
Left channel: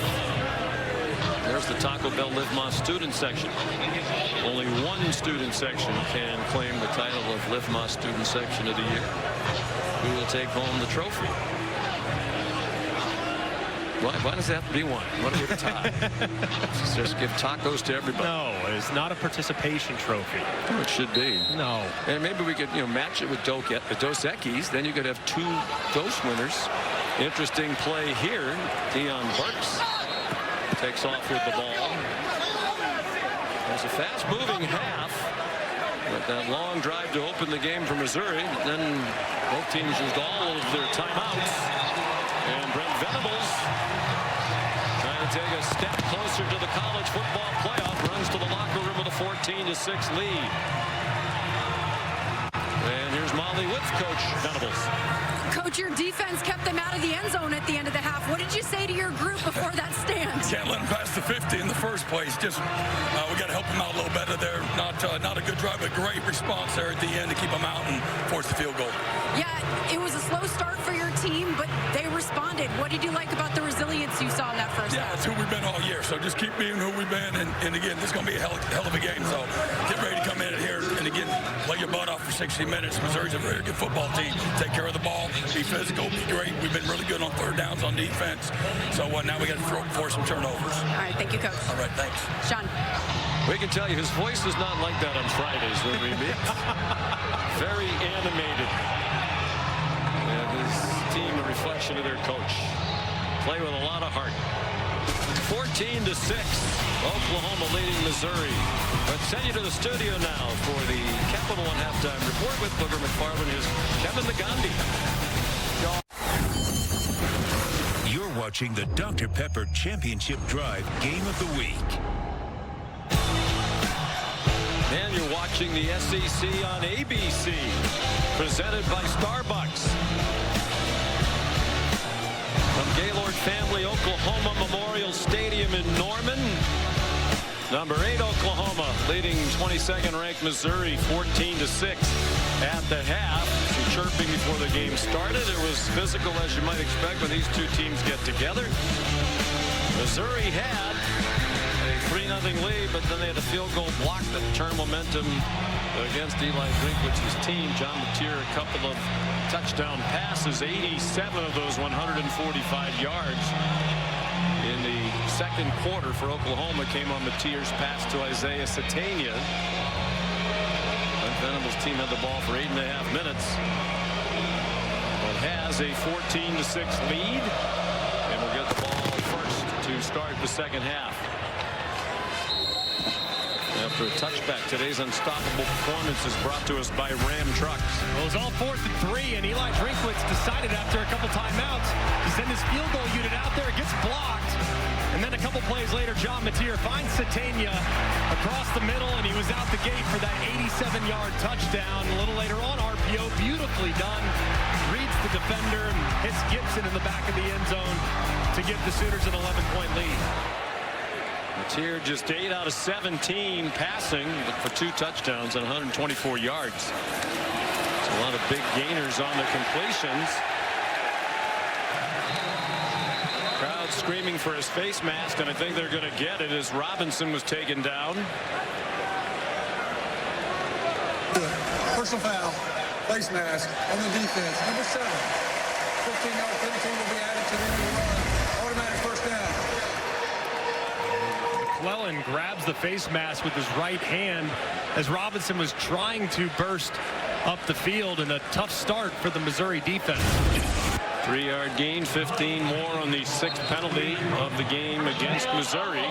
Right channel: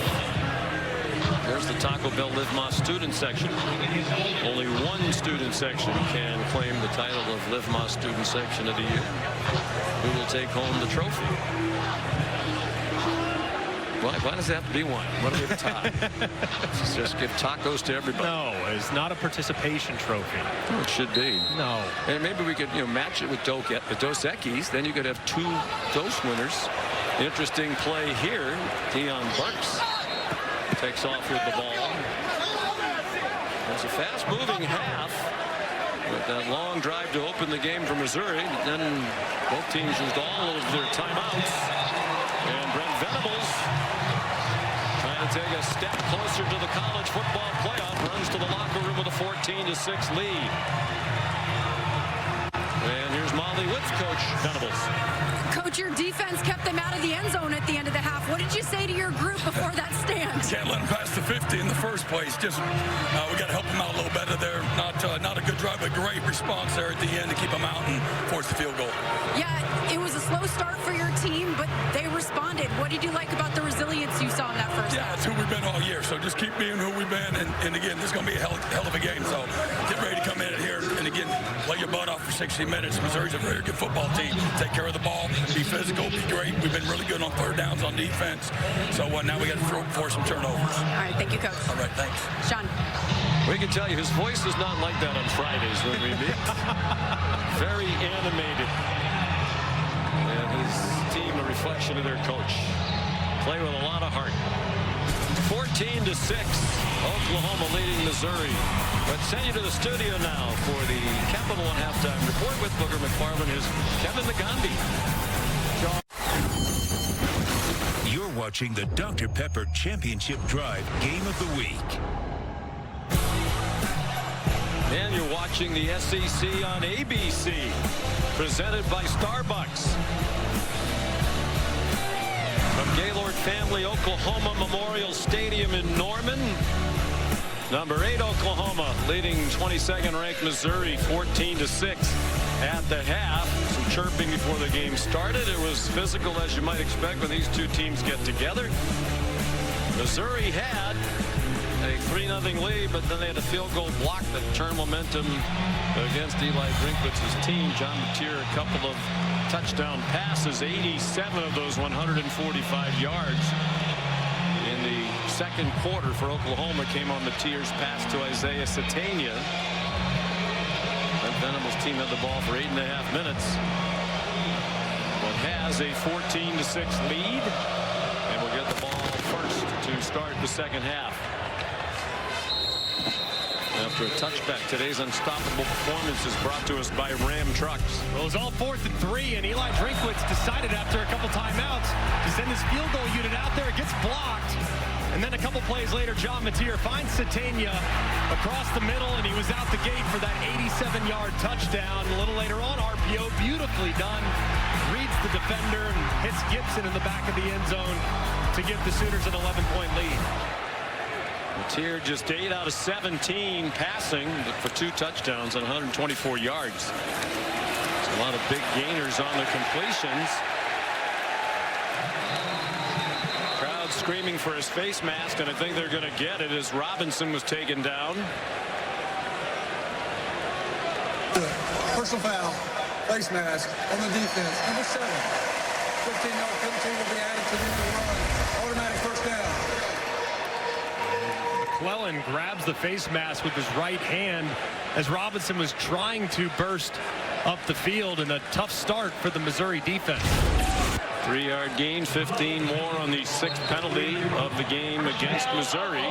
There's the Taco Bell Live Más student section. Only one student section can claim the title of Live Más student section of the year. Who will take home the trophy? Why does it have to be one? What do we have a tie? Just give tacos to everybody. No, it's not a participation trophy. Oh, it should be. No. And maybe we could, match it with Dos Equis. Then you could have 2 Dos winners. Interesting play here. Deion Burks takes off with the ball. There's a fast-moving half with that long drive to open the game for Missouri. But then both teams used all of their timeouts. And Brent Venables trying to take a step closer to the college football playoff. Runs to the locker room with a 14-6 lead. And here's Molly Woods, Coach Venables. Coach, your defense kept them out of the end zone at the end of the half. What did you say to your group before that stand? Can't let them pass the 50 in the first place. Just we got to help them out a little better there. Not a good drive, but great response there at the end to keep them out and force the field goal. Yeah, it was a slow start for your team, but they responded. What did you like about the resilience you saw in that first half? Yeah, it's who we've been all year. So just keep being who we've been. And again, this is going to be a hell of a game. So get ready to come in here and again play your butt off for 60 minutes. Missouri's a very good football team. Take care of the ball. Be physical, be great. We've been really good on third downs on defense. So now we got to force some turnovers. All right, thank you, Coach. All right, thanks. Sean. We can tell you his voice is not like that on Fridays when we meet. Very animated. And his team a reflection of their coach. Play with a lot of heart. 14-6. Oklahoma leading Missouri. Let's send you to the studio now for the Capital One halftime report with Booger McFarland. Here's Kevin Nagandi. You're watching the Dr. Pepper Championship Drive Game of the Week. And you're watching the SEC on ABC, presented by Starbucks. From Gaylord Family Oklahoma Memorial Stadium in Norman. Number 8 Oklahoma leading 22nd ranked Missouri 14-6 at the half. Some chirping before the game started. It was physical as you might expect when these two teams get together. Missouri had a 3-0 lead, but then they had a field goal block that turned momentum against Eli Drinkwitz's team. John Mateer, a couple of touchdown passes, 87 of those 145 yards in the second quarter for Oklahoma came on Mateer's pass to Isaiah Satania. Brent Venables' team had the ball for 8.5 minutes, but has a 14-6 lead, and will get the ball first to start the second half. After a touchback, today's unstoppable performance is brought to us by Ram Trucks. Well, it was all 4th and 3, and Eli Drinkwitz decided after a couple timeouts to send his field goal unit out there. It gets blocked. And then a couple plays later, John Mateer finds Satania across the middle, and he was out the gate for that 87-yard touchdown. A little later on, RPO, beautifully done. Reads the defender and hits Gibson in the back of the end zone to give the Sooners an 11-point lead. Mateer just 8 out of 17 passing for 2 touchdowns and 124 yards. It's a lot of big gainers on the completions. Crowd screaming for his face mask, and I think they're going to get it as Robinson was taken down. Personal foul, face mask on the defense. Number 7. 15-yard penalty will be added to the end of the run. Automatic first down. McClellan grabs the face mask with his right hand as Robinson was trying to burst up the field, and a tough start for the Missouri defense. 3-yard gain, 15 more on the 6th penalty of the game against Missouri.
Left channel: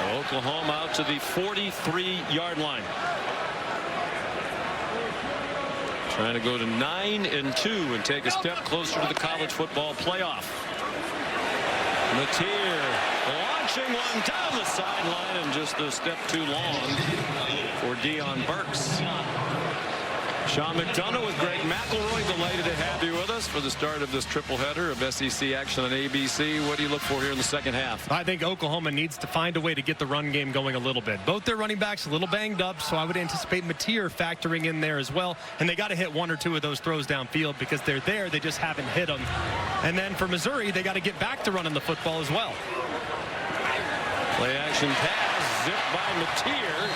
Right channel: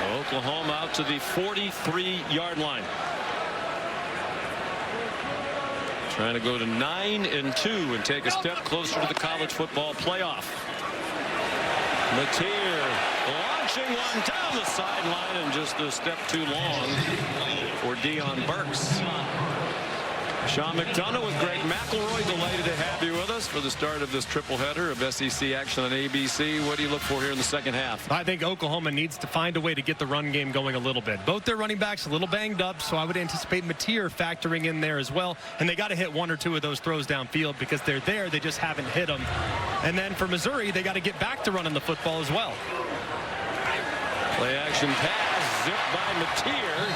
Oklahoma out to the 43-yard line. Trying to go to 9-2 and take a step closer to the college football playoff. Mateer launching one down the sideline, and just a step too long for Deion Burks. Sean McDonough with Greg McElroy, delighted to have you with us for the start of this triple header of SEC action on ABC. What do you look for here in the second half? I think Oklahoma needs to find a way to get the run game going a little bit. Both their running backs a little banged up, so I would anticipate Mateer factoring in there as well. And they got to hit 1 or 2 of those throws downfield because they're there. They just haven't hit them. And then for Missouri, they got to get back to running the football as well. Play action pass zipped by Mateer.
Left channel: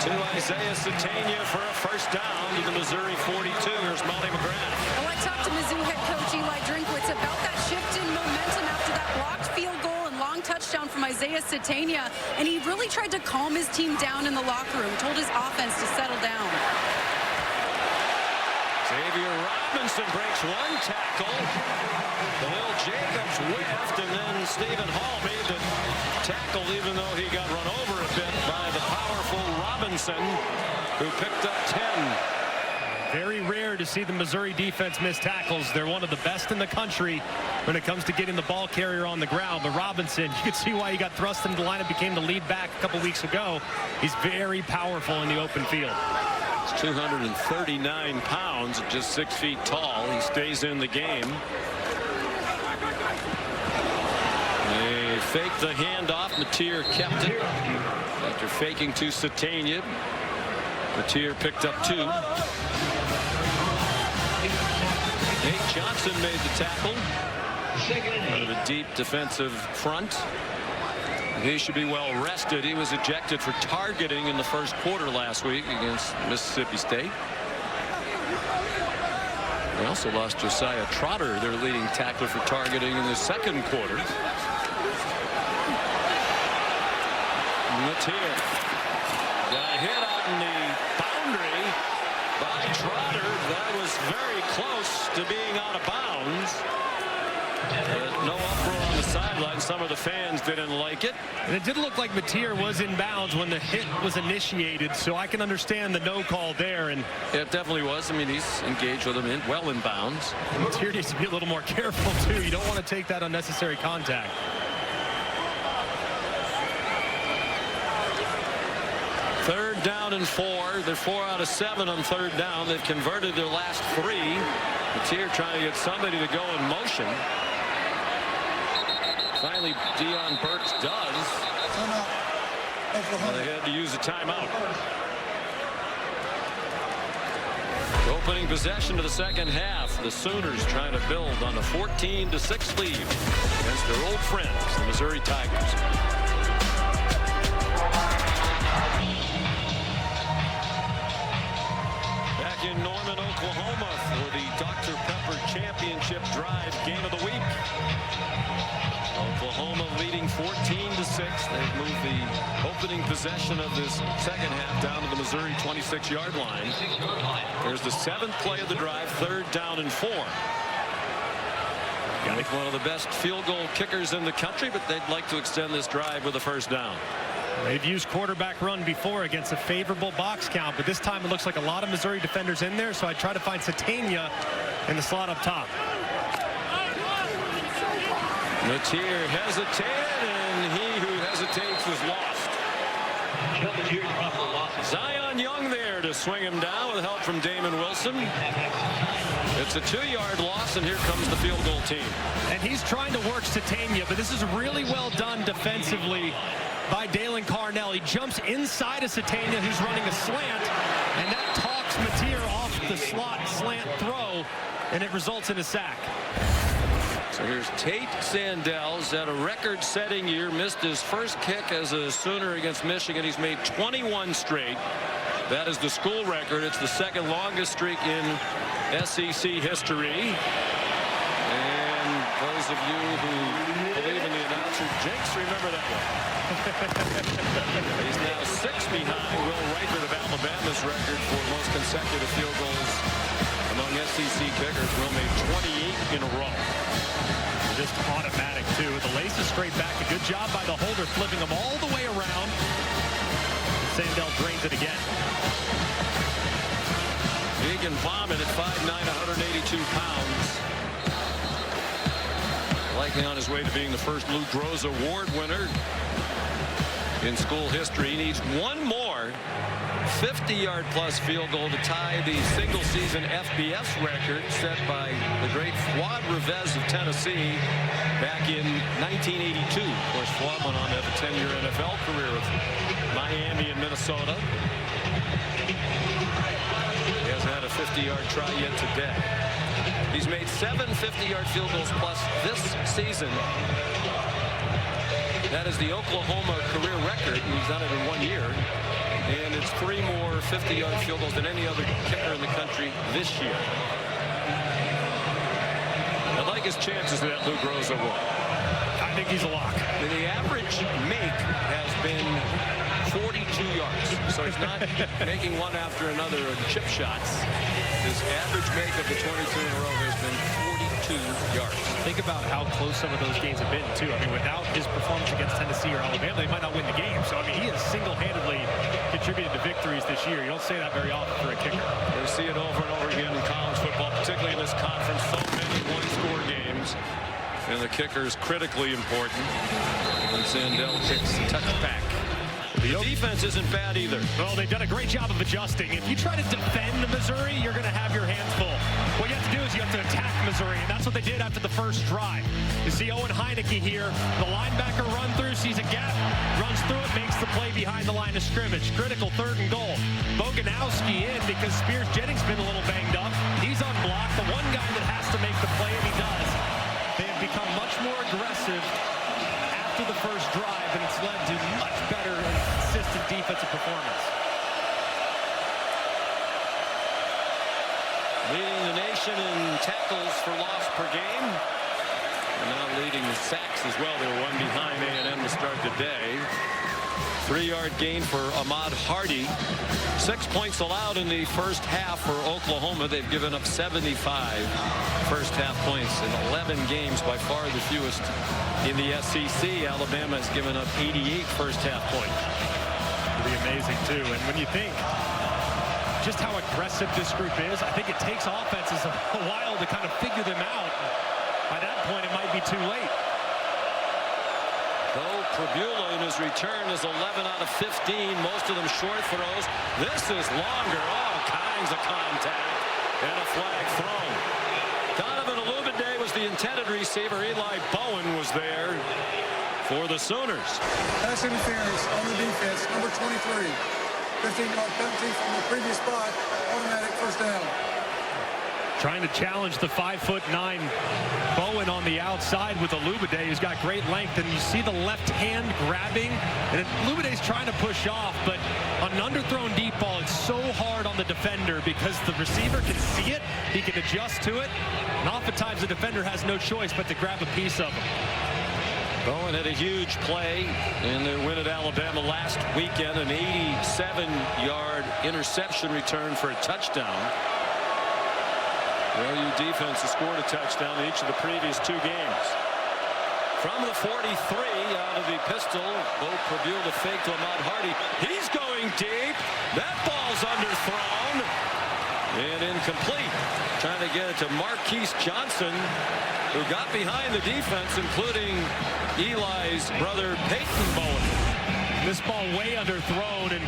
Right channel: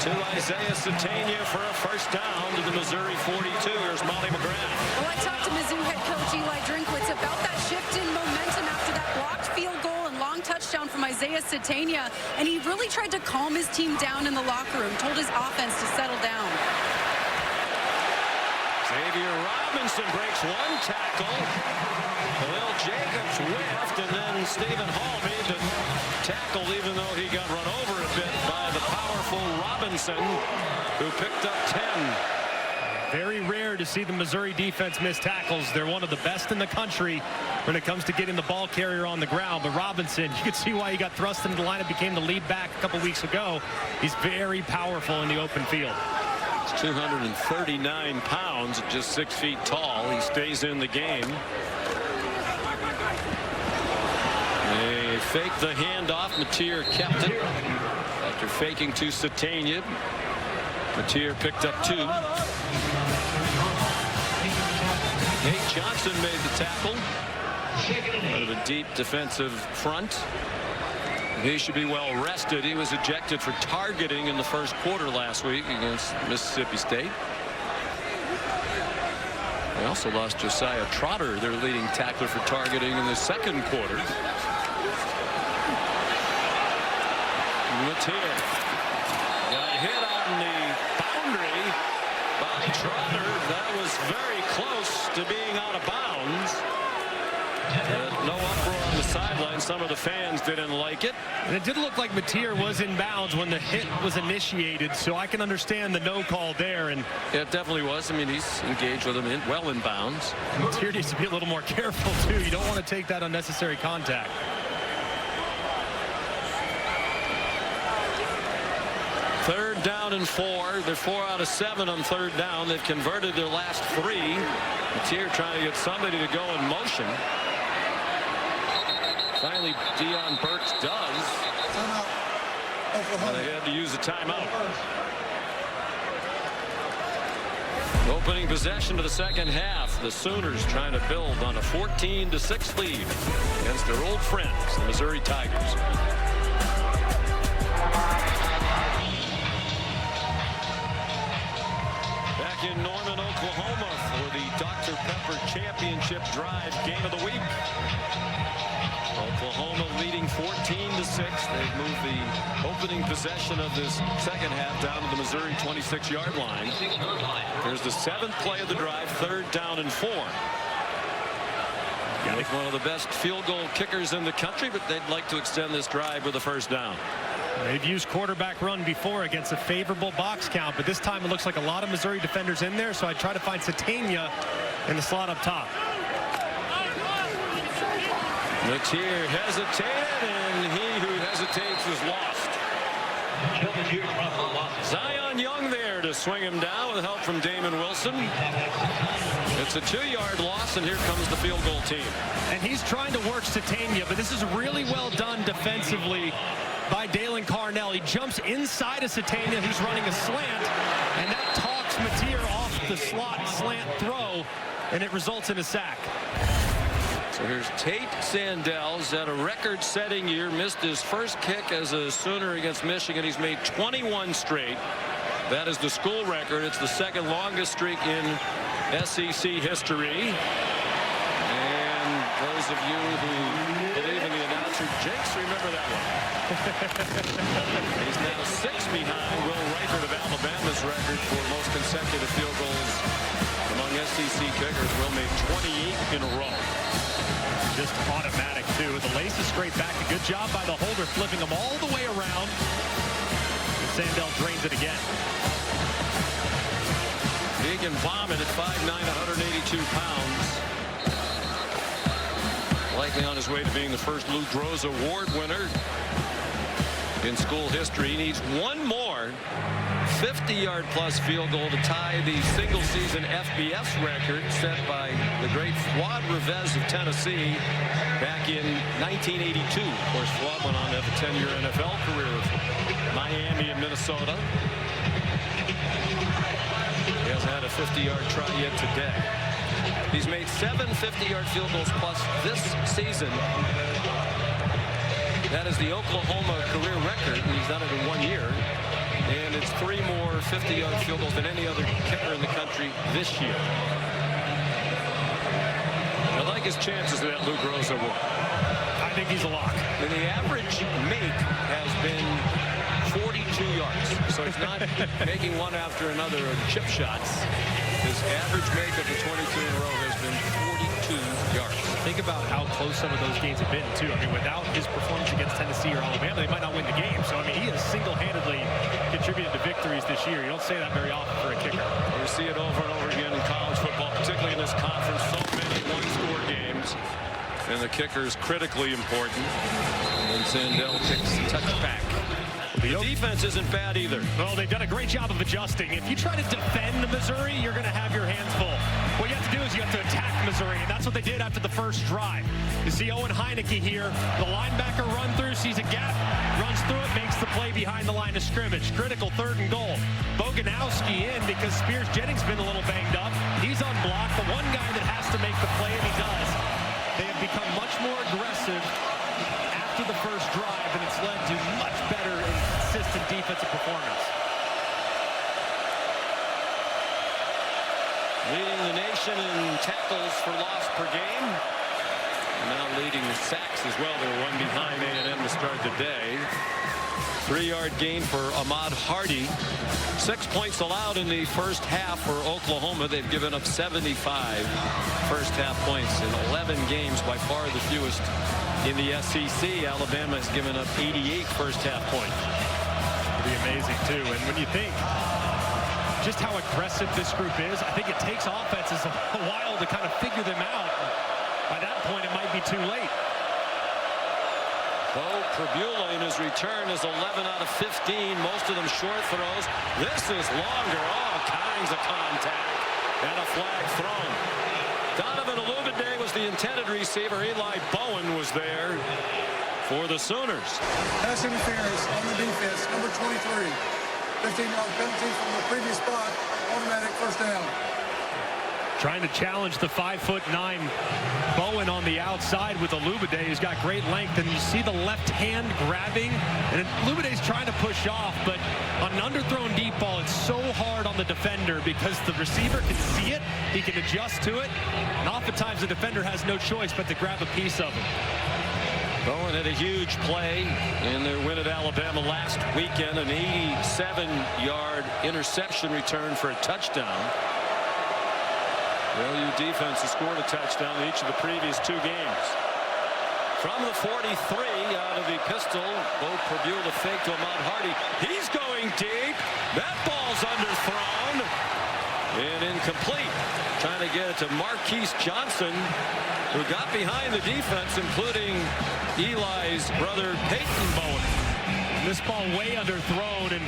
to Isaiah Satania for a first down to the Missouri 42. Here's Molly McGrath. Well, I talked to Mizzou head coach Eli Drinkwitz about that shift in momentum after that blocked field goal and long touchdown from Isaiah Satania, and he really tried to calm his team down in the locker room, told his offense to settle down. Xavier Robinson breaks one tackle. Khalil Jacobs whiffed, and then Stephen Hall made the tackle, even though he got run over a bit by the powerful Robinson, who picked up 10. Very rare to see the Missouri defense miss tackles. They're one of the best in the country when it comes to getting the ball carrier on the ground. But Robinson, you could see why he got thrust into the lineup, became the lead back a couple weeks ago. He's very powerful in the open field. He's 239 pounds, just 6 feet tall. He stays in the game. They faked the handoff. Mateer kept it after faking to Satania. Mateer picked up 2. Nate Johnson made the tackle out of a deep defensive front. He should be well rested. He was ejected for targeting in the first quarter last week against Mississippi State. They also lost Josiah Trotter, their leading tackler, for targeting in the second quarter. Mateer got hit on the boundary by Trotter. That was very close to being out of bounds. No uproar on the sideline. Some of the fans didn't like it. And it did look like Mateer was in bounds when the hit was initiated, so I can understand the no call there. And it definitely was. I mean, he's engaged with him well in bounds. And Mateer needs to be a little more careful, too. You don't want to take that unnecessary contact. Third down and 4. They're 4 out of 7 on third down. They've converted their last 3. Mateer trying to get somebody to go in motion. Finally, Deion Burks does. And they had to use a timeout. Opening possession of the second half. The Sooners trying to build on a 14-6 lead against their old friends, the Missouri Tigers. Back in Norman, Oklahoma for the Dr. Pepper Championship Drive Game of the Week. Oklahoma leading 14-6. They've moved the opening possession of this second half down to the Missouri 26-yard line. Here's the 7th play of the drive, 3rd down and 4. With one of the best field goal kickers in the country, but they'd like to extend this drive with a first down. They've used quarterback run before against a favorable box count, but this time it looks like a lot of Missouri defenders in there, so I try to find Satania in the slot up top. Mateer hesitated, and he who hesitates is lost. Zion Young there to swing him down with help from Damon Wilson. It's a 2-yard loss, and here comes the field goal team. And he's trying to work Satania, but this is really well done defensively by Dalen Carnell. He jumps inside of Satania, who's running a slant, and that talks Mateer off the slot slant throw, and it results in a sack. So here's Tate Sandell's at a record-setting year. Missed his first kick as a Sooner against Michigan. He's made 21 straight. That is the school record. It's the second longest streak in SEC history. And those of you who believe in the announcer jinx, remember that one. He's now 6 behind Will Reichert of Alabama's record for most consecutive field goals among SEC kickers. Will made 28 in a row. Just automatic, too. The laces straight back. A good job by the holder, flipping them all the way around. And Sandell drains it again. Keegan Bauman at 5'9", 182 pounds. Likely on his way to being the first Lou Groza Award winner in school history. He needs one more 50-yard plus field goal to tie the single season FBS record set by the great Fuad Revez of Tennessee back in 1982. Of course, Fuad went on to have a 10-year NFL career with Miami and Minnesota. He hasn't had a 50-yard try yet today. He's made 7 50-yard field goals plus this season. That is the Oklahoma career record, and he's done it in 1 year. And it's 3 more 50-yard field goals than any other kicker in the country this year. I like his chances that Lou Groza would. I think he's a lock. And the average make has been 42 yards. So he's not making one after another of chip shots. His average make of the 22 in a row has been 42 yards. Think about how close some of those games have been, too. I mean, without his performance against Tennessee or Alabama, they might not win the game. So, I mean, he has single-handedly contributed to victories this year. You don't say that very often for a kicker. We see it over and over again in college football, particularly in this conference. So many one-score games. And the kicker is critically important. And Sandell kicks the touchback. The defense isn't bad either. Well, they've done a great job of adjusting. If you try to defend Missouri, you're going to have your hands full. What you have to do is you have to attack Missouri, and that's what they did after the first drive. You see Owen Heineke here. The linebacker run through, sees a gap, runs through it, makes the play behind the line of scrimmage. Critical 3rd and goal. Boganowski in because Spears Jennings been a little banged up. He's unblocked. The one guy that has to make the play, and he does. They have become much more aggressive after the first drive, and it's led to much better and consistent defensive performance. Leading the nation in tackles for loss per game. And now leading the sacks as well. They were one behind A&M to start the day. 3-yard gain for Ahmad Hardy. 6 points allowed in the first half for Oklahoma. They've given up 75 first half points in 11 games, by far the fewest in the SEC. Alabama has given up 88 first half points. Pretty amazing, too. And when you think just how aggressive this group is, I think it takes offenses a while to kind of figure them out. By that point, it might be too late. Bo Pribula in his return is 11 out of 15, most of them short throws. This is longer, all kinds of contact, and a flag thrown. Donovan Olubade was the intended receiver. Eli Bowen was there for the Sooners. Pass interference on the defense, number 23. 15-yard penalty from the previous spot, automatic first down. Trying to challenge the 5'9" Bowen on the outside with Olubade, who's got great length, and you see the left hand grabbing, and Olubade's trying to push off, but on an underthrown deep ball, it's so hard on the defender because the receiver can see it, he can adjust to it, and oftentimes the defender has no choice but to grab a piece of him. Bowen had a huge play in their win at Alabama last weekend, an 87-yard interception return for a touchdown. The OU defense has scored a touchdown in each of the previous 2 games. From the 43, out of the pistol, Bo Pribula fake to Ahmad Hardy. He's going deep. That ball's underthrown and incomplete. Trying to get it to Marquise Johnson, who got behind the defense, including Eli's brother Peyton Bowen. This ball way underthrown, and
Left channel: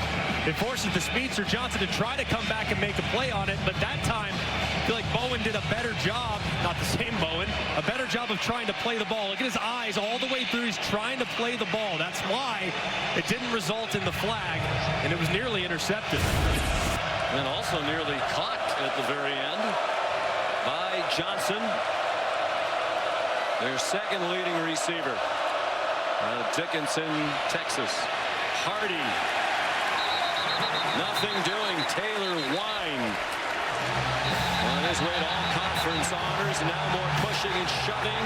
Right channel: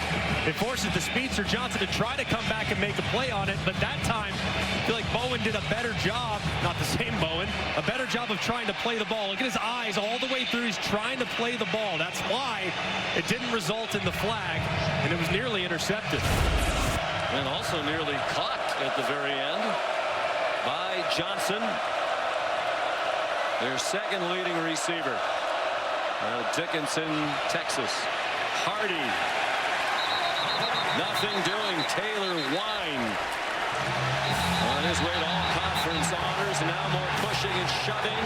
it forces the speedster Johnson to try to come back and make a play on it, but that time I feel like Bowen did a better job, not the same Bowen, a better job of trying to play the ball. Look at his eyes all the way through. He's trying to play the ball. That's why it didn't result in the flag, and it was nearly intercepted. And also nearly caught at the very end by Johnson, their second leading receiver. Dickinson, Texas. Hardy. Nothing doing. Taylor Wine on his way to all conference honors. Now more pushing and shoving.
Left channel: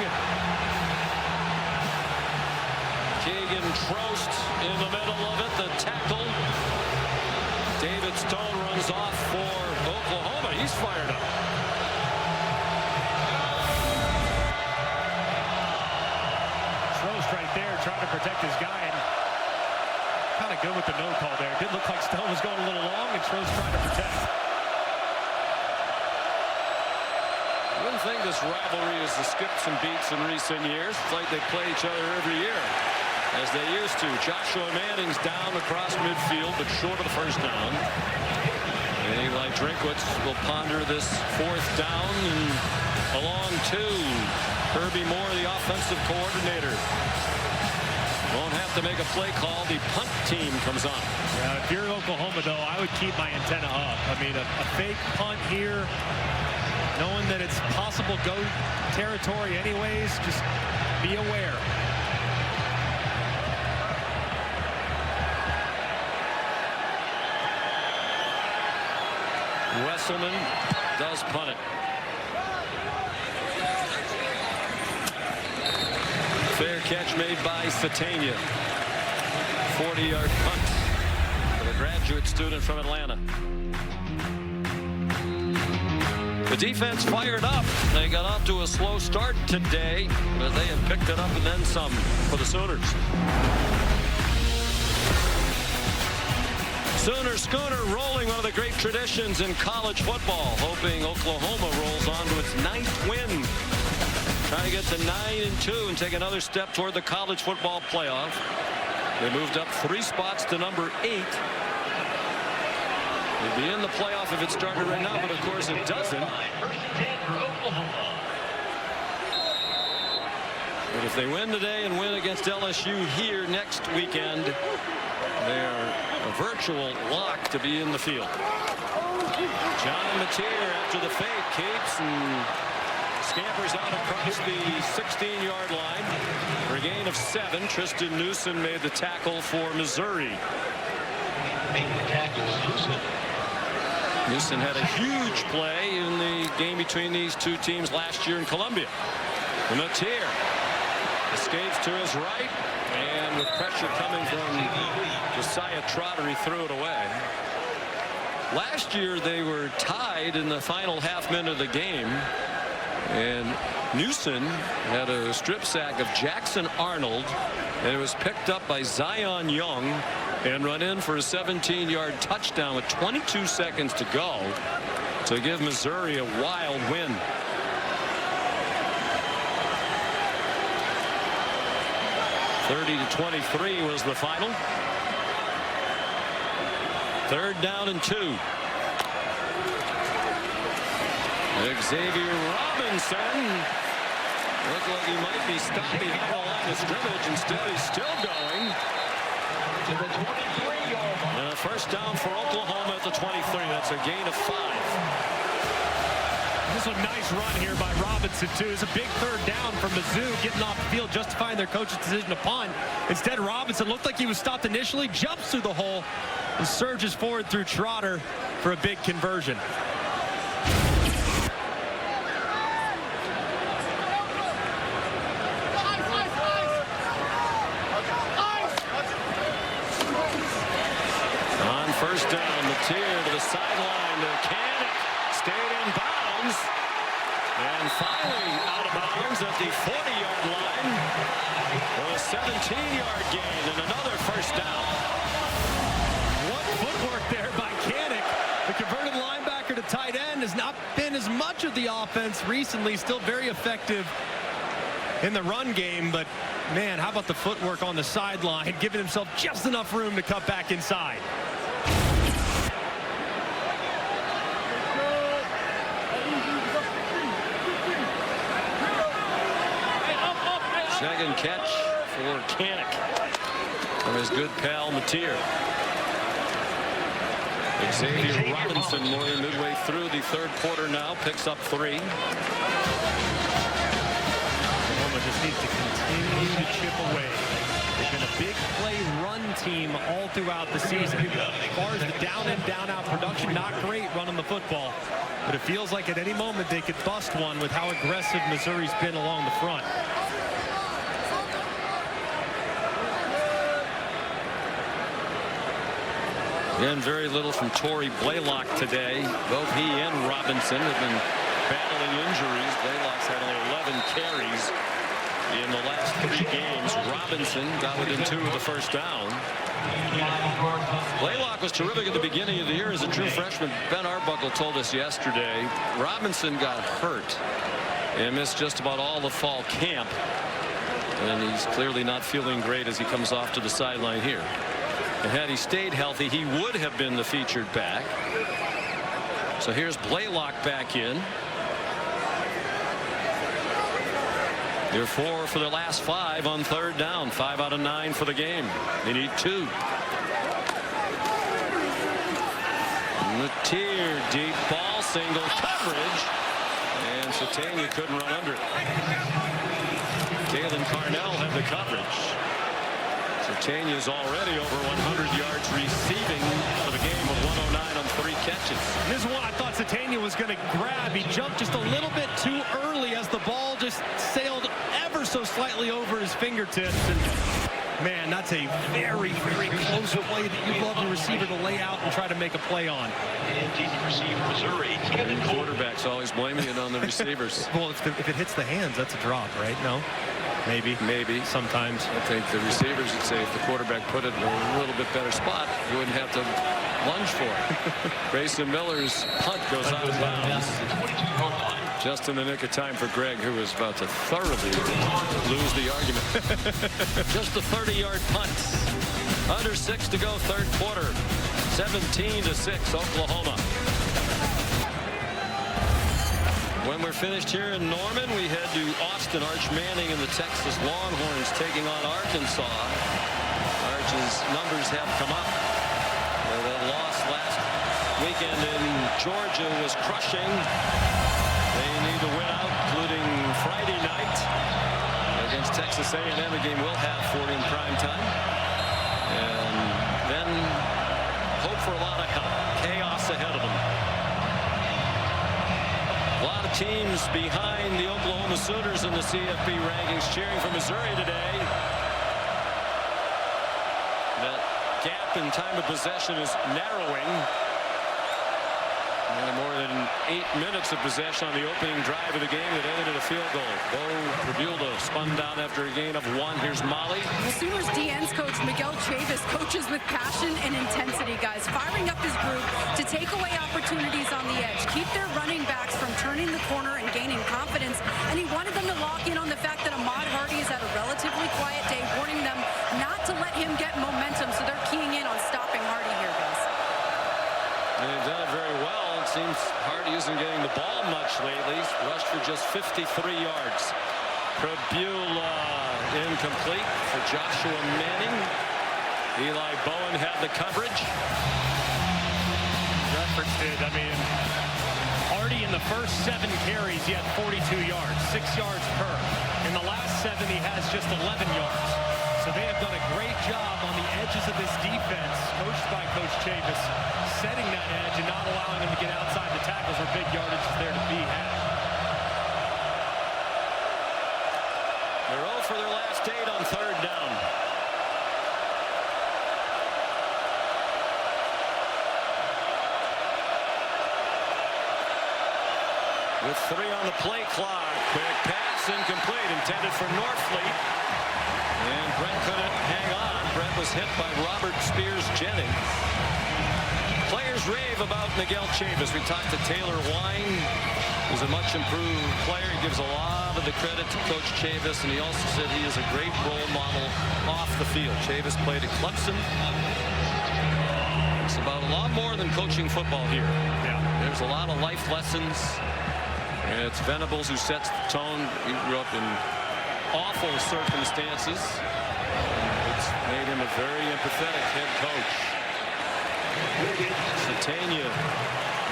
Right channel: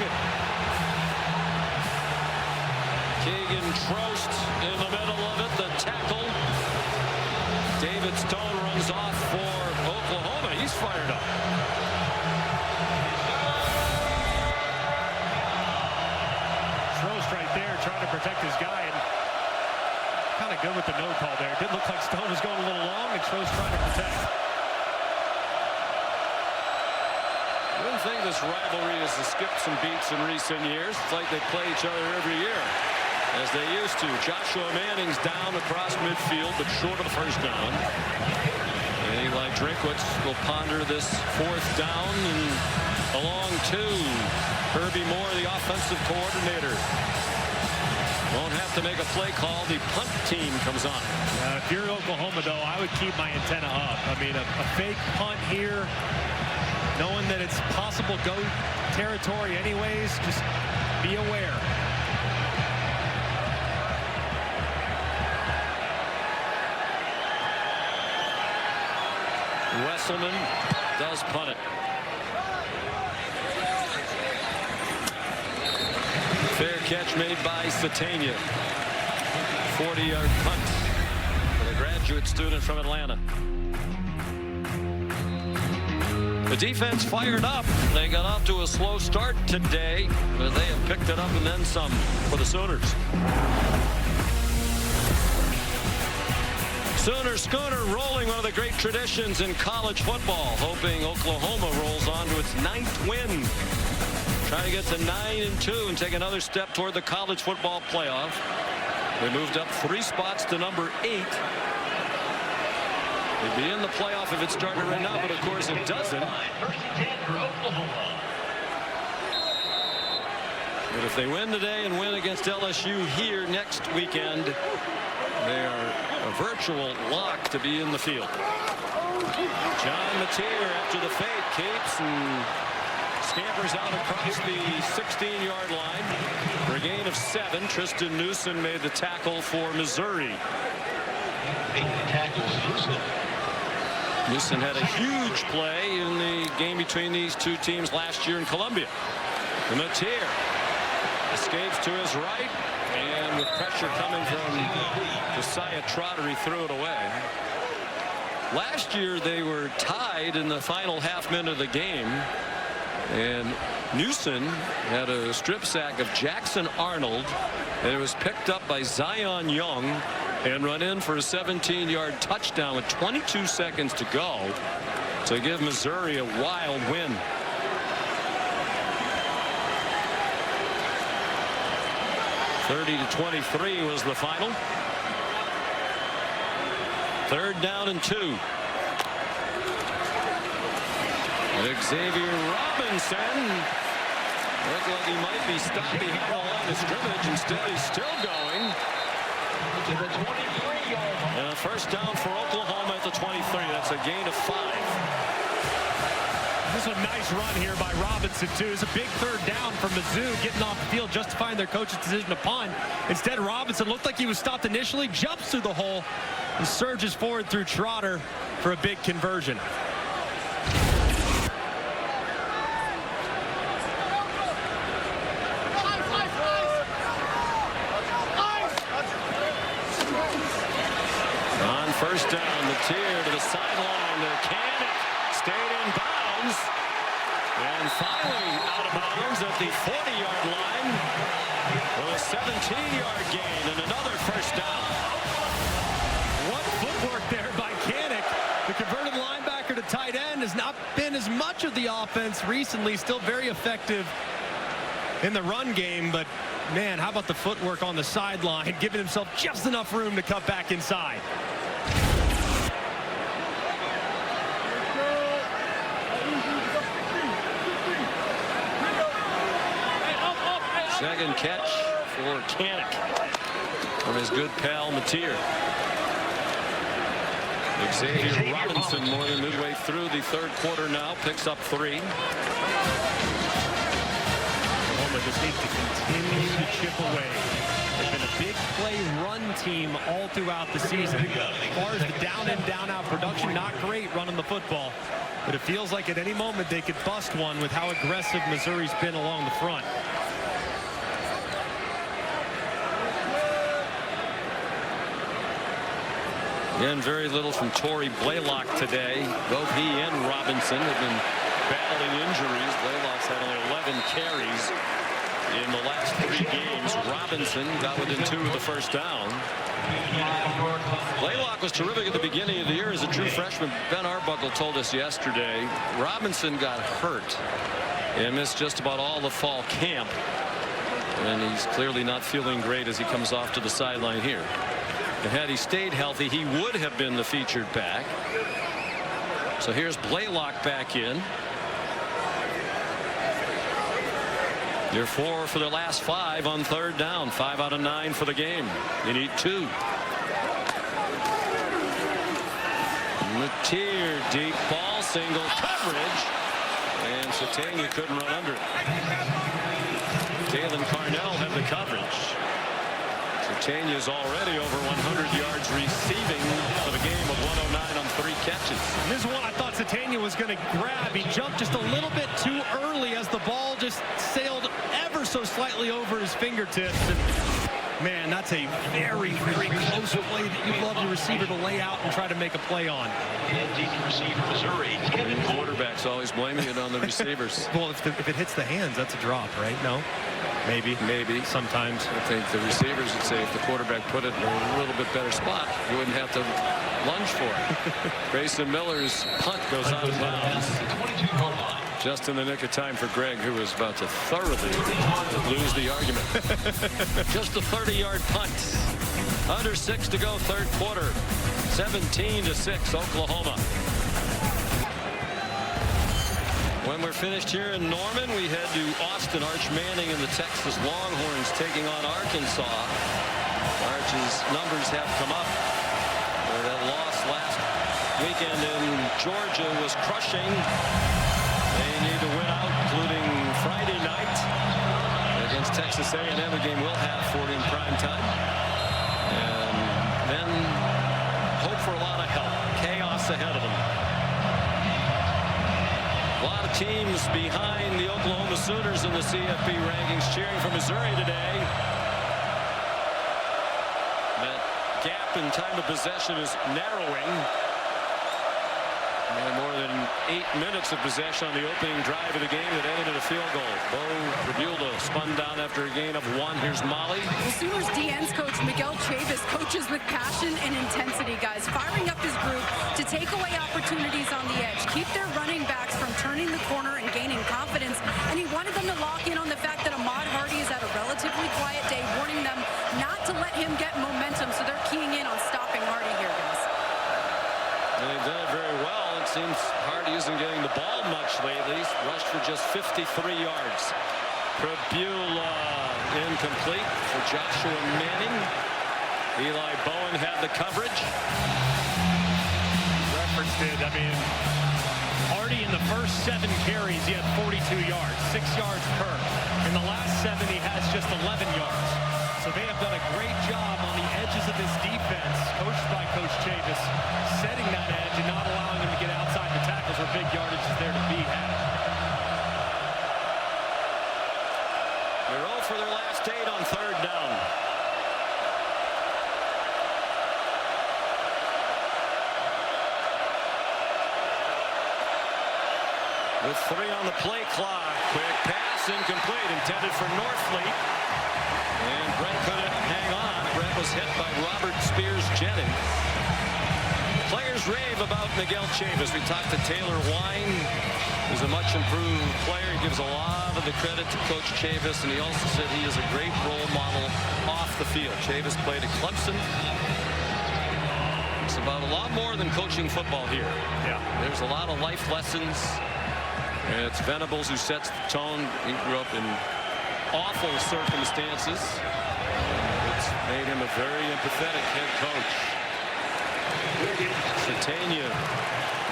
Keegan Trost in the middle of it. The tackle. David Stone runs off for Oklahoma. He's fired up. Trost right there trying to protect his guy, and kind of good with the no call there. It did look like Stone was going a little long, and Trost trying to protect. I wouldn't think this rivalry has skipped some beats in recent years. It's like they play each other every year, as they used to. Joshua Manning's down across midfield, but short of the first down. And Eli Drinkwitz will ponder this 4th down, and along to Kirby Moore, the offensive coordinator. Won't have to make a play call. The punt team comes on. Yeah, if you're Oklahoma, though, I would keep my antenna up. I mean, a fake punt here, knowing that it's possible go territory anyways, just be aware. Wesselman does punt it. Fair catch made by Satania. 40-yard punt for the graduate student from Atlanta. The defense fired up. They got off to a slow start today, but they have picked it up and then some for the Sooners. Sooner Schooner rolling, one of the great traditions in college football, hoping Oklahoma rolls on to its 9th win. Trying to get to 9-2 and take another step toward the college football playoff. They moved up 3 spots to number 8. They'd be in the playoff if it started right now, but of course it doesn't. But if they win today and win against LSU here next weekend, they are a virtual lock to be in the field. John Mateer, after the fake, keeps and scampers out across the 16-yard line for a gain of 7. Tristan Newsom made the tackle for Missouri. Newsom had a huge play in the game between these two teams last year in Columbia. And Mateer escapes to his right, and with pressure coming from Josiah Trotter, he threw it away. Last year they were tied in the final half minute of the game, and Newsom had a strip sack of Jackson Arnold, and it was picked up by Zion Young and run in for a 17-yard touchdown with 22 seconds to go to give Missouri a wild win. (30-23) was the final. 3rd down and 2. Xavier Robinson looked like he might be stopped behind the line of scrimmage. Instead, he's still going. And a 1st down for Oklahoma at the 23. That's a gain of 5. This is a nice run here by Robinson, too. It's a big 3rd down for Mizzou, getting off the field, justifying their coach's decision to punt. Instead, Robinson looked like he was stopped initially, jumps through the hole, and surges forward through Trotter for a big conversion. On 1st down, Mateer to the sideline to Kanik, stayed in bounds, and finally out of bounds at the 40-yard line with a 17-yard gain and another 1st down. What footwork there by Kanik. The converted linebacker to tight end has not been as much of the offense recently. Still very effective in the run game, but man, how about the footwork on the sideline, giving himself just enough room to cut back inside. Second catch for Kanik from his good pal Mateer. Xavier Robinson, more than midway through the 3rd quarter now, picks up 3. Oklahoma just needs to continue to chip away. They've been a big play run team all throughout the season. As far as the down in, down out production, not great running the football. But it feels like at any moment they could bust one with how aggressive Missouri's been along the front. Again, very little from Torrey Blaylock today. Both he and Robinson have been battling injuries. Blaylock's had only 11 carries in the last 3 games. Robinson got within 2 of the 1st down. Blaylock was terrific at the beginning of the year as a true freshman. Ben Arbuckle told us yesterday Robinson got hurt and missed just about all the fall camp, and he's clearly not feeling great as he comes off to the sideline here. And had he stayed healthy, he would have been the featured back. So here's Blaylock back in. They're 4 for their last 5 on 3rd down. 5 out of 9 for the game. They need 2. Mateer, deep ball, single coverage, and Satania couldn't run under it. Dalen Carnell had the coverage. Satania's already over 100 yards receiving for the game with 109 on 3 catches. And this is one I thought Satania was going to grab. He jumped just a little bit too early as the ball just sailed ever so slightly over his fingertips. And man, that's a very, very close play that you'd love the receiver to lay out and try to make a play on. Quarterbacks always blaming it on the receivers. Well, if it hits the hands, that's a drop, right? No? Maybe. Sometimes. I think the receivers would say if the quarterback put it in a little bit better spot, you wouldn't have to lunge for it. Grayson Miller's punt goes out of bounds. Just in the nick of time for Greg, who was about to thoroughly lose the argument. Just a 30-yard punt. Under 6 to go, third quarter. 17-6, Oklahoma. When we're finished here in Norman, we head to Austin. Arch Manning and the Texas Longhorns taking on Arkansas. Arch's numbers have come up. That loss last weekend in Georgia was crushing. They need to win out, including Friday night against Texas A&M, a game we'll have 40 in prime time. And then hope for a lot of help. Chaos ahead of them. A lot of teams behind the Oklahoma Sooners in the CFP rankings cheering for Missouri today. That gap in time of possession is narrowing. And more than 8 minutes of possession on the opening drive of the game that ended in a field goal. Bo Prabula spun down after a gain of 1. Here's Molly. Well, Sooners DN's coach Miguel Chavis coaches with passion and intensity, guys, firing up his group to take away opportunities on the edge, keep their running backs from turning the corner and gaining confidence. And he wanted them to lock in on the fact that Ahmad Hardy is at a relatively quiet day, warning them not to let him get momentum. So they're keying in on stopping Hardy here, guys. And they've done it very well. It seems Hardy isn't getting the ball much lately. He's rushed for just 53 yards. Prabula incomplete for Joshua Manning. Eli Bowen had the coverage. Referenced it. I mean, Hardy in the first 7 carries, he had 42 yards, 6 yards per. In the last 7, he has just 11 yards. So they have done a great job on the edges of this defense, coached by Coach Chavis, setting that edge and not allowing him to get outside the tackles where big yardage is there to be had. They're 0 for their last 8 on third down. With 3 on the play clock. Quick pass, incomplete, intended for Norfleet. And Brent couldn't hang on. Brent was hit by Robert Spears Jennings. Players rave about Miguel Chavis. We talked to Taylor Wine, who's a much improved player. He gives a lot of the credit to Coach Chavis, and he also said he is a great role model off the field. Chavis played at Clemson. It's about a lot more than coaching football here. Yeah. There's a lot of life lessons. And it's Venables who sets the tone. He grew up in awful circumstances. It's made him a very empathetic head coach. Satania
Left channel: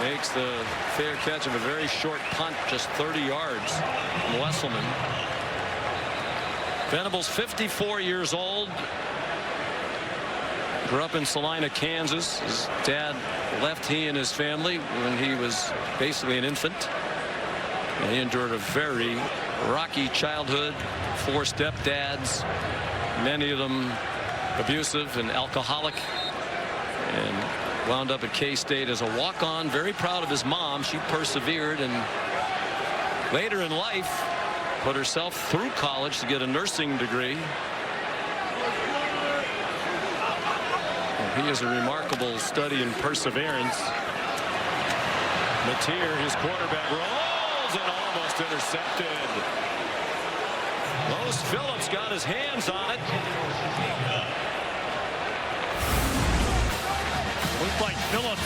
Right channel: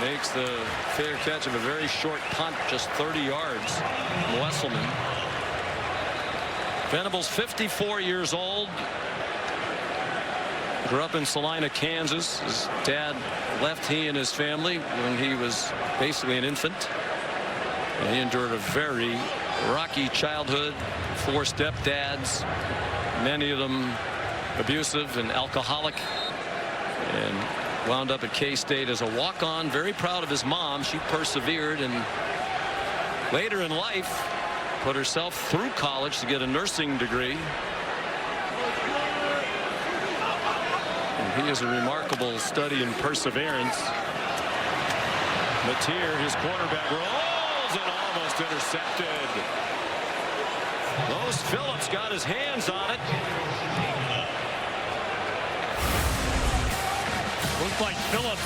makes the fair catch of a very short punt, just 30 yards from Wesselman. Venables, 54 years old. Grew up in Salina, Kansas. His dad left he and his family when he was basically an infant. And he endured a very rocky childhood. 4 stepdads, many of them abusive and alcoholic, and wound up at K-State as a walk-on. Very proud of his mom. She persevered, and later in life put herself through college to get a nursing degree. And he is a remarkable study in perseverance. Mateer, his quarterback, rolls and almost intercepted. Los Phillips got his hands on it. Looked like Phillips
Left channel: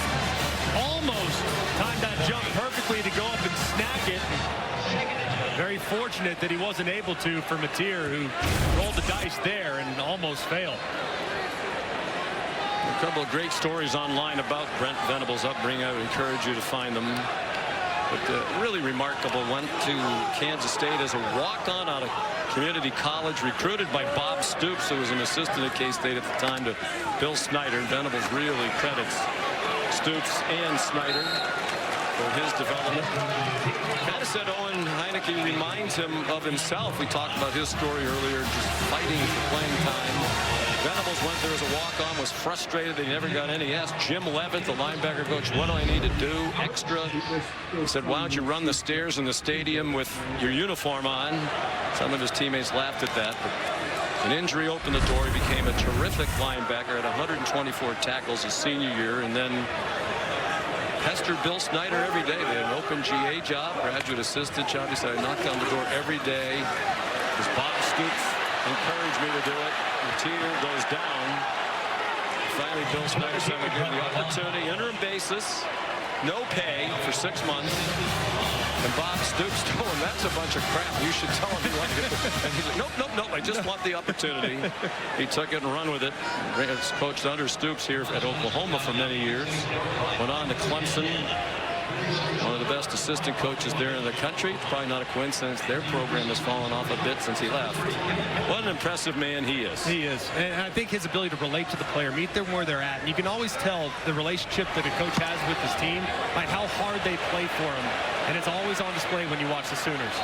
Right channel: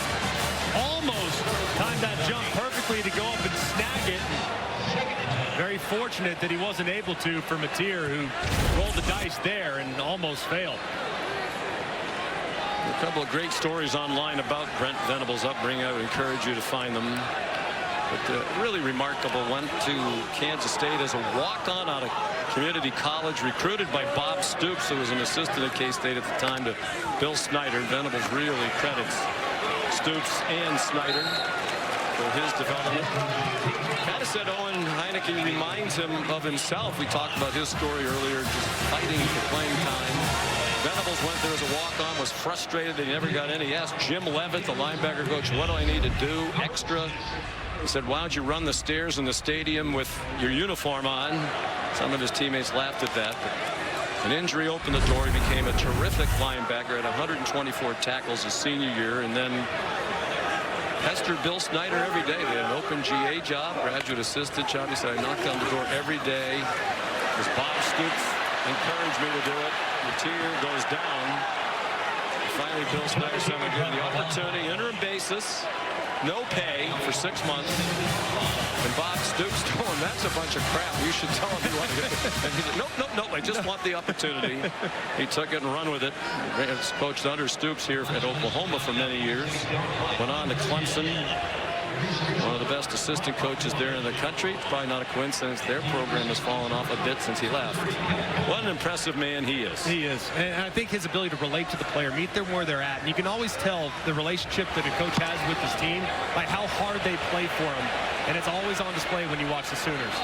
almost timed that jump perfectly to go up and snag it. And very fortunate that he wasn't able to for Mateer, who rolled the dice there and almost failed. There are a couple of great stories online about Brent Venables' upbringing. I would encourage you to find them. But really remarkable. Went to Kansas State as a walk-on out of community college, recruited by Bob Stoops, who was an assistant at K-State at the time, to Bill Snyder. Venables really credits Stoops and Snyder for his development. Kind of said Owen Heineke reminds him of himself. We talked about his story earlier, just fighting for playing time. Venables went there as a walk-on, was frustrated that he never got any. He asked Jim Levitt, the linebacker coach, what do I need to do extra? He said, why don't you run the stairs in the stadium with your uniform on? Some of his teammates laughed at that, but an injury opened the door. He became a terrific linebacker, had 124 tackles his senior year, and then pestered Bill Snyder every day. They had an open GA job, graduate assistant job. He said, I knocked on the door every day because Bob Stoops encouraged me to do it. The tier goes down. And finally, Bill Snyder said, I'm going to give him the opportunity, interim basis, no pay for 6 months. And Bob Stoops told him, that's a bunch of crap. You should tell him you want to get. And he's like, nope, nope, nope. I just want the opportunity. He took it and run with it. He's coached under Stoops here at Oklahoma for many years. Went on to Clemson. One of the best assistant coaches there in the country. It's probably not a coincidence their program has fallen off a bit since he left. What an impressive man he is. He is. And I think his ability to relate to the player, meet them where they're at. And you can always tell the relationship that a coach has with his team by how hard they play for him. And it's always on display when you watch the Sooners.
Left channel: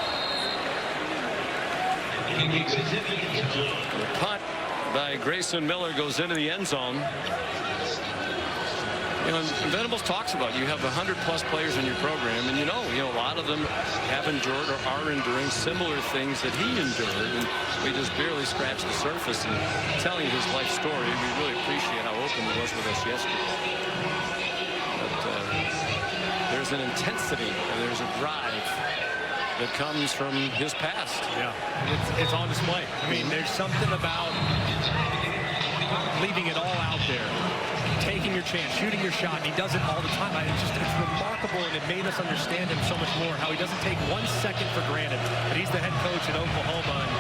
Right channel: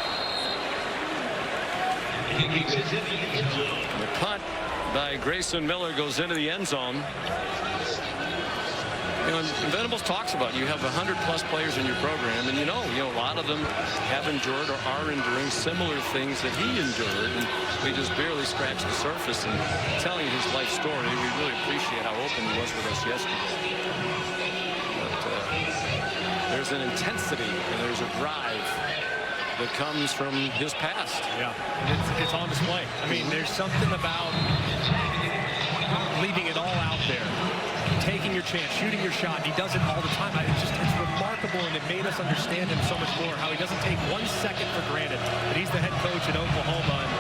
The punt by Grayson Miller goes into the end zone. You know, and Venables talks about you have 100+ players in your program, and you know a lot of them have endured or are enduring similar things that he endured, and we just barely scratched the surface. And telling you his life story, we really appreciate how open he was with us yesterday. But there's an intensity and there's a drive that comes from his past. Yeah, and it's on display. I mean, there's something about leaving it all out there, taking your chance, shooting your shot, and he does it all the time. It's remarkable, and it made us understand him so much more, how he doesn't take 1 second for granted that he's the head coach at Oklahoma. And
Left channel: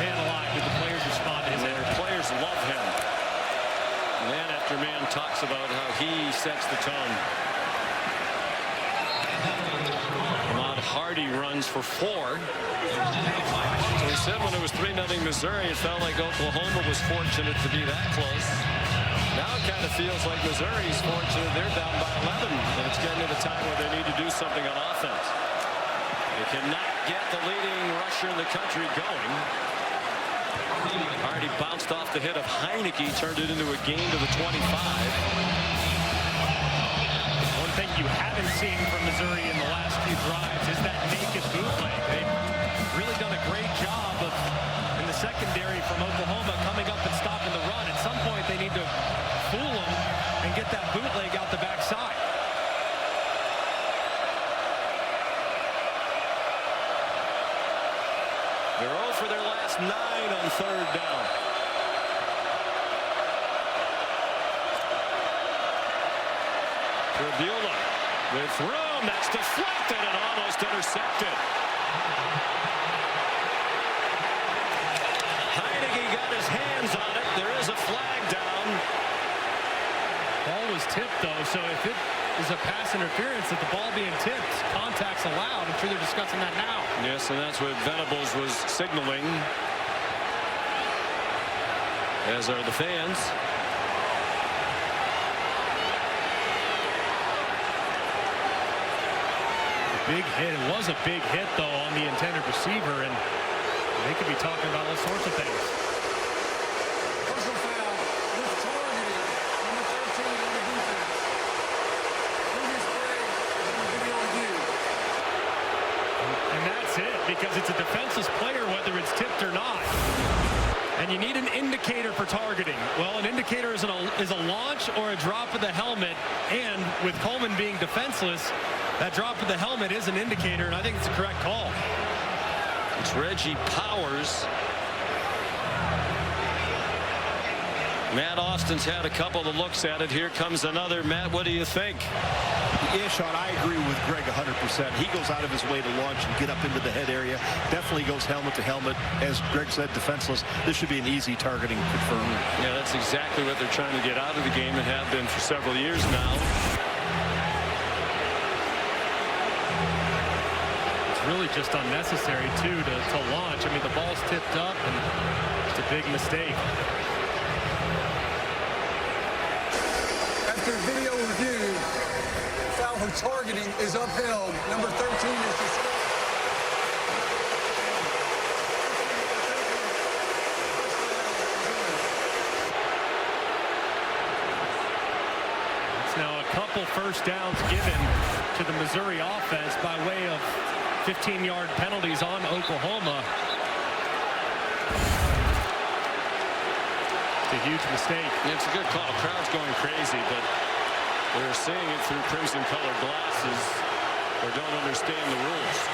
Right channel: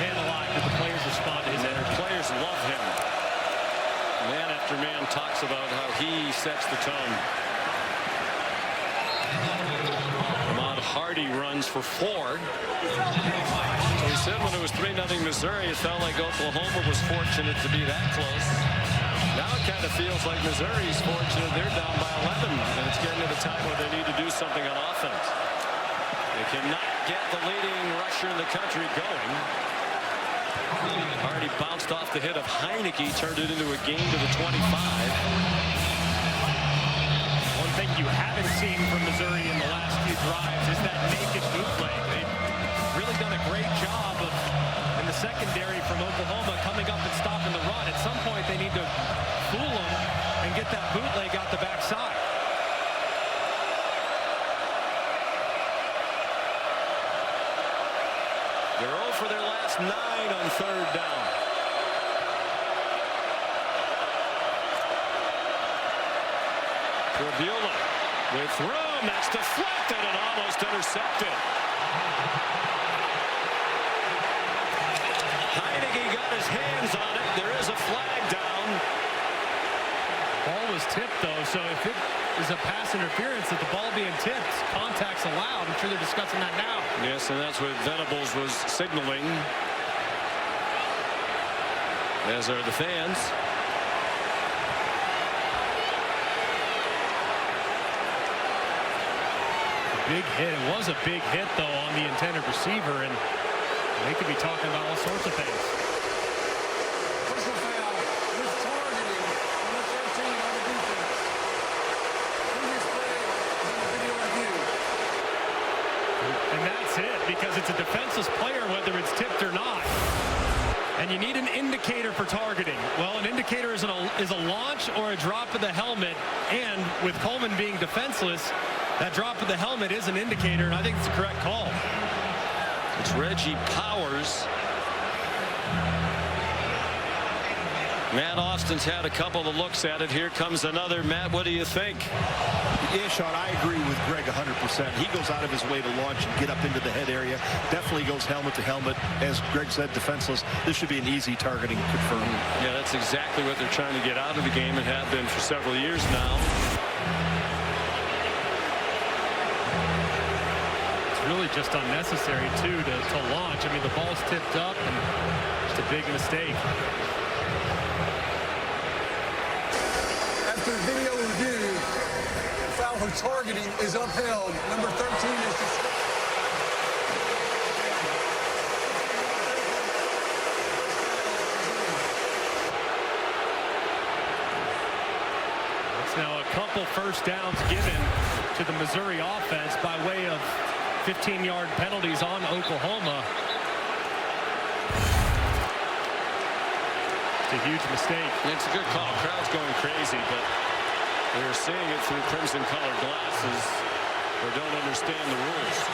man alive, did the players respond to his energy. Players love him. Man after man talks about how he sets the tone. Ahmad Hardy runs for 4. So he said when it was 3-0 Missouri, it felt like Oklahoma was fortunate to be that close. Now it kind of feels like Missouri's fortunate they're down by 11, and it's getting to the time where they need to do something on offense. They cannot get the leading rusher in the country going. Already bounced off the hit of Heineke, turned it into a gain to the 25. One thing you haven't seen from Missouri in the last few drives is that naked bootleg. They've really done a great job of, in the secondary from Oklahoma, coming up and stopping the run. At some point, they need to fool them and get that bootleg out the backside. They're 0 for their last 9 on 3rd down. Tribula with room. That's deflected and almost intercepted. Heineke got his hands on it. There is a flag down. Ball was tipped, though, so if it is a pass interference, that the ball being tipped, contact's allowed. I'm sure they're discussing that now. Yes, and that's what Venables was signaling, as are the fans. The big hit. It was a big hit, though, on the intended receiver, and they could be talking about all sorts of things. Personal foul with targeting number 13 on the defense. Previous play is on the video review. And that's it, because it's a defenseless player, whether it's tipped or not. And you need an indicator for targeting. Well, an indicator is a launch or a drop of the helmet, and with Coleman being defenseless, that drop of the helmet is an indicator, and I think it's the correct call. It's Reggie Powers. Matt Austin's had a couple of looks at it. Here comes another. Matt, what do you think? Yeah, Sean, I agree with Greg 100%. He goes out of his way to launch and get up into the head area. Definitely goes helmet to helmet. As Greg said, defenseless. This should be an easy targeting, confirmed. Yeah, that's exactly what they're trying to get out of the game and have been for several years now. It's really just unnecessary, too, to launch. I mean, the ball's tipped up, and it's a big mistake. After video review, foul for targeting is upheld. Number 13 is That's now a couple first downs given to the Missouri offense by way of 15-yard penalties on Oklahoma. It's a huge mistake. It's a good call. Crowd's going crazy, but they're seeing it through crimson-colored glasses or don't understand the rules.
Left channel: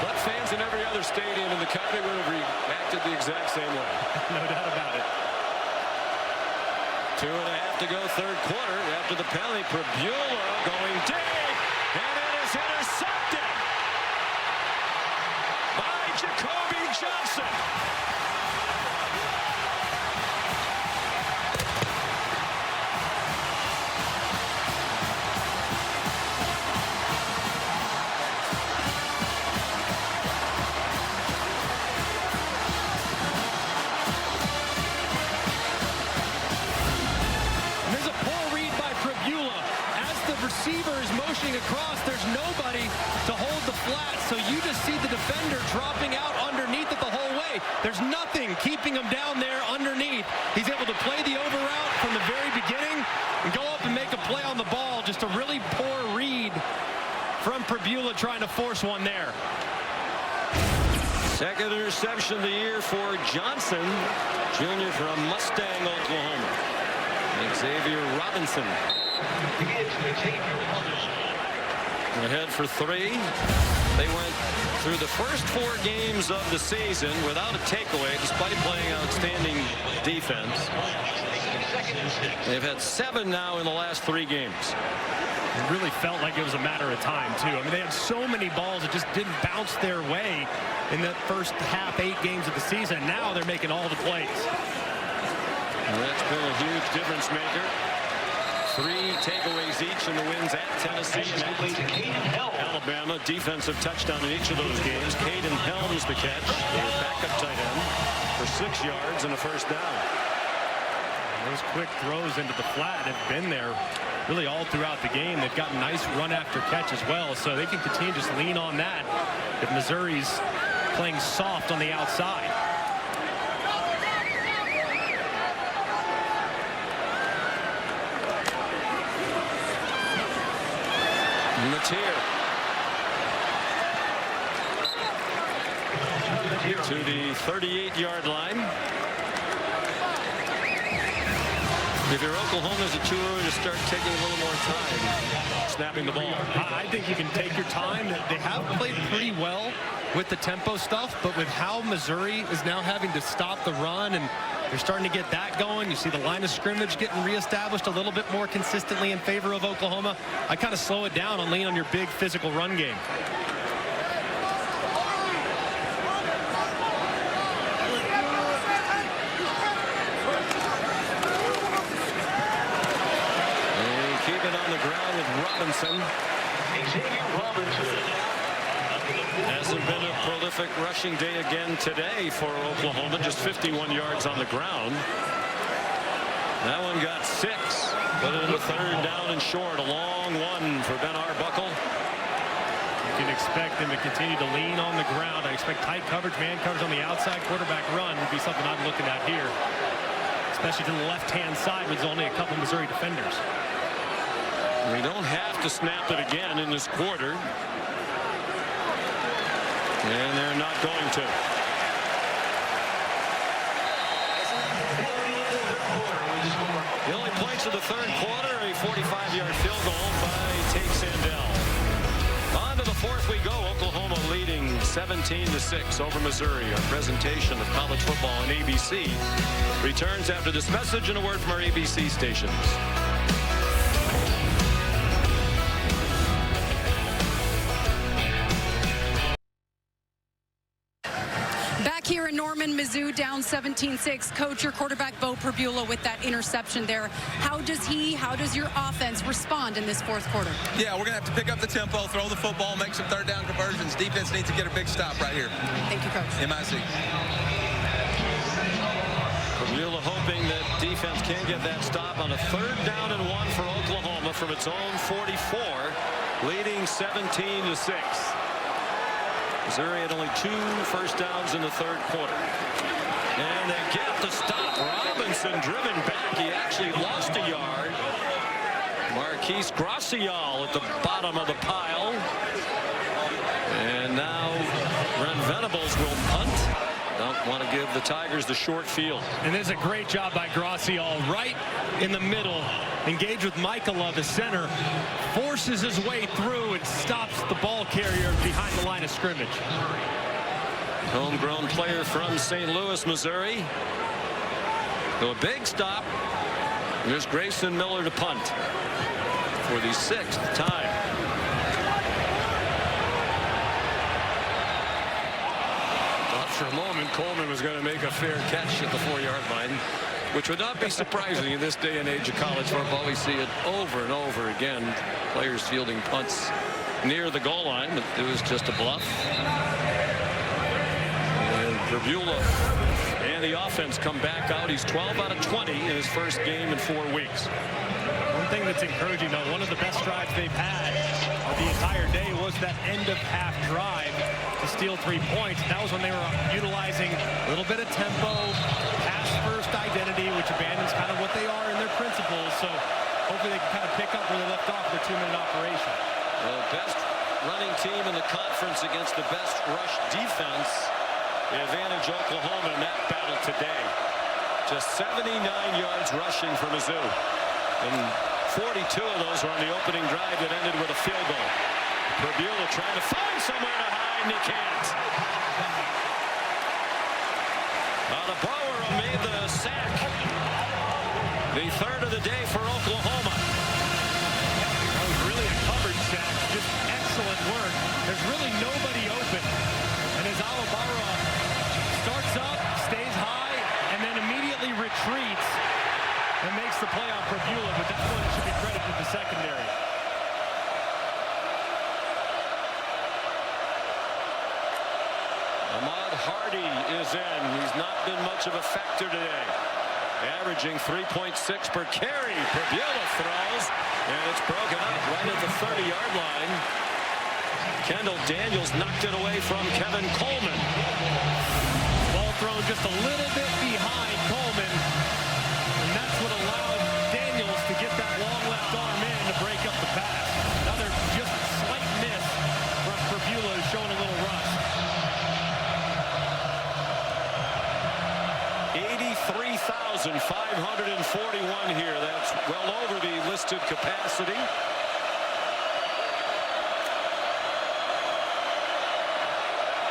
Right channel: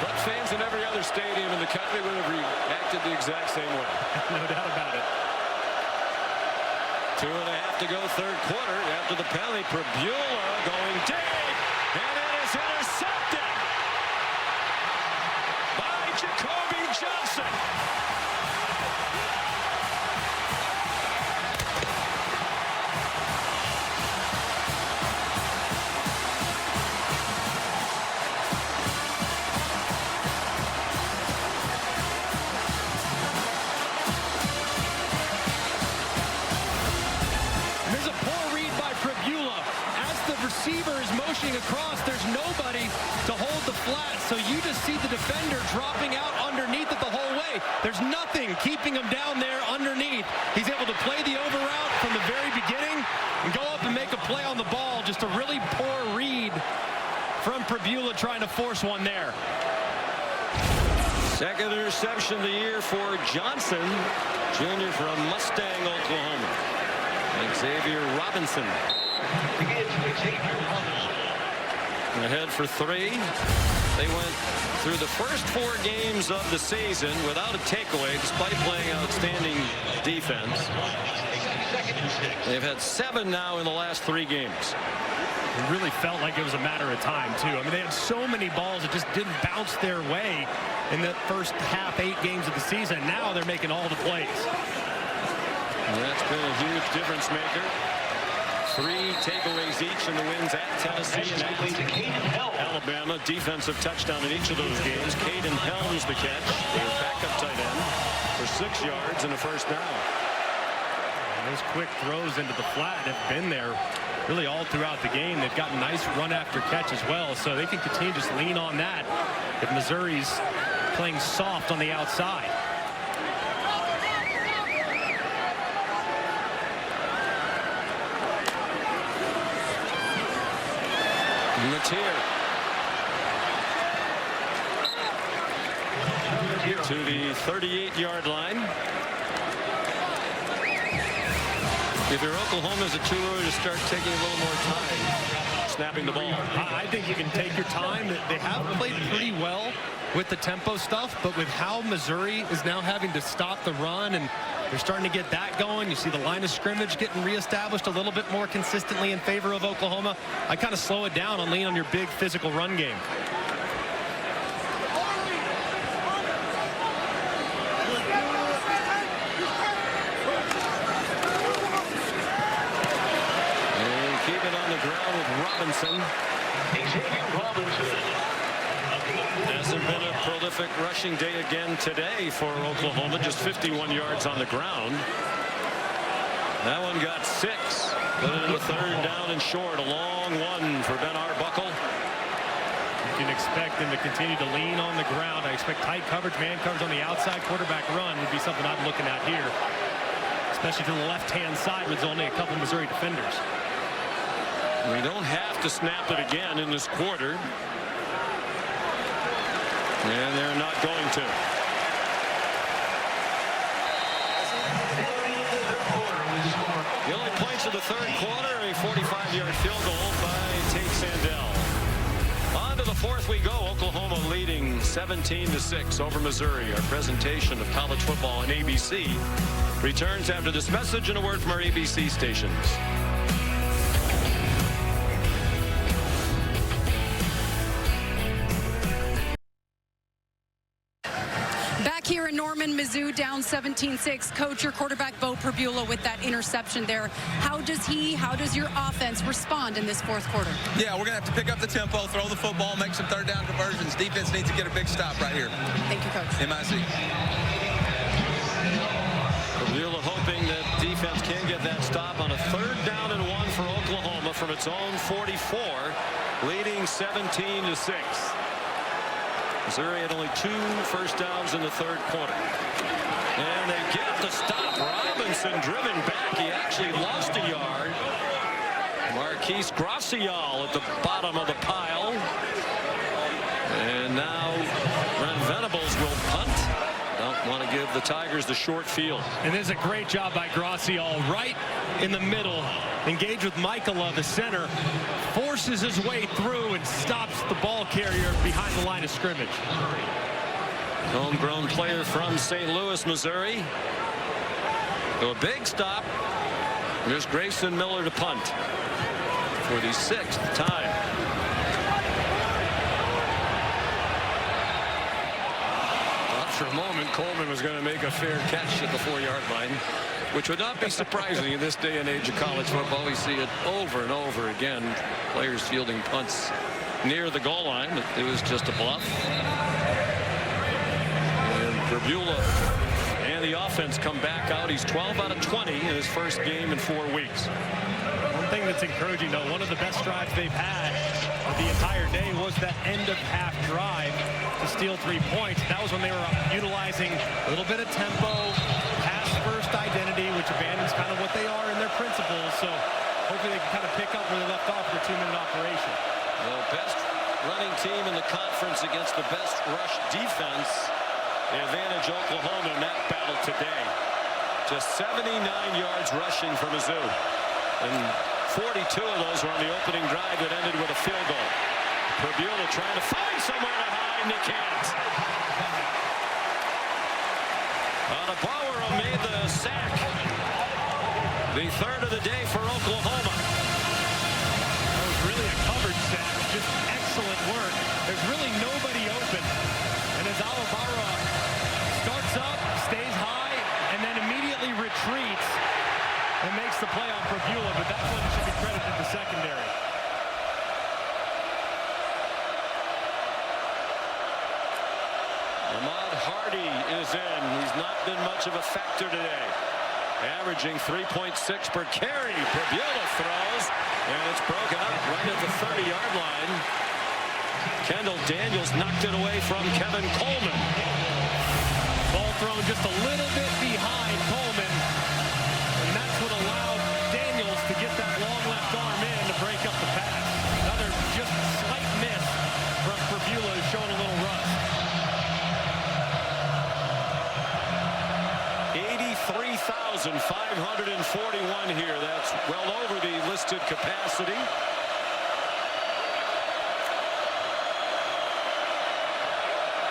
But fans in every other stadium in the country would have reacted the exact same way. No doubt about it. 2.5 to go, third quarter. After the penalty, Pribula going deep, and it is intercepted by Jacoby Johnson. As the receiver is motioning across, there's nobody to hold the flat, so you just see the defender dropping out underneath it the whole way. There's nothing keeping him down there underneath. He's able to play the over route from the very beginning and go up and make a play on the ball. Just a really poor read from Pribula trying to force one there. Second interception of the year for Johnson, junior from Mustang, Oklahoma. Xavier Robinson ahead for 3. They went through the first 4 games of the season without a takeaway despite playing outstanding defense. They've had 7 now in the last 3 games. It really felt like it was a matter of time, too. I mean, they had so many balls that just didn't bounce their way in that first half 8 games of the season. Now they're making all the plays. And that's been a huge difference maker. 3 takeaways each in the wins at Tennessee and at Alabama. Defensive touchdown in each of those games. Caden Helms the catch, their backup tight end, for 6 yards and a first down. And those quick throws into the flat have been there really all throughout the game. They've got nice run after catch as well, so they can continue to just lean on that if Missouri's playing soft on the outside. Matier to the 38-yard line. If you're Oklahoma, is it too early to start taking a little more time snapping the ball? I think you can take your time. They have played pretty well with the tempo stuff, but with how Missouri is now having to stop the run and they're starting to get that going, you see the line of scrimmage getting reestablished a little bit more consistently in favor of Oklahoma. I kind of slow it down and lean on your big physical run game. They keep it on the ground with Robinson. Hasn't been a prolific rushing day again today for Oklahoma. Just 51 yards on the ground. That one got 6. Put it in the 3rd down and short. A long one for Ben Arbuckle. You can expect them to continue to lean on the ground. I expect tight coverage, man coverage on the outside. Quarterback run would be something I'm looking at here, especially to the left-hand side with only a couple Missouri defenders. We don't have to snap it again in this quarter. And they're not going to. The only points of the 3rd quarter, a 45-yard field goal by Tate Sandell. On to the 4th we go. Oklahoma leading 17-6 over Missouri. Our presentation of college football on ABC returns after this message and a word from our ABC stations. Back here in Norman, Mizzou down 17-6. Coach, your quarterback, Bo Pribula, with that interception there. How does your offense respond in this fourth quarter? Yeah, we're going to have to pick up the tempo, throw the football, make some third down conversions. Defense needs to get a big stop right here. Thank you, Coach. MIC. Pribula hoping that defense can get that stop on a 3rd down and 1 for Oklahoma from its own 44, leading 17-6. Missouri had only 2 first downs in the 3rd quarter. And they get the stop. Robinson driven back. He actually lost a yard. Marquise Gracial at the bottom of the pile. And now Brent Venables will punt. Don't want to give the Tigers the short field. And there's a great job by Gracial right in the middle. Engaged with Michaela, the center. Forces his way through and stops the ball carrier behind the line of scrimmage. Homegrown player from St. Louis, Missouri. So a big stop. There's Grayson Miller to punt for the 6th time. Thought for a moment Coleman was going to make a fair catch at the 4-yard line, which would not be surprising in this day and age of college football. We see it over and over again. Players fielding punts near the goal line, but it was just a bluff. And Pribula and the offense come back out. He's 12 out of 20 in his first game in 4 weeks. One thing that's encouraging, though, one of the best drives they've had of the entire day was that end-of-half drive to steal 3 points. That was when they were utilizing a little bit of tempo, pass-first identity, which abandons kind of what they are in their principles. So hopefully they can kind of pick up where they left off with their 2-minute operation. Well, best running team in the conference against the best rush defense. The advantage Oklahoma in that battle today. Just 79 yards rushing for Mizzou. And 42 of those were on the opening drive that ended with a field goal. Pribula trying to find somewhere to hide, and he can't. Adebawara made the sack. The 3rd of the day for Oklahoma. That was really a covered sack. Just excellent work. There's really nobody open. And as Adebawara starts up, stays high, and then immediately retreats and makes the play on Pribula, but that one should be credited to secondary. Ahmad Hardy is in. He's not been much of a factor today. Averaging 3.6 per carry. Pribula throws, and it's broken up right at the 30-yard line. Kendall Daniels knocked it away from Kevin Coleman. Ball thrown just a little bit behind Coleman, and that's what allowed Daniels to get that long left arm in to break up the pass. Another just slight miss from Pribula, who's showing a little rust. 83,541 here. That's well over the listed capacity.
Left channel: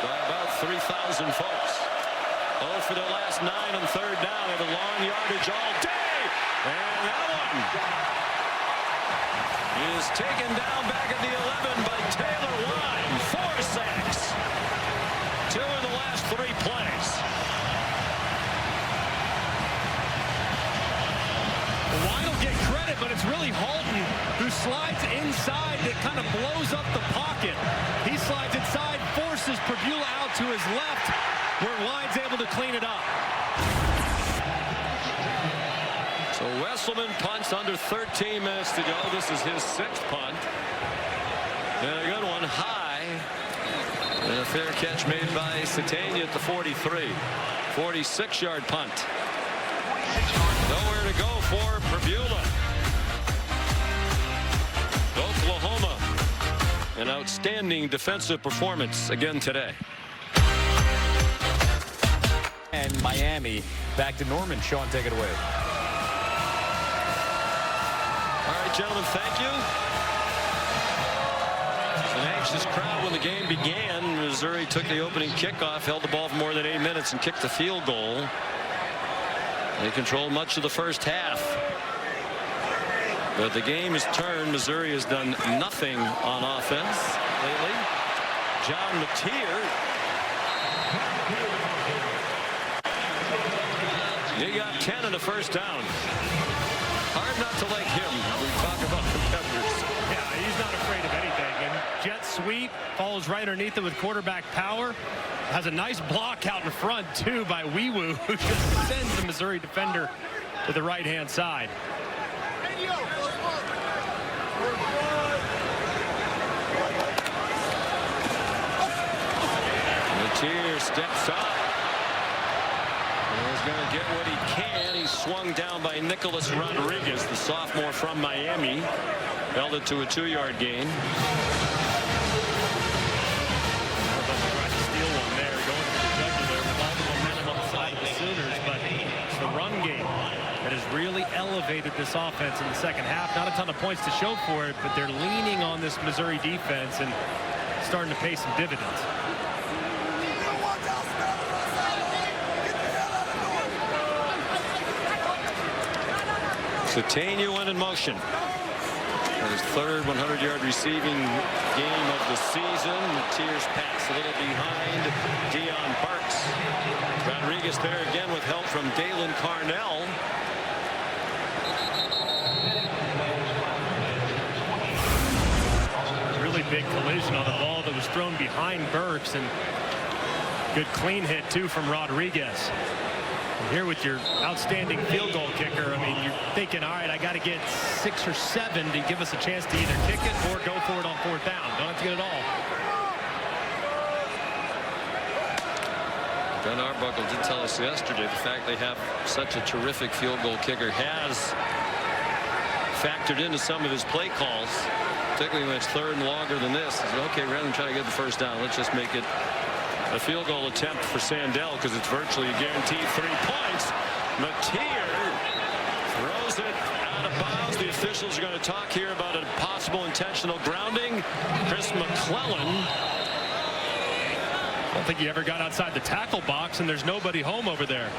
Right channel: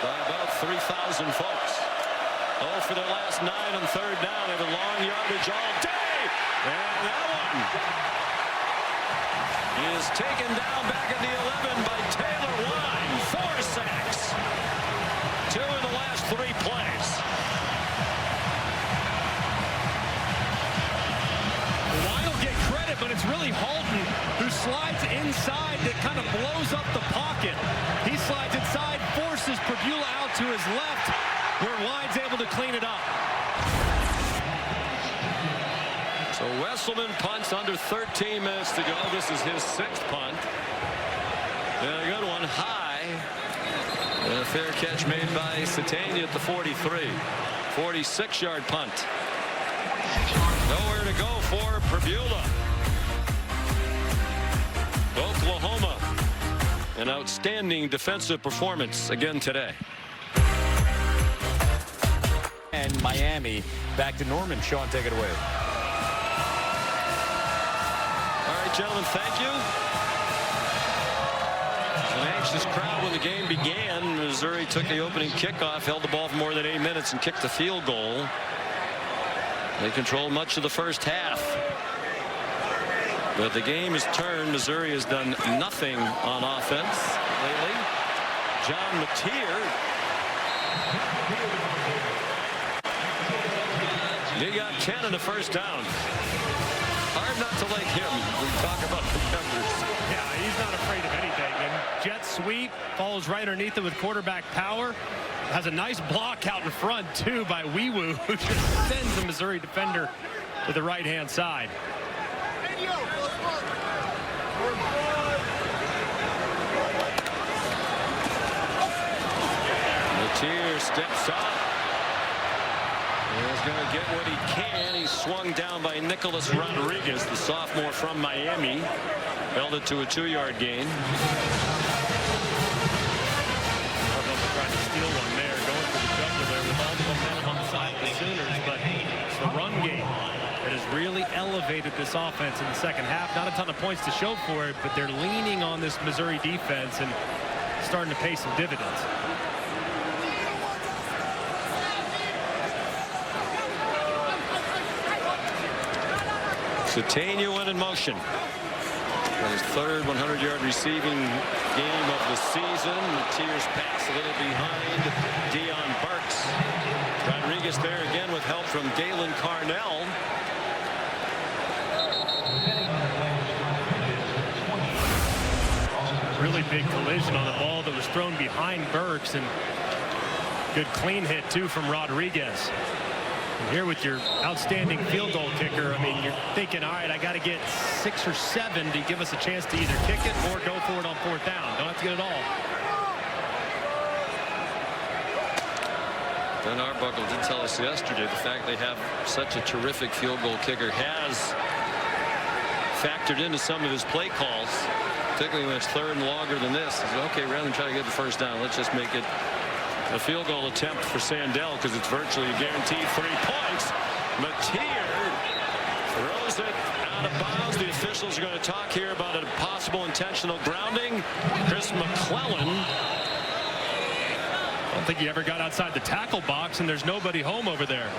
By about 3,000 folks. Oh, for their last 9 on 3rd down. They have a long yardage all day. And that one is taken down back at the 11 by Taylor Wine. 4 sacks. 2 in the last 3 plays. Wine will get credit, but it's really Halton who slides inside that kind of blows up the pocket. He slides inside, forces Pribula out to his left, where Wine's able to clean it up. So Wesselman punts under 13 minutes to go. This is his 6th punt. And a good one high. And a fair catch made by Satania at the 43. 46-yard punt. Nowhere to go for Pribula. Oklahoma, an outstanding defensive performance again today. And Miami back to Norman. Sean, take it away. All right, gentlemen, thank you. It was an anxious crowd when the game began. Missouri took the opening kickoff, held the ball for more than 8 minutes, and kicked the field goal. They controlled much of the first half. But the game has turned. Missouri has done nothing on offense lately. John Mateer He got 10 and a first down. Hard not to like him. We talk about competitors. Yeah, he's not afraid of anything. And jet sweep, follows right underneath it with quarterback power. Has a nice block out in front, too, by Wee-Woo, who just sends a Missouri defender to the right-hand side. Matier steps up. He's going to get what he can. He's swung down by Nicholas Rodriguez, the sophomore from Miami. Held it to a 2-yard gain. Harbaugh tried to steal one there, going for the jugular with all the momentum on the side of the Sooners, but it's the run game that has really elevated this offense in the second half. Not a ton of points to show for it, but they're leaning on this Missouri defense and starting to pay some dividends. Catania in motion. And his third 100-yard receiving game of the season. Matier's pass a little behind Deion Burks. Rodriguez there again with help from Dalen Carnell. Really big collision on the ball that was thrown behind Burks, and good clean hit too from Rodriguez. And here with your outstanding field goal kicker, I mean, you're thinking, all right, I got to get 6 or 7 to give us a chance to either kick it or go for it on 4th down. Don't have to get it all. Ben Arbuckle did tell us yesterday the fact they have such a terrific field goal kicker has factored into some of his play calls, particularly when it's 3rd and longer than this. He said, okay, rather than try to get the first down, let's just make it a field goal attempt for Sandell because it's virtually a guaranteed 3 points. Matier throws it out of bounds. The officials are going to talk here about a possible intentional grounding. Chris McClellan. I don't think he ever got outside the tackle box, and there's nobody home over there.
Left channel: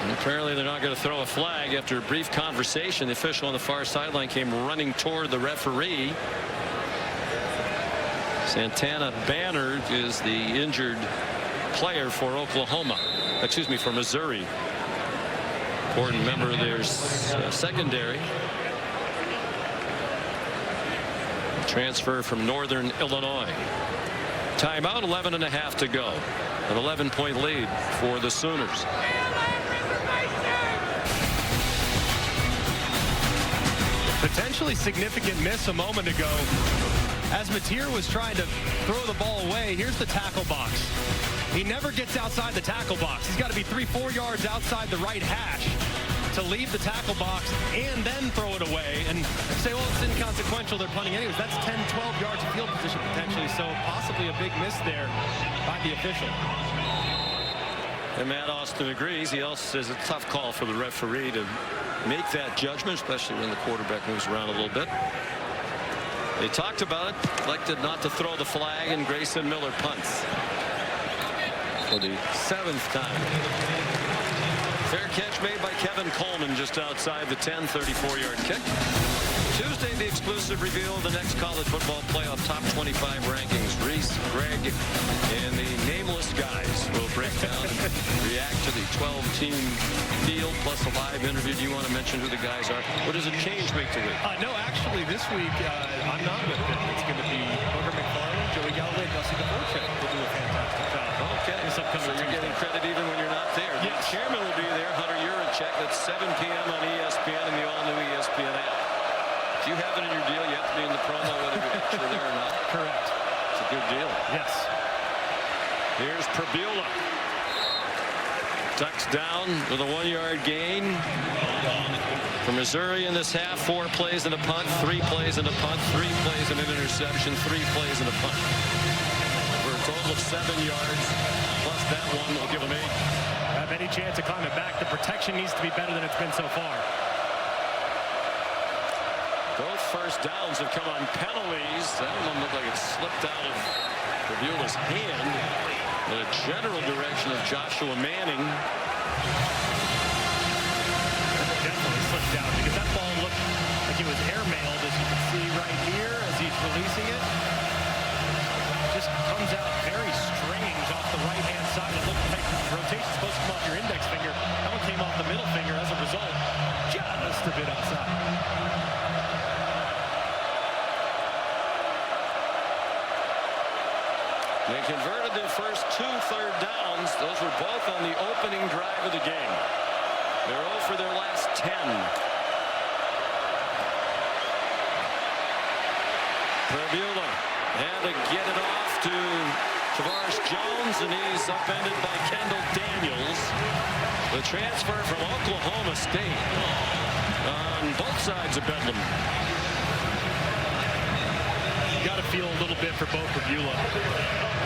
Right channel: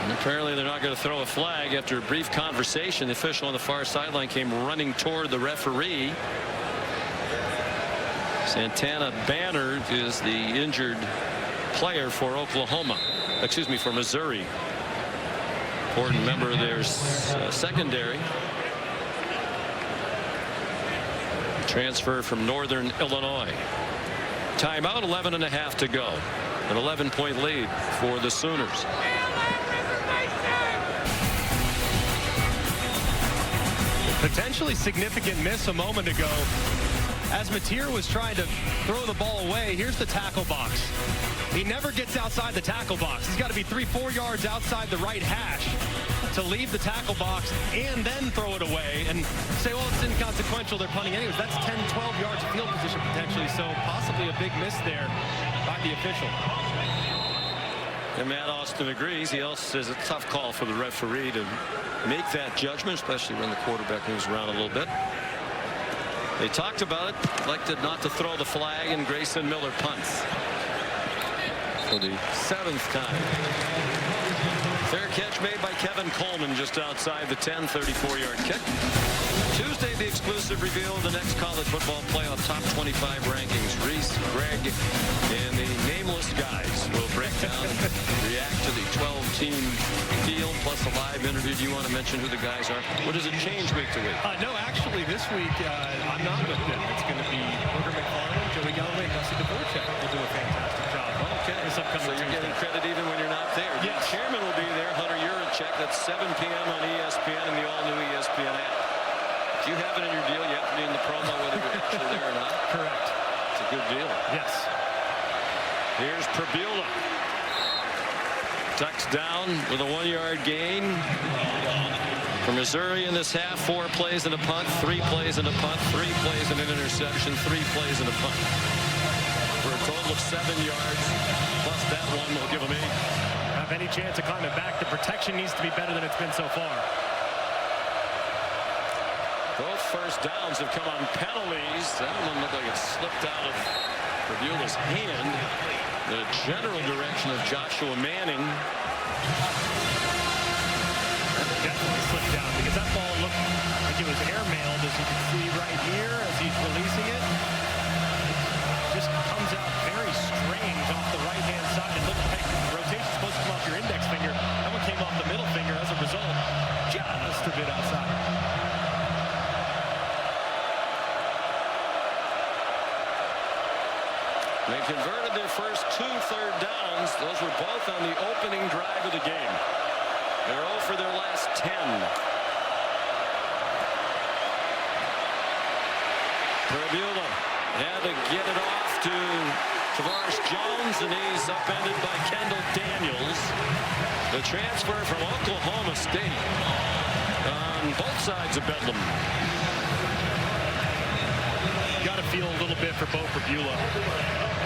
And apparently they're not going to throw a flag. After a brief conversation, the official on the far sideline came running toward the referee. Santana Banner is the injured player for Oklahoma. Excuse me, for Missouri. Important member of their secondary. Transfer from Northern Illinois. Timeout, 11.5 to go. An 11-point lead for the Sooners. Potentially significant miss a moment ago. As Matier was trying to throw the ball away, here's the tackle box. He never gets outside the tackle box. He's got to be 3-4 yards outside the right hash to leave the tackle box and then throw it away and say, well, it's inconsequential, they're punting anyways. That's 10-12 yards of field position potentially, so possibly a big miss there by the official. And Matt Austin agrees. He also says it's a tough call for the referee to make that judgment, especially when the quarterback moves around a little bit. They talked about it, elected not to throw the flag, and Grayson Miller punts for the 7th time. Fair catch made by Kevin Coleman just outside the 10, 34-yard kick. Tuesday, the exclusive reveal of the next college football playoff top 25 rankings. Reese, Greg, and the nameless guys will break down and react to the 12-team field plus a live interview. Do you want to mention who the guys are? Or does it change week to week? No, actually, this week, I'm not with them. It's going to be Booger McFarland, Joey Galloway, and Dusty Dvorak will do a fantastic job. Okay. This upcoming so you're Tuesday. getting credit even when you're not there. Yes. The chairman will be there, Hunter Yurachek. That's 7 p.m. on ESPN and the all-new ESPN app. Do you have it in your deal? You have to be in the promo whether you're actually there or not? Correct. It's a good deal. Yes. Here's Prabula. Tucks down with a 1-yard gain. For Missouri in this half, 4 plays and a punt, 3 plays and a punt, 3 plays and an interception, 3 plays and a punt. For a total of 7 yards, plus that one will give them 8. Have any chance of climbing back, the protection needs to be better than it's been so far. Both first downs have come on penalties. That one looked like it slipped out of Prabula's hand. The general direction of Joshua Manning. That definitely slipped down because that ball looked like it was airmailed, as you can see right here as he's releasing it. just comes out very strange off the right-hand side. It looked like the rotation's supposed to come off your index finger. That one came off the middle finger. As a result, just a bit outside. They converted their first 2 third downs. Those were both on the opening drive of the game. They're 0 for their last 10. Prabula had to get it off to Tavares Jones, and he's upended by Kendall Daniels. The transfer from Oklahoma State on both sides of Bedlam. Got to feel a little bit for Bo Prabula.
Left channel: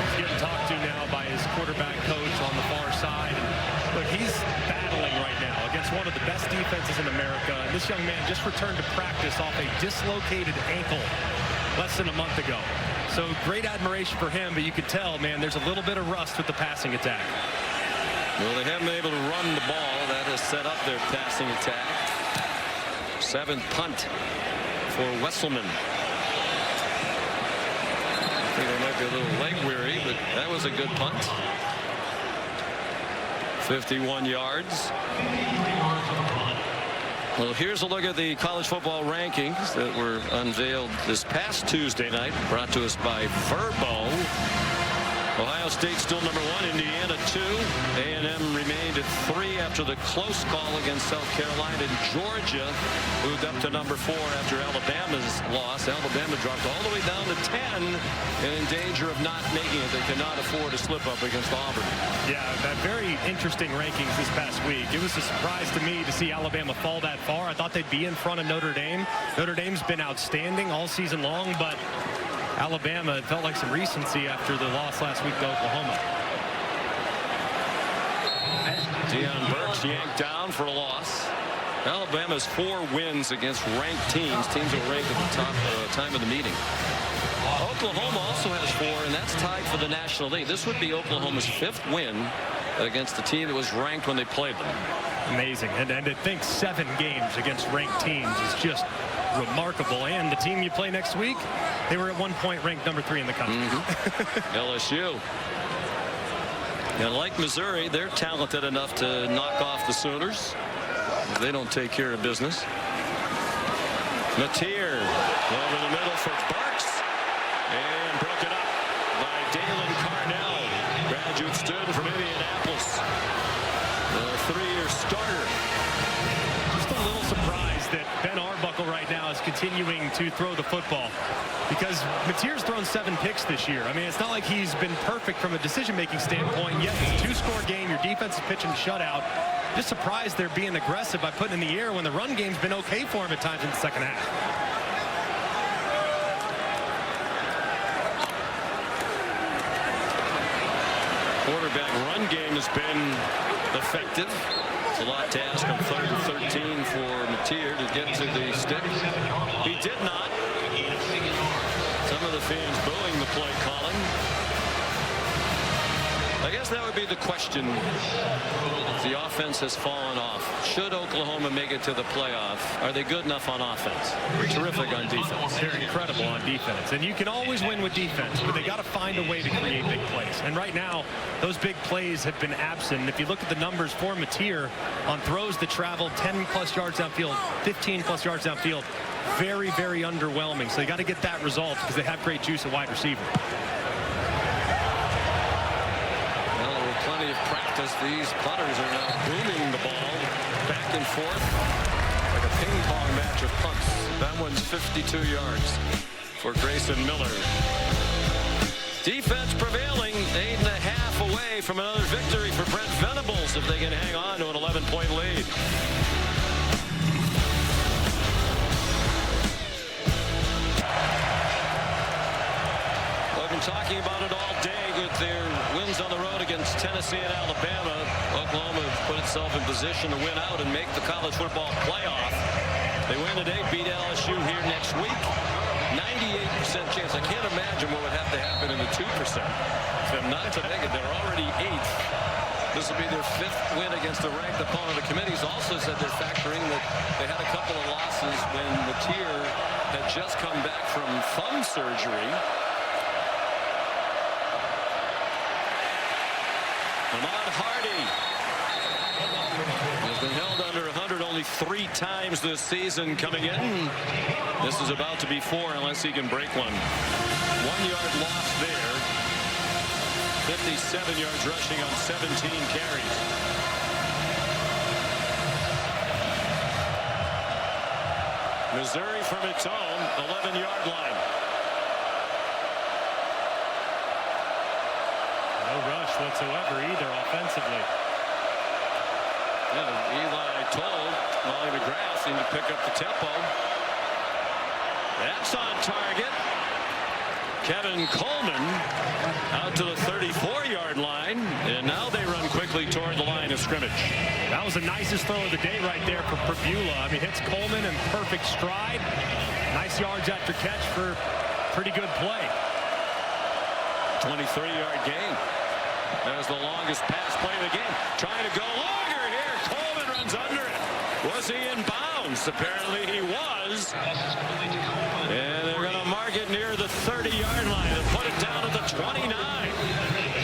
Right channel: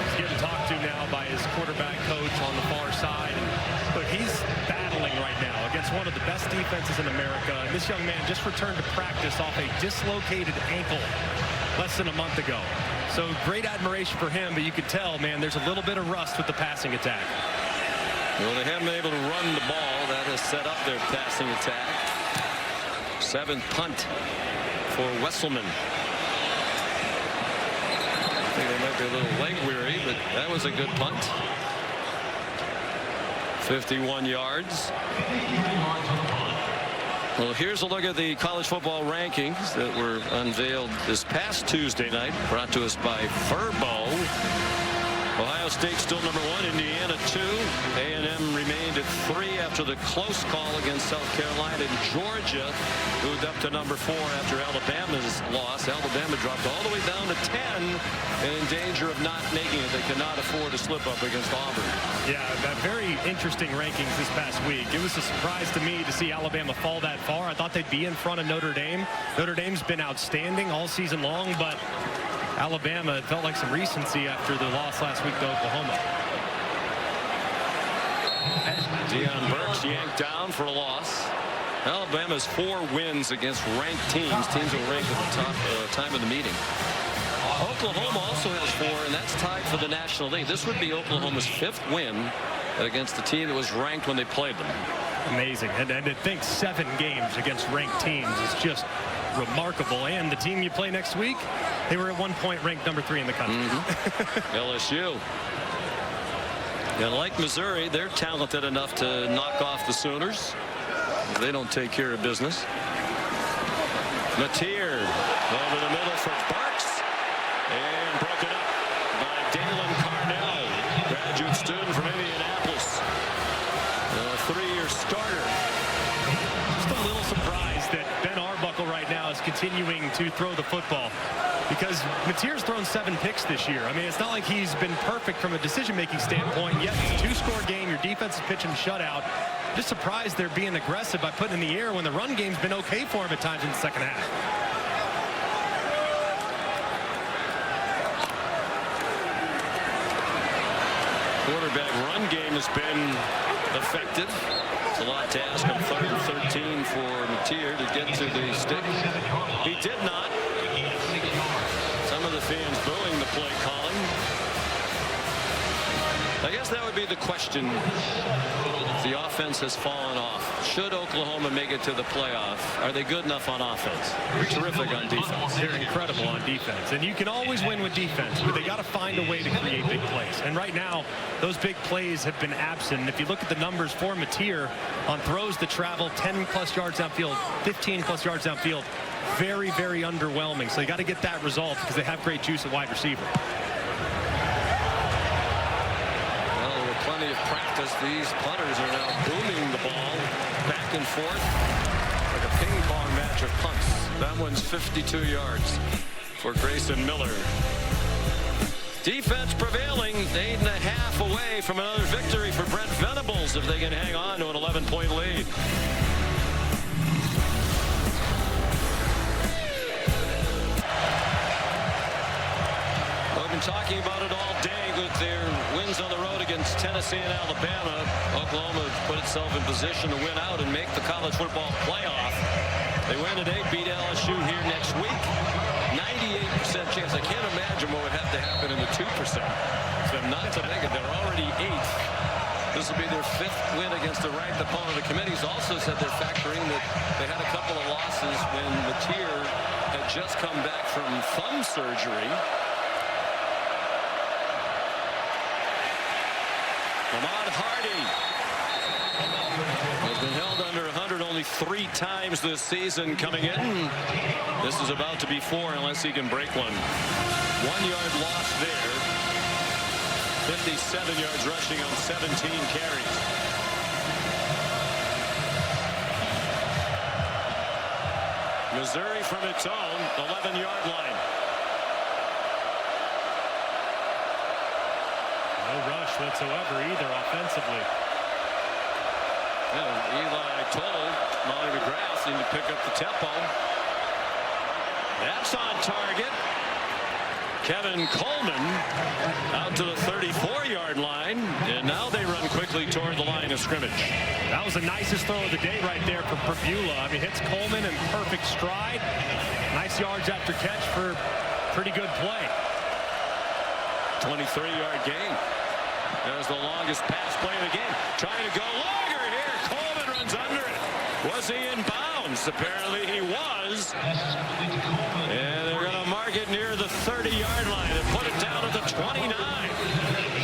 He's getting talked to now by his quarterback coach on the far side. And look, he's battling right now against one of the best defenses in America. And this young man just returned to practice off a dislocated ankle less than a month ago. So great admiration for him, but you could tell, man, there's a little bit of rust with the passing attack. Well, they haven't been able to run the ball. That has set up their passing attack. 7th punt for Wesselman. I think they might be a little leg weary, but that was a good punt. 51 yards. Well, here's a look at the college football rankings that were unveiled this past Tuesday night, brought to us by Verbo. Ohio State still number 1, Indiana 2. A&M remained at 3 after the close call against South Carolina. And Georgia moved up to number 4 after Alabama's loss. Alabama dropped all the way down to 10 and in danger of not making it. They cannot afford to slip up against Auburn. Yeah, that very interesting rankings this past week. It was a surprise to me to see Alabama fall that far. I thought they'd be in front of Notre Dame. Notre Dame's been outstanding all season long, but Alabama, it felt like some recency after the loss last week to Oklahoma. Deion Burks yanked down for a loss. Alabama's 4 wins against ranked teams that were ranked at the top time of the meeting. Oklahoma also has 4, and that's tied for the National League. This would be Oklahoma's 5th win against the team that was ranked when they played them. Amazing. And I think 7 games against ranked teams is just remarkable. And the team you play next week, they were at one point ranked number 3 in the country. LSU. And like Missouri, they're talented enough to knock off the Sooners if they don't take care of business. Mateer over the middle for Burks, and broken up by Dalen Carnell, graduate student from Indianapolis, a 3-year starter. Just a little surprised that Ben Arbuckle right now is continuing to throw the football, because Mateer's thrown 7 picks this year. I mean, it's not like he's been perfect from a decision-making standpoint, yet it's a 2-score game. Your defense is pitching a shutout. Just surprised they're being aggressive by putting in the air when the run game's been okay for him at times in the second half. Quarterback run game has been effective. It's a lot to ask on 3rd and 13 for Mateer to get to the stick. He did not. Some of the fans booing the play calling. I guess that would be the question. The offense has fallen off. Should Oklahoma make it to the playoff? Are they good enough on offense? They're terrific on defense. They're incredible on defense. And you can always win with defense, but they got to find a way to create big plays. And right now, those big plays have been absent. And if you look at the numbers for Mateer on throws that travel 10+ yards downfield, 15+ yards downfield, very, very underwhelming. So you got to get that resolved because they have great juice at wide receiver. Well, with plenty of practice, these punters are now booming the ball back and forth like a ping pong match of punts. That one's 52 yards for Grayson Miller. Defense prevailing, 8.5 away from another victory for Brent Venables if they can hang on to an 11-point lead. We've been talking about it all day with their wins on the road against Tennessee and Alabama. Oklahoma put itself in position to win out and make the college football playoff. They win today, beat LSU here next week. 98% chance. I can't imagine what would have to happen in the 2% for them not to make it. They're already 8th. This will be their 5th win against a ranked opponent. The committee's also said they're factoring that they had a couple of losses when Mateer had just come back from thumb surgery. Ahmad Hardy has been held under 100 only 3 times this season coming in. This is about to be 4 unless he can break one. 1 yard loss there. 57 yards rushing on 17 carries. Missouri from its own 11-yard line. No rush whatsoever either offensively. Yeah, Eli told Molly McGrath he need to pick up the tempo. That's on target. Kevin Coleman out to the 34-yard line, and now they run quickly toward the line of scrimmage. That was the nicest throw of the day right there for Pribula. I mean, hits Coleman in perfect stride. Nice yards after catch for pretty good play. 23-yard gain. That was the longest pass play of the game. Trying to go longer here. Coleman runs under it. Was he in bounds? Apparently he was. And they're going to mark it near the 30-yard line and put it down at the 29.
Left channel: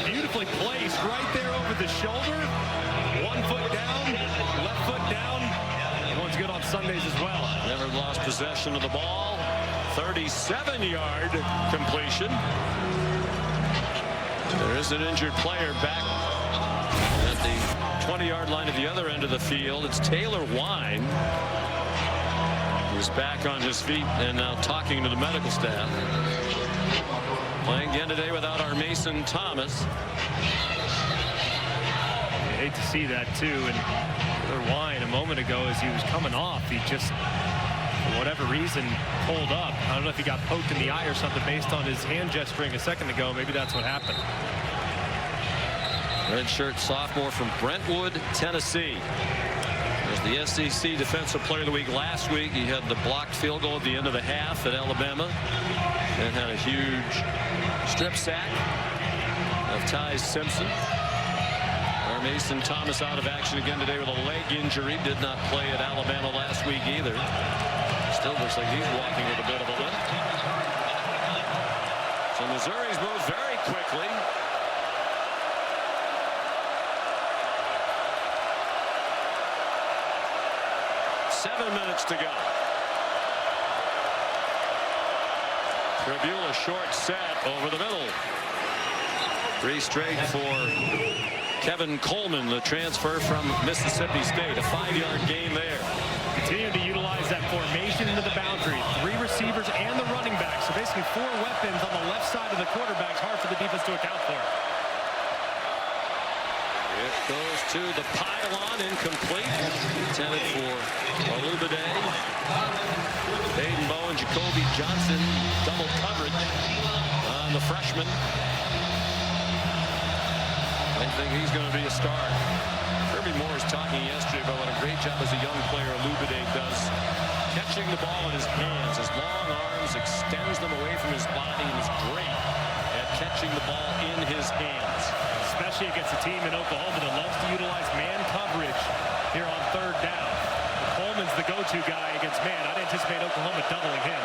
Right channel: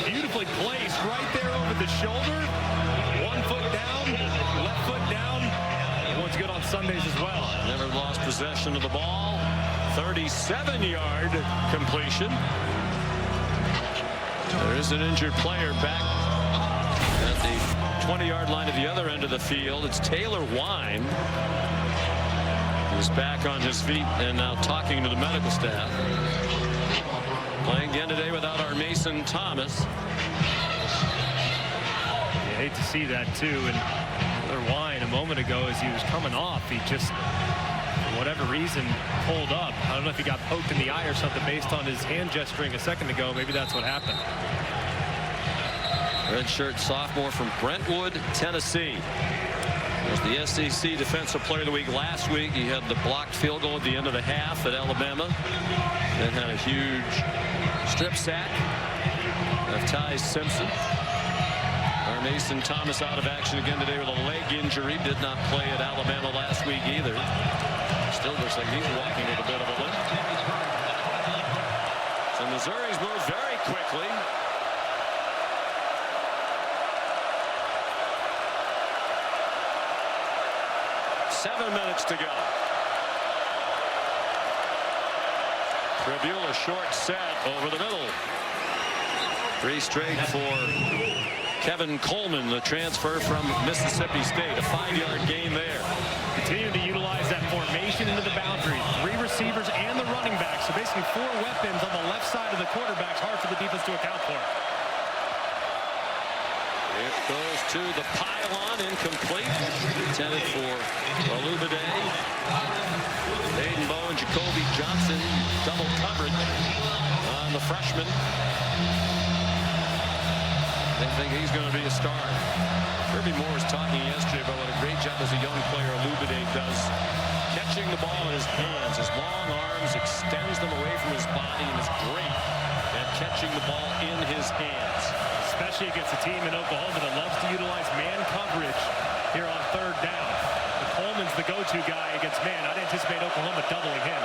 Beautifully placed right there over the shoulder. 1 foot down, left foot down. That one's good on Sundays as well. Never lost possession of the ball. 37-yard completion. There is an injured player back at the 20-yard line at the other end of the field. It's Taylor Wine. He's back on his feet and now talking to the medical staff. Playing again today without our Mason Thomas. You hate to see that too. And Taylor Wine a moment ago as he was coming off, he just, for whatever reason, pulled up. I don't know if he got poked in the eye or something based on his hand gesturing a second ago. Maybe that's what happened. Redshirt sophomore from Brentwood, Tennessee. Was the SEC Defensive Player of the Week last week. He had the blocked field goal at the end of the half at Alabama. Then had a huge strip sack of Ty Simpson. Our Mason Thomas out of action again today with a leg injury. Did not play at Alabama last week either. Still looks like he's walking with a bit of a limp. So Missouri's moved very quickly. Seven minutes to go. Pribula short set over the middle. 3 straight for Kevin Coleman, the transfer from Mississippi State. A 5-yard gain there. Continue to utilize that formation into the boundary. 3 receivers and the running back. So basically 4 weapons on the left side of the quarterback's hard for the defense to account for. It goes to the pylon, incomplete. Intended for Olubade. Baden Bowe and Jacoby Johnson, double coverage on the freshman. They think he's going to be a star. Kirby Moore was talking yesterday about what a great job as a young player Olubade does catching the ball in his hands. His long arms extends them away from his body and is great at catching the ball in his hands. Especially against a team in Oklahoma that loves to utilize man coverage here on 3rd down. Coleman's the go-to guy against man. I'd anticipate Oklahoma doubling him.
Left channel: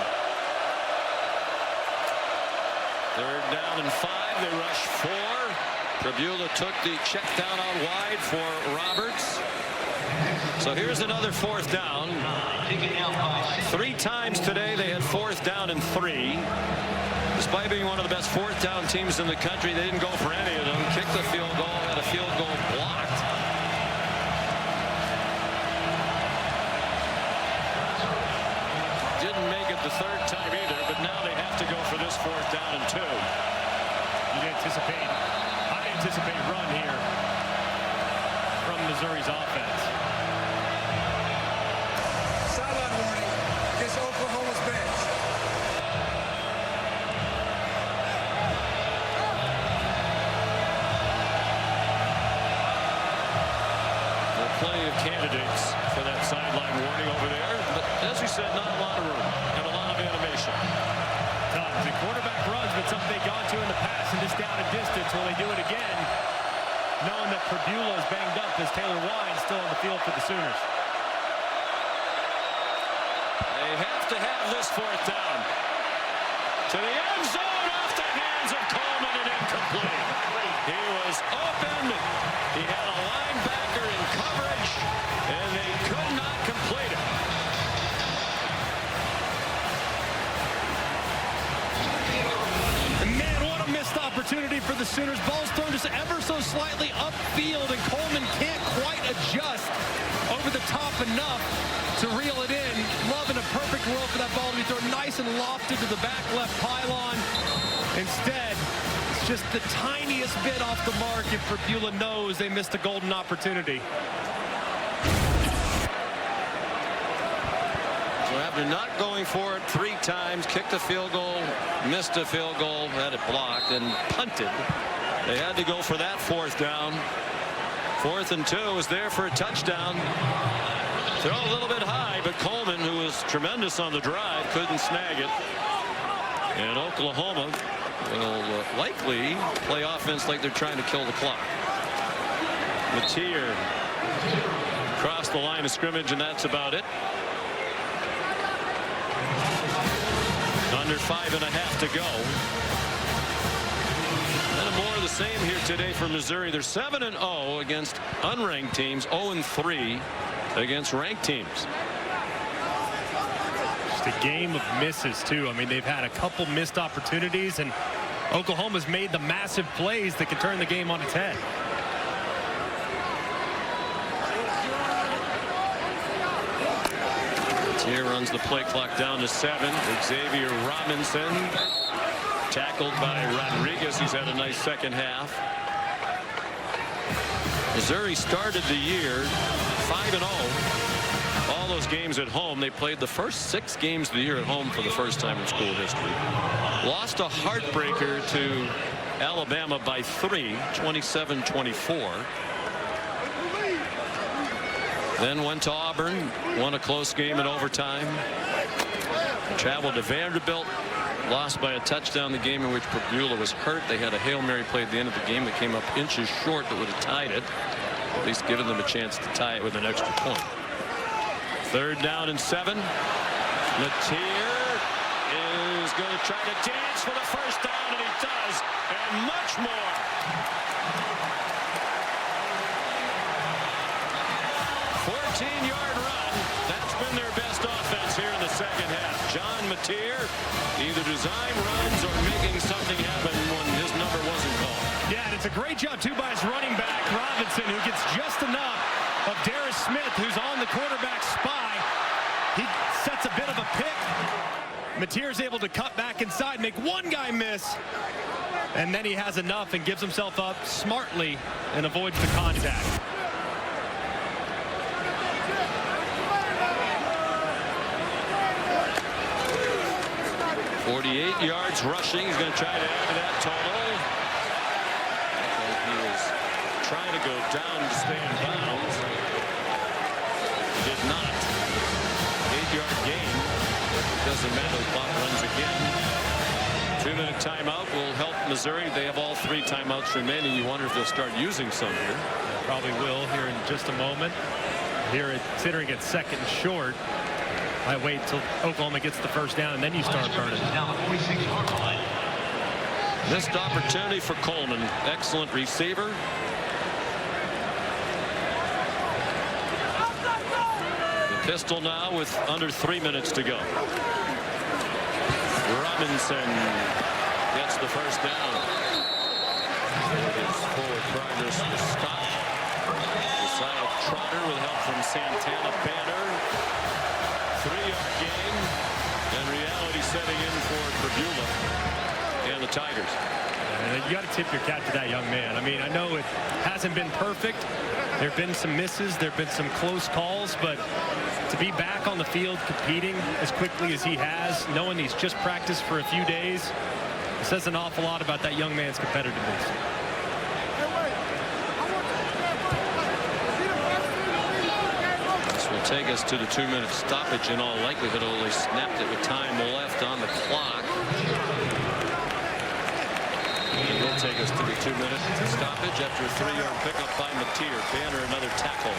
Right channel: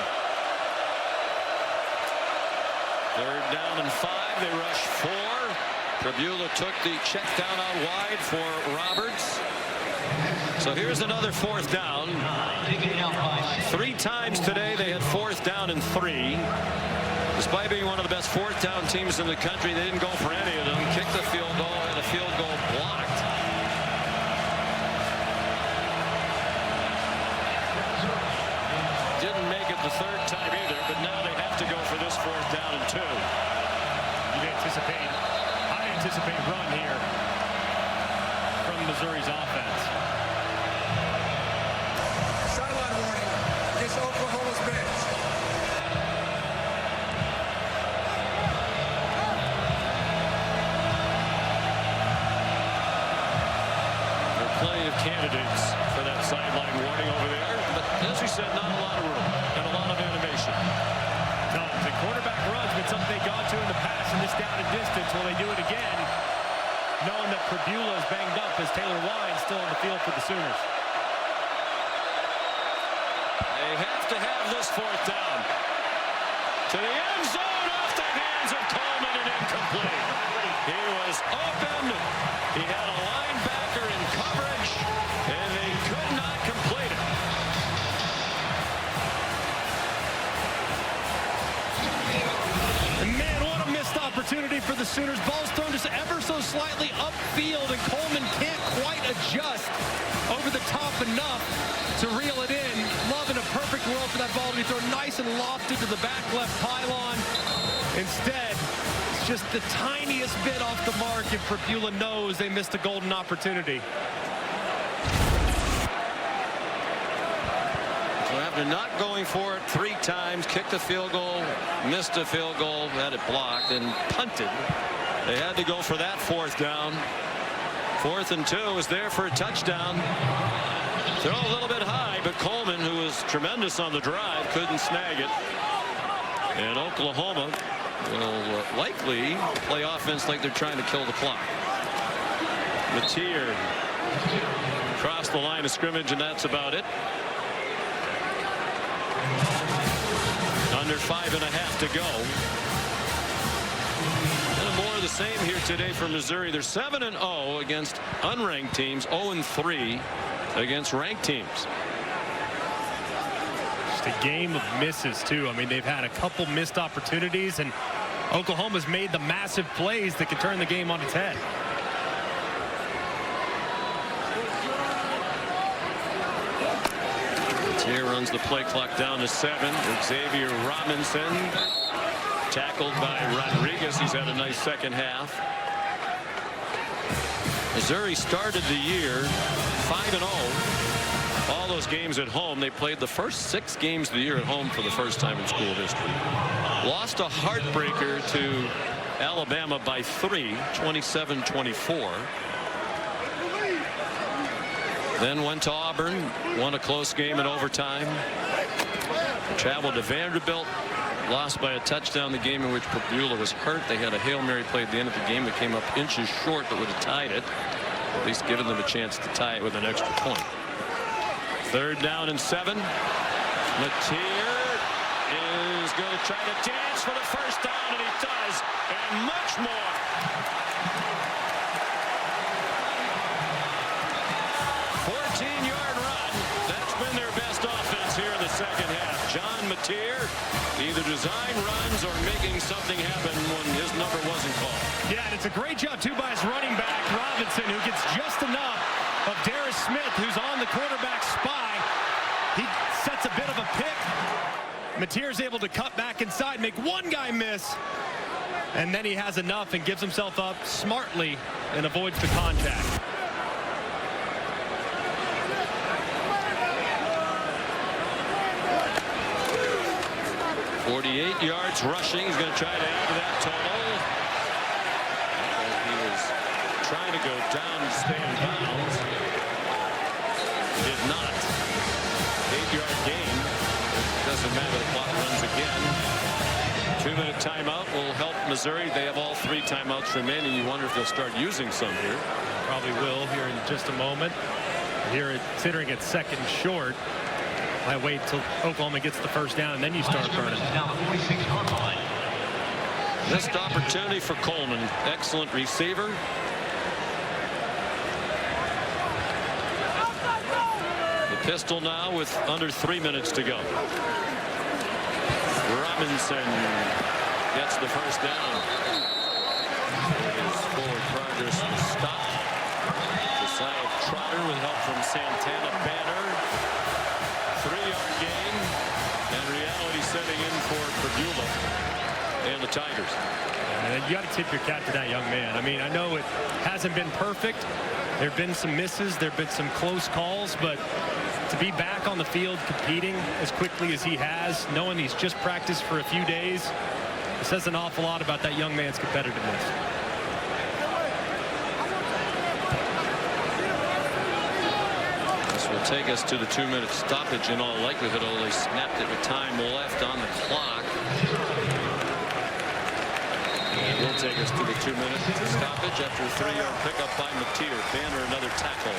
3rd down and 5. They rush 4. Pribula took the check down out wide for Roberts. So here's another 4th down. 3 times today they had 4th down and 3. Despite being one of the best 4th down teams in the country, they didn't go for any of them. Kicked the field goal, had a field goal blocked. Didn't make it the 3rd time either, but now they have to go for this 4th down and 2. I anticipate run here from Missouri's offense. Sideline warning against Oklahoma's bench. There are plenty of candidates for that sideline warning over there, but as we said, not a lot of room and a lot of animation. Tons. And quarterback run's been something they've gone to in the past, and this down and distance, will they do it again, knowing that Pribula is banged up as Taylor Wine's still on the field for the Sooners. They have to have this 4th down. To the end zone, off the hands of Coleman and incomplete. He was open. He had a linebacker in coverage, and they could not complete it. And man, what a missed opportunity for the Sooners. Ball's thrown just ever so slightly upfield, and Coleman can't quite adjust over the top enough to reel it in. Love in a perfect world for that ball to be thrown nice and lofted to the back left pylon. Instead, it's just the tiniest bit off the mark, and Pribula knows they missed a golden opportunity. So after not going for it 3 times, kicked a field goal, missed a field goal, had it blocked, and punted. They had to go for that 4th down. 4th and 2 was there for a touchdown. Throw a little bit high, but Coleman, who was tremendous on the drive, couldn't snag it. And Oklahoma will likely play offense like they're trying to kill the clock. Mateer across the line of scrimmage, and that's about it. Under 5.5 to go. And more of the same here today for Missouri. They're 7-0 against unranked teams, 0-3 against ranked teams. Just a game of misses, too. I mean, they've had a couple missed opportunities, and Oklahoma's made the massive plays that can turn the game on its head. Here runs the play clock down to 7. Xavier Robinson tackled by Rodriguez, who's had a nice second half. Missouri started the year 5-0. All those games at home. They played the first 6 games of the year at home for the first time in school history. Lost a heartbreaker to Alabama by 3, 27-24. Then went to Auburn, won a close game in overtime. Traveled to Vanderbilt, lost by a touchdown, the game in which Pribula was hurt. They had a Hail Mary play at the end of the game that came up inches short that would have tied it, at least given them a chance to tie it with an extra point. 3rd down and 7. Mateer is going to try to dance for the first down, and he does, and much more. 14-yard run. That's been their best offense here in the second half. John Mateer either design runs or making something happen when his number wasn't called. Yeah, and it's a great job, too, by his running back, Robinson, who gets just enough of Darius Smith, who's on the quarterback spy. He sets a bit of a pick. Mateer's able to cut back inside, make one guy miss, and then he has enough and gives himself up smartly and avoids the contact. 48 yards rushing. He's going to try to add to that total. Looked like he was trying to go down to stay in bounds. He did not. 8-yard gain. But it doesn't matter. The clock runs again. 2-minute timeout will help Missouri. They have all 3 timeouts remaining. You wonder if they'll start using some here. Yeah, probably will here in just a moment. Here, considering it's 2nd and short, might wait until Oklahoma gets the first down, and then you start burning them. Missed opportunity for Coleman. Excellent receiver. The pistol now with under 3 minutes to go. Robinson gets the first down. Before his forward progress was stopped. Josiah Trotter with help from Santana Banner. 3-yard gain, and reality setting in for Pribula and the Tigers. And you got to tip your cap to that young man. I mean, I know it hasn't been perfect. There have been some misses. There have been some close calls, but to be back on the field competing as quickly as he has, knowing he's just practiced for a few days, it says an awful lot about that young man's competitiveness. This will take us to the 2-minute stoppage in all likelihood. They snapped it with time left on the clock. And will take us to the 2-minute stoppage after a 3-yard pickup by Mateer. Banner another tackle.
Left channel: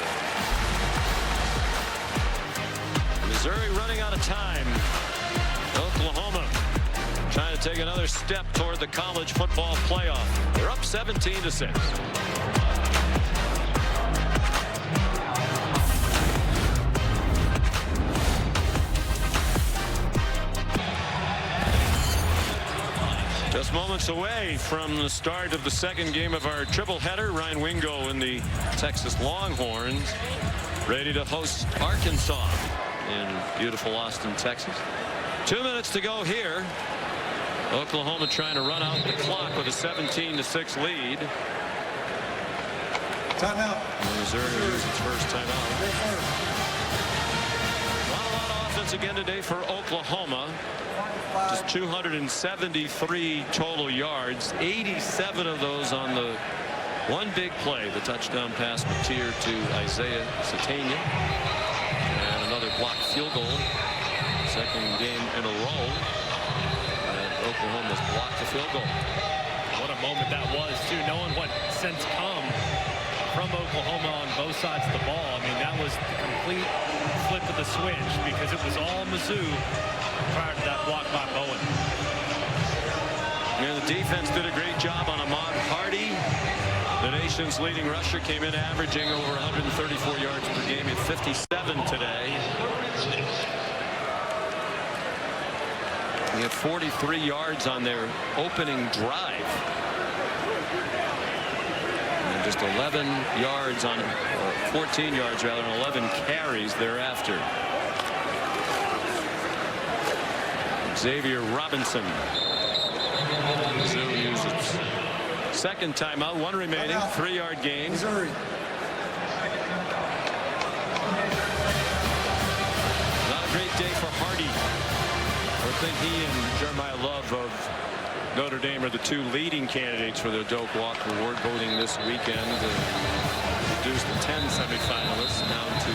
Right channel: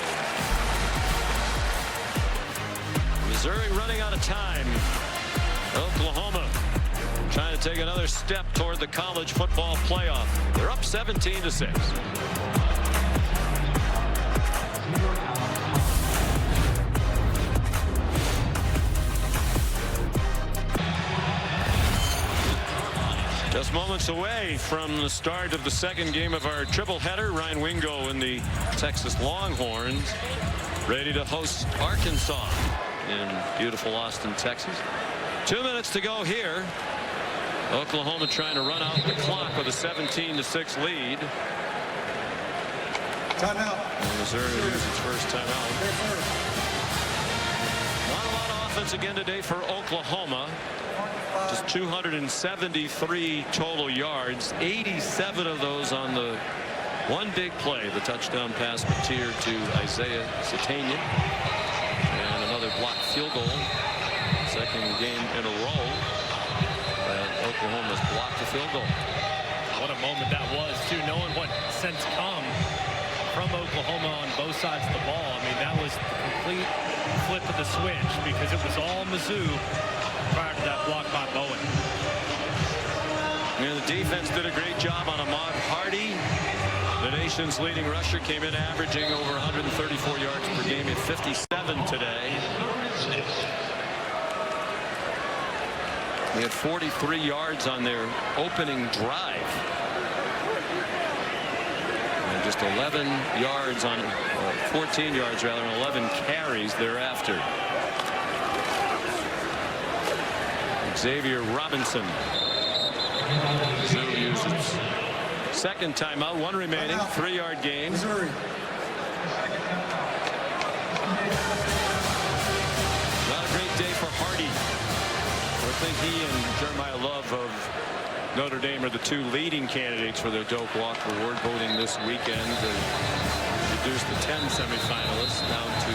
Missouri running out of time. Oklahoma trying to take another step toward the college football playoff. They're up 17-6. Just moments away from the start of the second game of our triple header. Ryan Wingo and the Texas Longhorns ready to host Arkansas in beautiful Austin, Texas. 2 minutes to go here. Oklahoma trying to run out the clock with a 17-6 lead. Timeout. And Missouri loses its first timeout. Not a lot of offense again today for Oklahoma. Just 273 total yards, 87 of those on the one big play, the touchdown pass Mateer to Isaiah Satania, and another blocked field goal. Second game in a row that Oklahoma's blocked a field goal. What a moment that was, too, knowing what since come from Oklahoma on both sides of the ball. I mean, that was the complete flip of the switch, because it was all Mizzou prior to that block by Bowen. And the defense did a great job on Ahmad Hardy. The nation's leading rusher came in averaging over 134 yards per game. He had 57 today. He had 43 yards on their opening drive. And just 11 yards on 14 yards rather, and 11 carries thereafter. Xavier Robinson. Mizzou used its second timeout, one remaining, 3-yard gain. Missouri. Not a great day for Hardy. I think he and Jeremiah Love of Notre Dame are the two leading candidates for the Doak Walker Award, voting this weekend to reduce the 10 semifinalists down to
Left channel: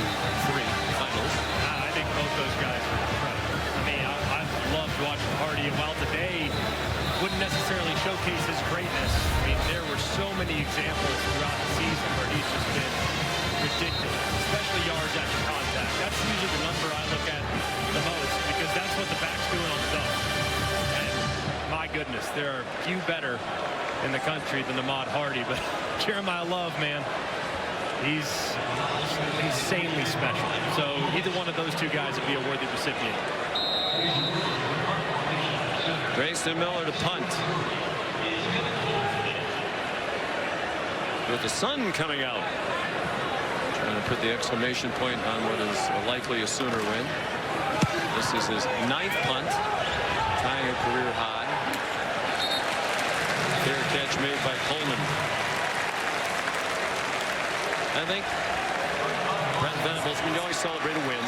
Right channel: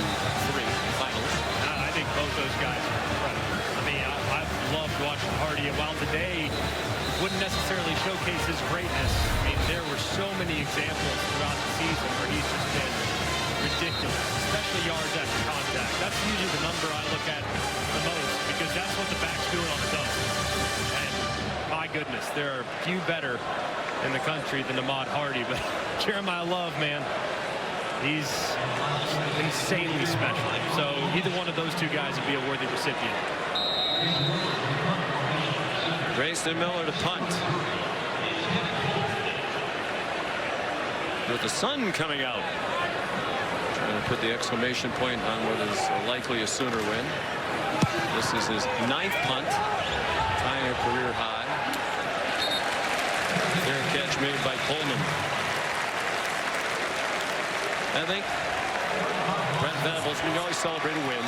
3 finalists. I think both those guys are incredible. I mean, I've loved watching Hardy, and while today wouldn't necessarily showcase his greatness, I mean, there were so many examples throughout the season where he's just been ridiculous, especially yards after contact. That's usually the number I look at the most, because that's what the back's doing on his own. And my goodness, there are few better in the country than Ahmad Hardy, but Jeremiah Love, man, he's insanely special. So either one of those two guys would be a worthy recipient. Grayson Miller to punt. With the sun coming out. Trying to put the exclamation point on what is likely a Sooner win. This is his 9th punt, tying a career high. Fair catch made by Coleman. I think Brent Venables, I mean, you always celebrate a win,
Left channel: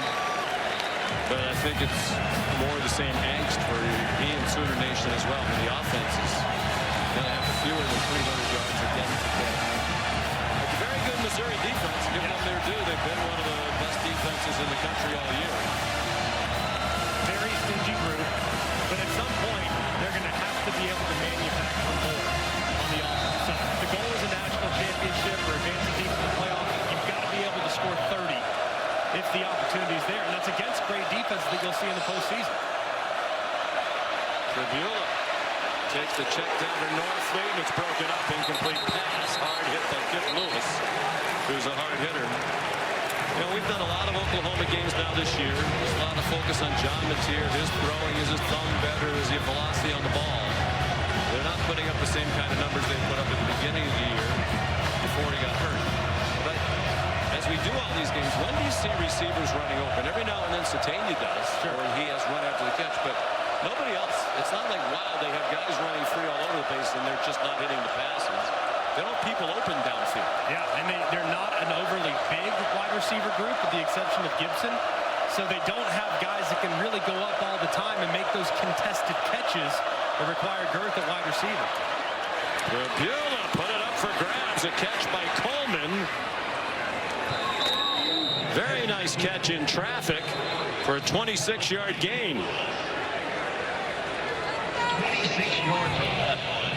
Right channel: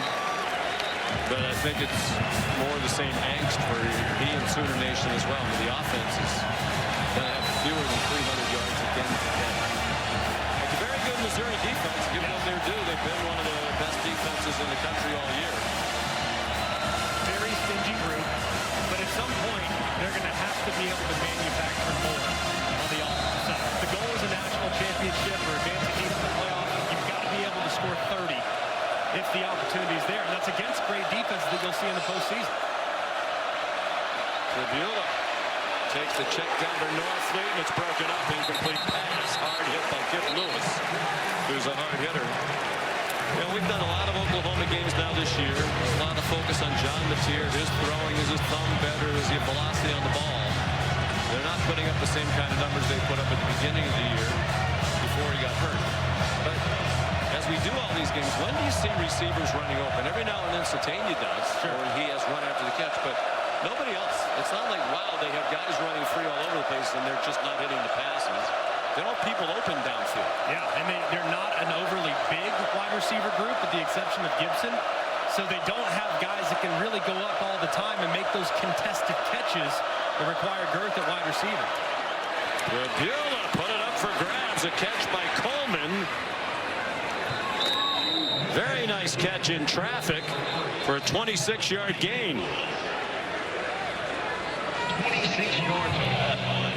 but I think it's more the same angst for he and Sooner Nation as well. I mean, the offense is going to have fewer than 300 yards again today. It's a very good Missouri defense. Give them their due. They've been one of the best defenses in the country all year. Very stingy group, but at some point they're going to have to be able to manufacture more on the offensive side. If the goal is a national championship or advancing deep in the playoff, you've got to be able to score 30 if the opportunity is there, and that's against great defense that you'll see in the postseason. Tribula takes the check down to Norfleet, and it's broken up. Incomplete pass. Hard hit by Kip Lewis, who's a hard hitter. You know, we've done a lot of Oklahoma games now this year. There's a lot of focus on John Mateer. His throwing, is his thumb better? Is he velocity on the ball? They're not putting up the same kind of numbers they put up at the beginning of the year before he got hurt. But as we do all these games, when do you see receivers running open? Every now and then Satania does, or he has run after the catch, but nobody else. It's not like, wow, they have guys running free all over the place and they're just not hitting the passes. They don't have people open downfield. Yeah, and they're not an overly big wide receiver group with the exception of Gibson. So they don't have guys that can really go up all the time and make those contested catches that require girth at wide receiver. Tribula put it up for grabs. A catch by Coleman. Very nice catch in traffic for a 26-yard gain. 26 yards on that one.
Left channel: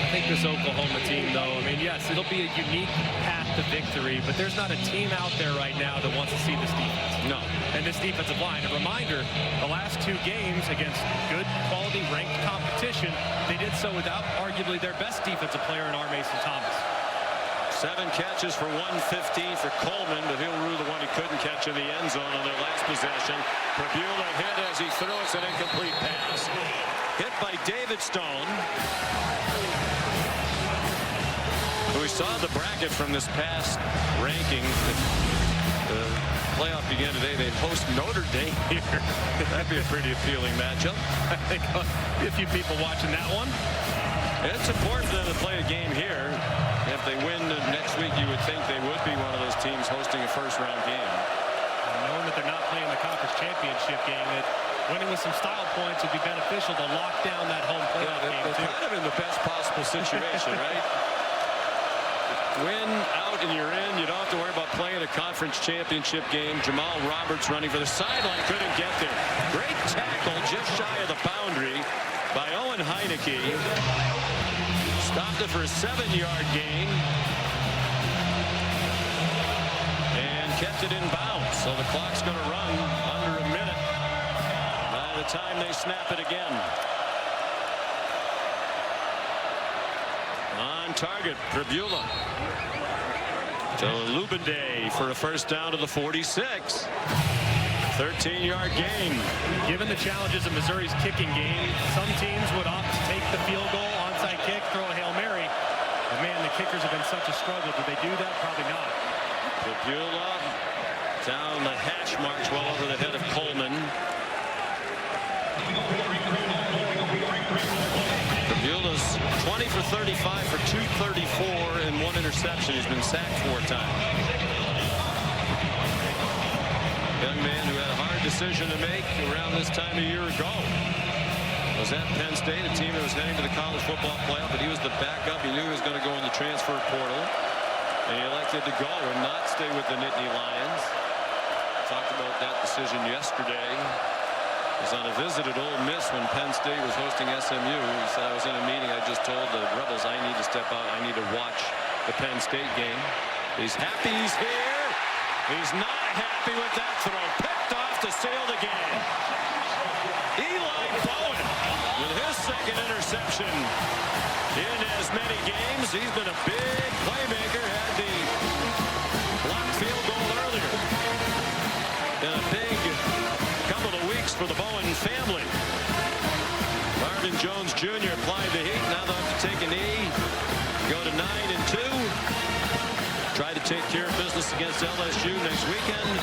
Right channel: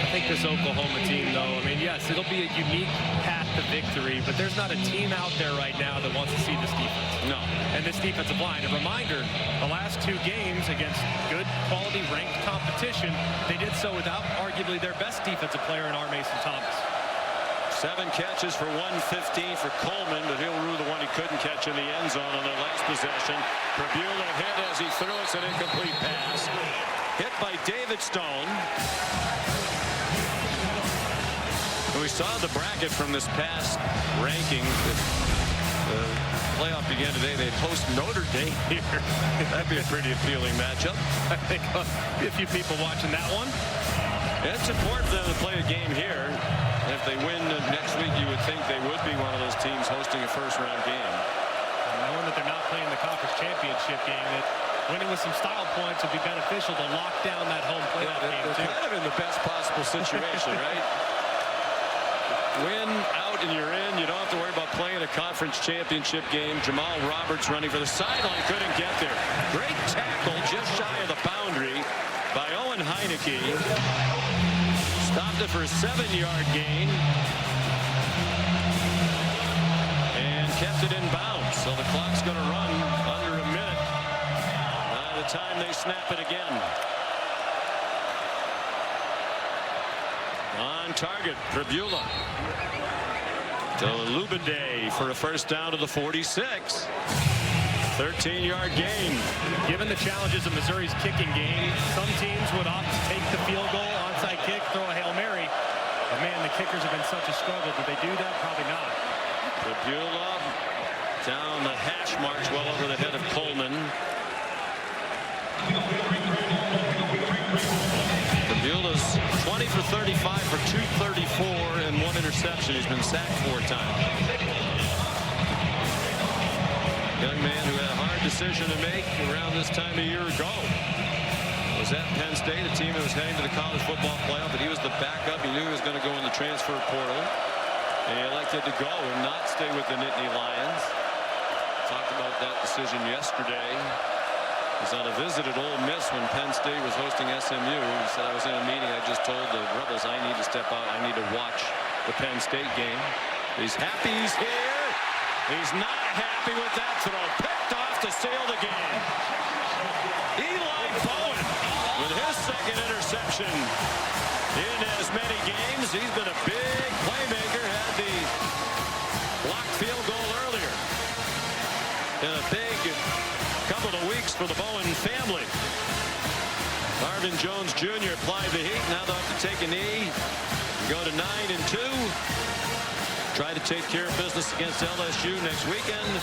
I think this Oklahoma team, though, I mean, yes, it'll be a unique path to victory, but there's not a team out there right now that wants to see this defense. No. And this defensive line, a reminder, the last 2 games against good quality ranked competition, they did so without arguably their best defensive player in R. Mason Thomas. 7 catches for 115 for Coleman, but he'll rue the one he couldn't catch in the end zone on their last possession. Prabula hit as he threw. It's an incomplete pass. Hit by David Stone. And we saw the bracket from this past ranking. The playoff began today. They'd host Notre Dame here. That'd be a pretty appealing matchup. I think be a few people watching that one. It's important for them to play a game here. If they win next week, you would think they would be one of those teams hosting a first-round game. And knowing that they're not playing the conference championship game, that winning with some style points would be beneficial to lock down that home playoff game, they're too. Kind of in the best possible situation, right? Win out and you're in. You don't have to worry about playing a conference championship game. Jamal Roberts running for the sideline, couldn't get there. Great tackle just shy of the boundary by Owen Heineke. Stopped it for a 7-yard gain. And kept it in bounds. So the clock's going to run under a minute by the time they snap it again. On target, Prabula to Lubende for a first down to the 46. 13-yard gain. Given the challenges of Missouri's kicking game, some teams would opt to take the field goal, onside kick, throw a Hail Mary. But man, the kickers have been such a struggle. Did they do that? Probably not. Prabula down the hash marks well over the head of Coleman. Prabula's 20 for 35 for 234 and 1 interception. He's been sacked 4 times. Young man who had a hard decision to make around this time a year ago. Was at Penn State, a team that was heading to the college football playoff, but he was the backup. He knew he was going to go in the transfer portal. And he elected to go and not stay with the Nittany Lions. Talked about that decision yesterday. He was on a visit at Ole Miss when Penn State was hosting SMU. He said, I was in a meeting. I just told the Rebels I need to step out. I need to watch the Penn State game. He's happy he's here. He's not happy with that throw. Picked off to seal the game. Eli Bowen with his 2nd interception in as many games. He's been a big playmaker. Had the blocked field goal earlier. Been a big couple of weeks for the Bowen family. Marvin Jones Jr. applied the heat. Now they'll have to take a knee. Go to 9-2. Try to take care of business against LSU next weekend.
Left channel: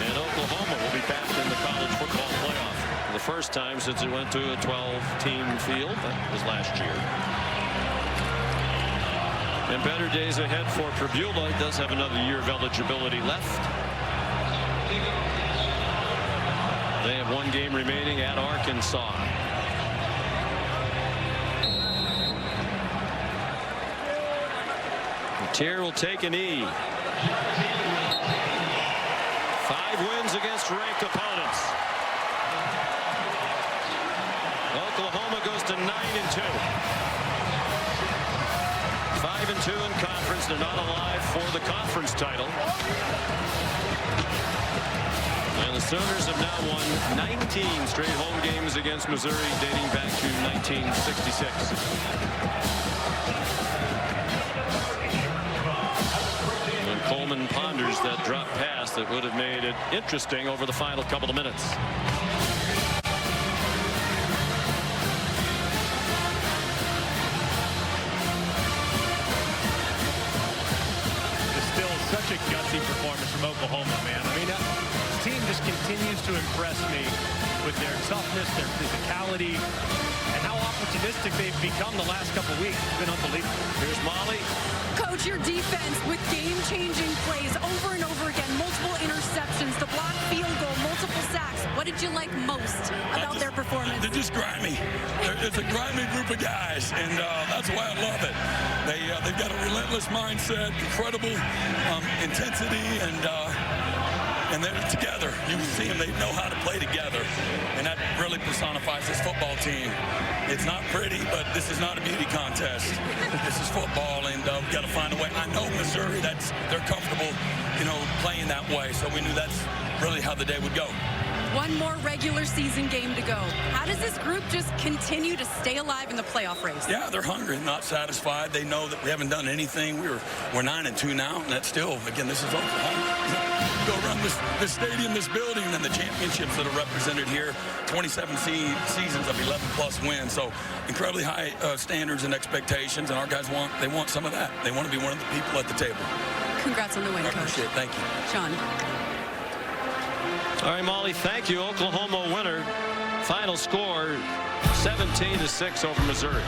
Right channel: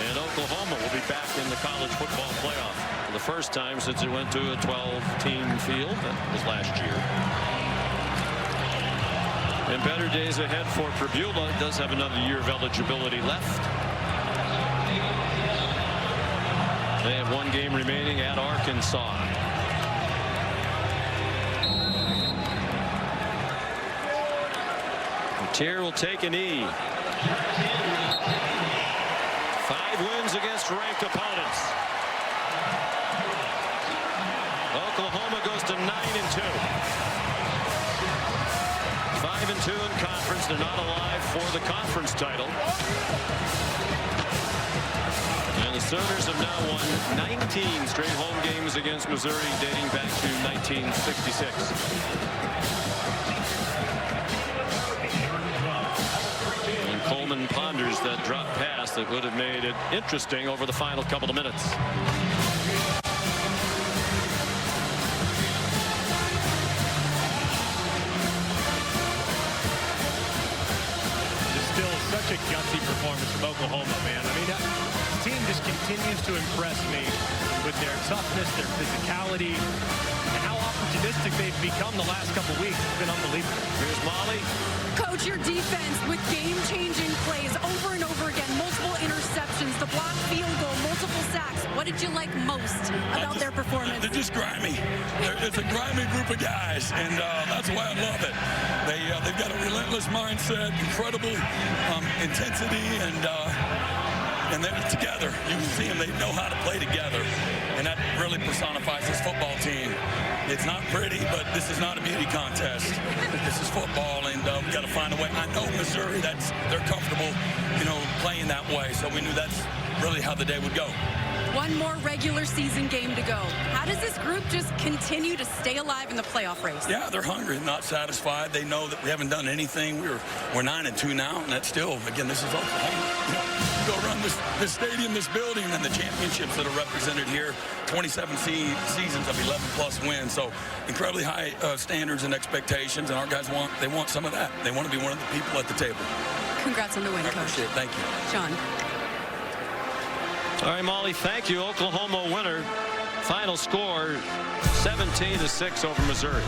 And Oklahoma will be back in the college football playoff for the first time since it went to a 12-team field. That was last year. And better days ahead for Prabula. He does have another year of eligibility left. They have 1 game remaining at Arkansas. Tier will take a knee. 5 wins against ranked opponents. Oklahoma goes to 9-2. 5-2 in conference. They're not alive for the conference title. And the Sooners have now won 19 straight home games against Missouri dating back to 1966. And Coleman ponders that drop pass that would have made it interesting over the final couple of minutes. Just still such a gutsy performance from Oklahoma, man. I mean, this team just continues to impress me with their toughness, their physicality, and how opportunistic they've become the last couple weeks. It's been unbelievable. Here's Molly. Coach, your defense with game-changing plays over and over again, multiple interceptions, the blocked field goal, multiple sacks. What did you like most about their performance? They're just grimy. It's a grimy group of guys, and that's why I love it. They've got a relentless mindset, incredible intensity, and and they're together. You see them, they know how to play together, and that really personifies this football team. It's not pretty, but this is not a beauty contest. This is football, and we've got to find a way. I know Missouri, they're comfortable, playing that way, so we knew that's really how the day would go. One more regular season game to go. How does this group just continue to stay alive in the playoff race? Yeah, they're hungry, not satisfied. They know that we haven't done anything. We're 9-2 now, and that's still, again, this is Oklahoma. Go around this stadium, this building, and the championships that are represented here. 27 seasons of 11-plus wins. So incredibly high standards and expectations, and our guys want some of that. They want to be one of the people at the table. Congrats on the win, Coach. I appreciate it. Thank you. Sean. All right, Molly, thank you. Oklahoma winner. Final score, 17-6 over Missouri.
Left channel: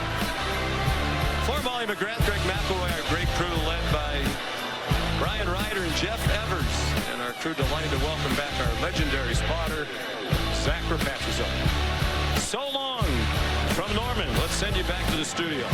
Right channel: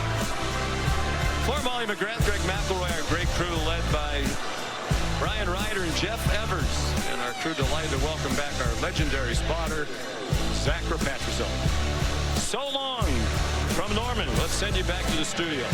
For Molly McGrath, Greg McElroy, our great crew led by Brian Ryder and Jeff Evers. And our crew delighted to welcome back our legendary spotter, Zach Rapatrizzo. So long from Norman. Let's send you back to the studio.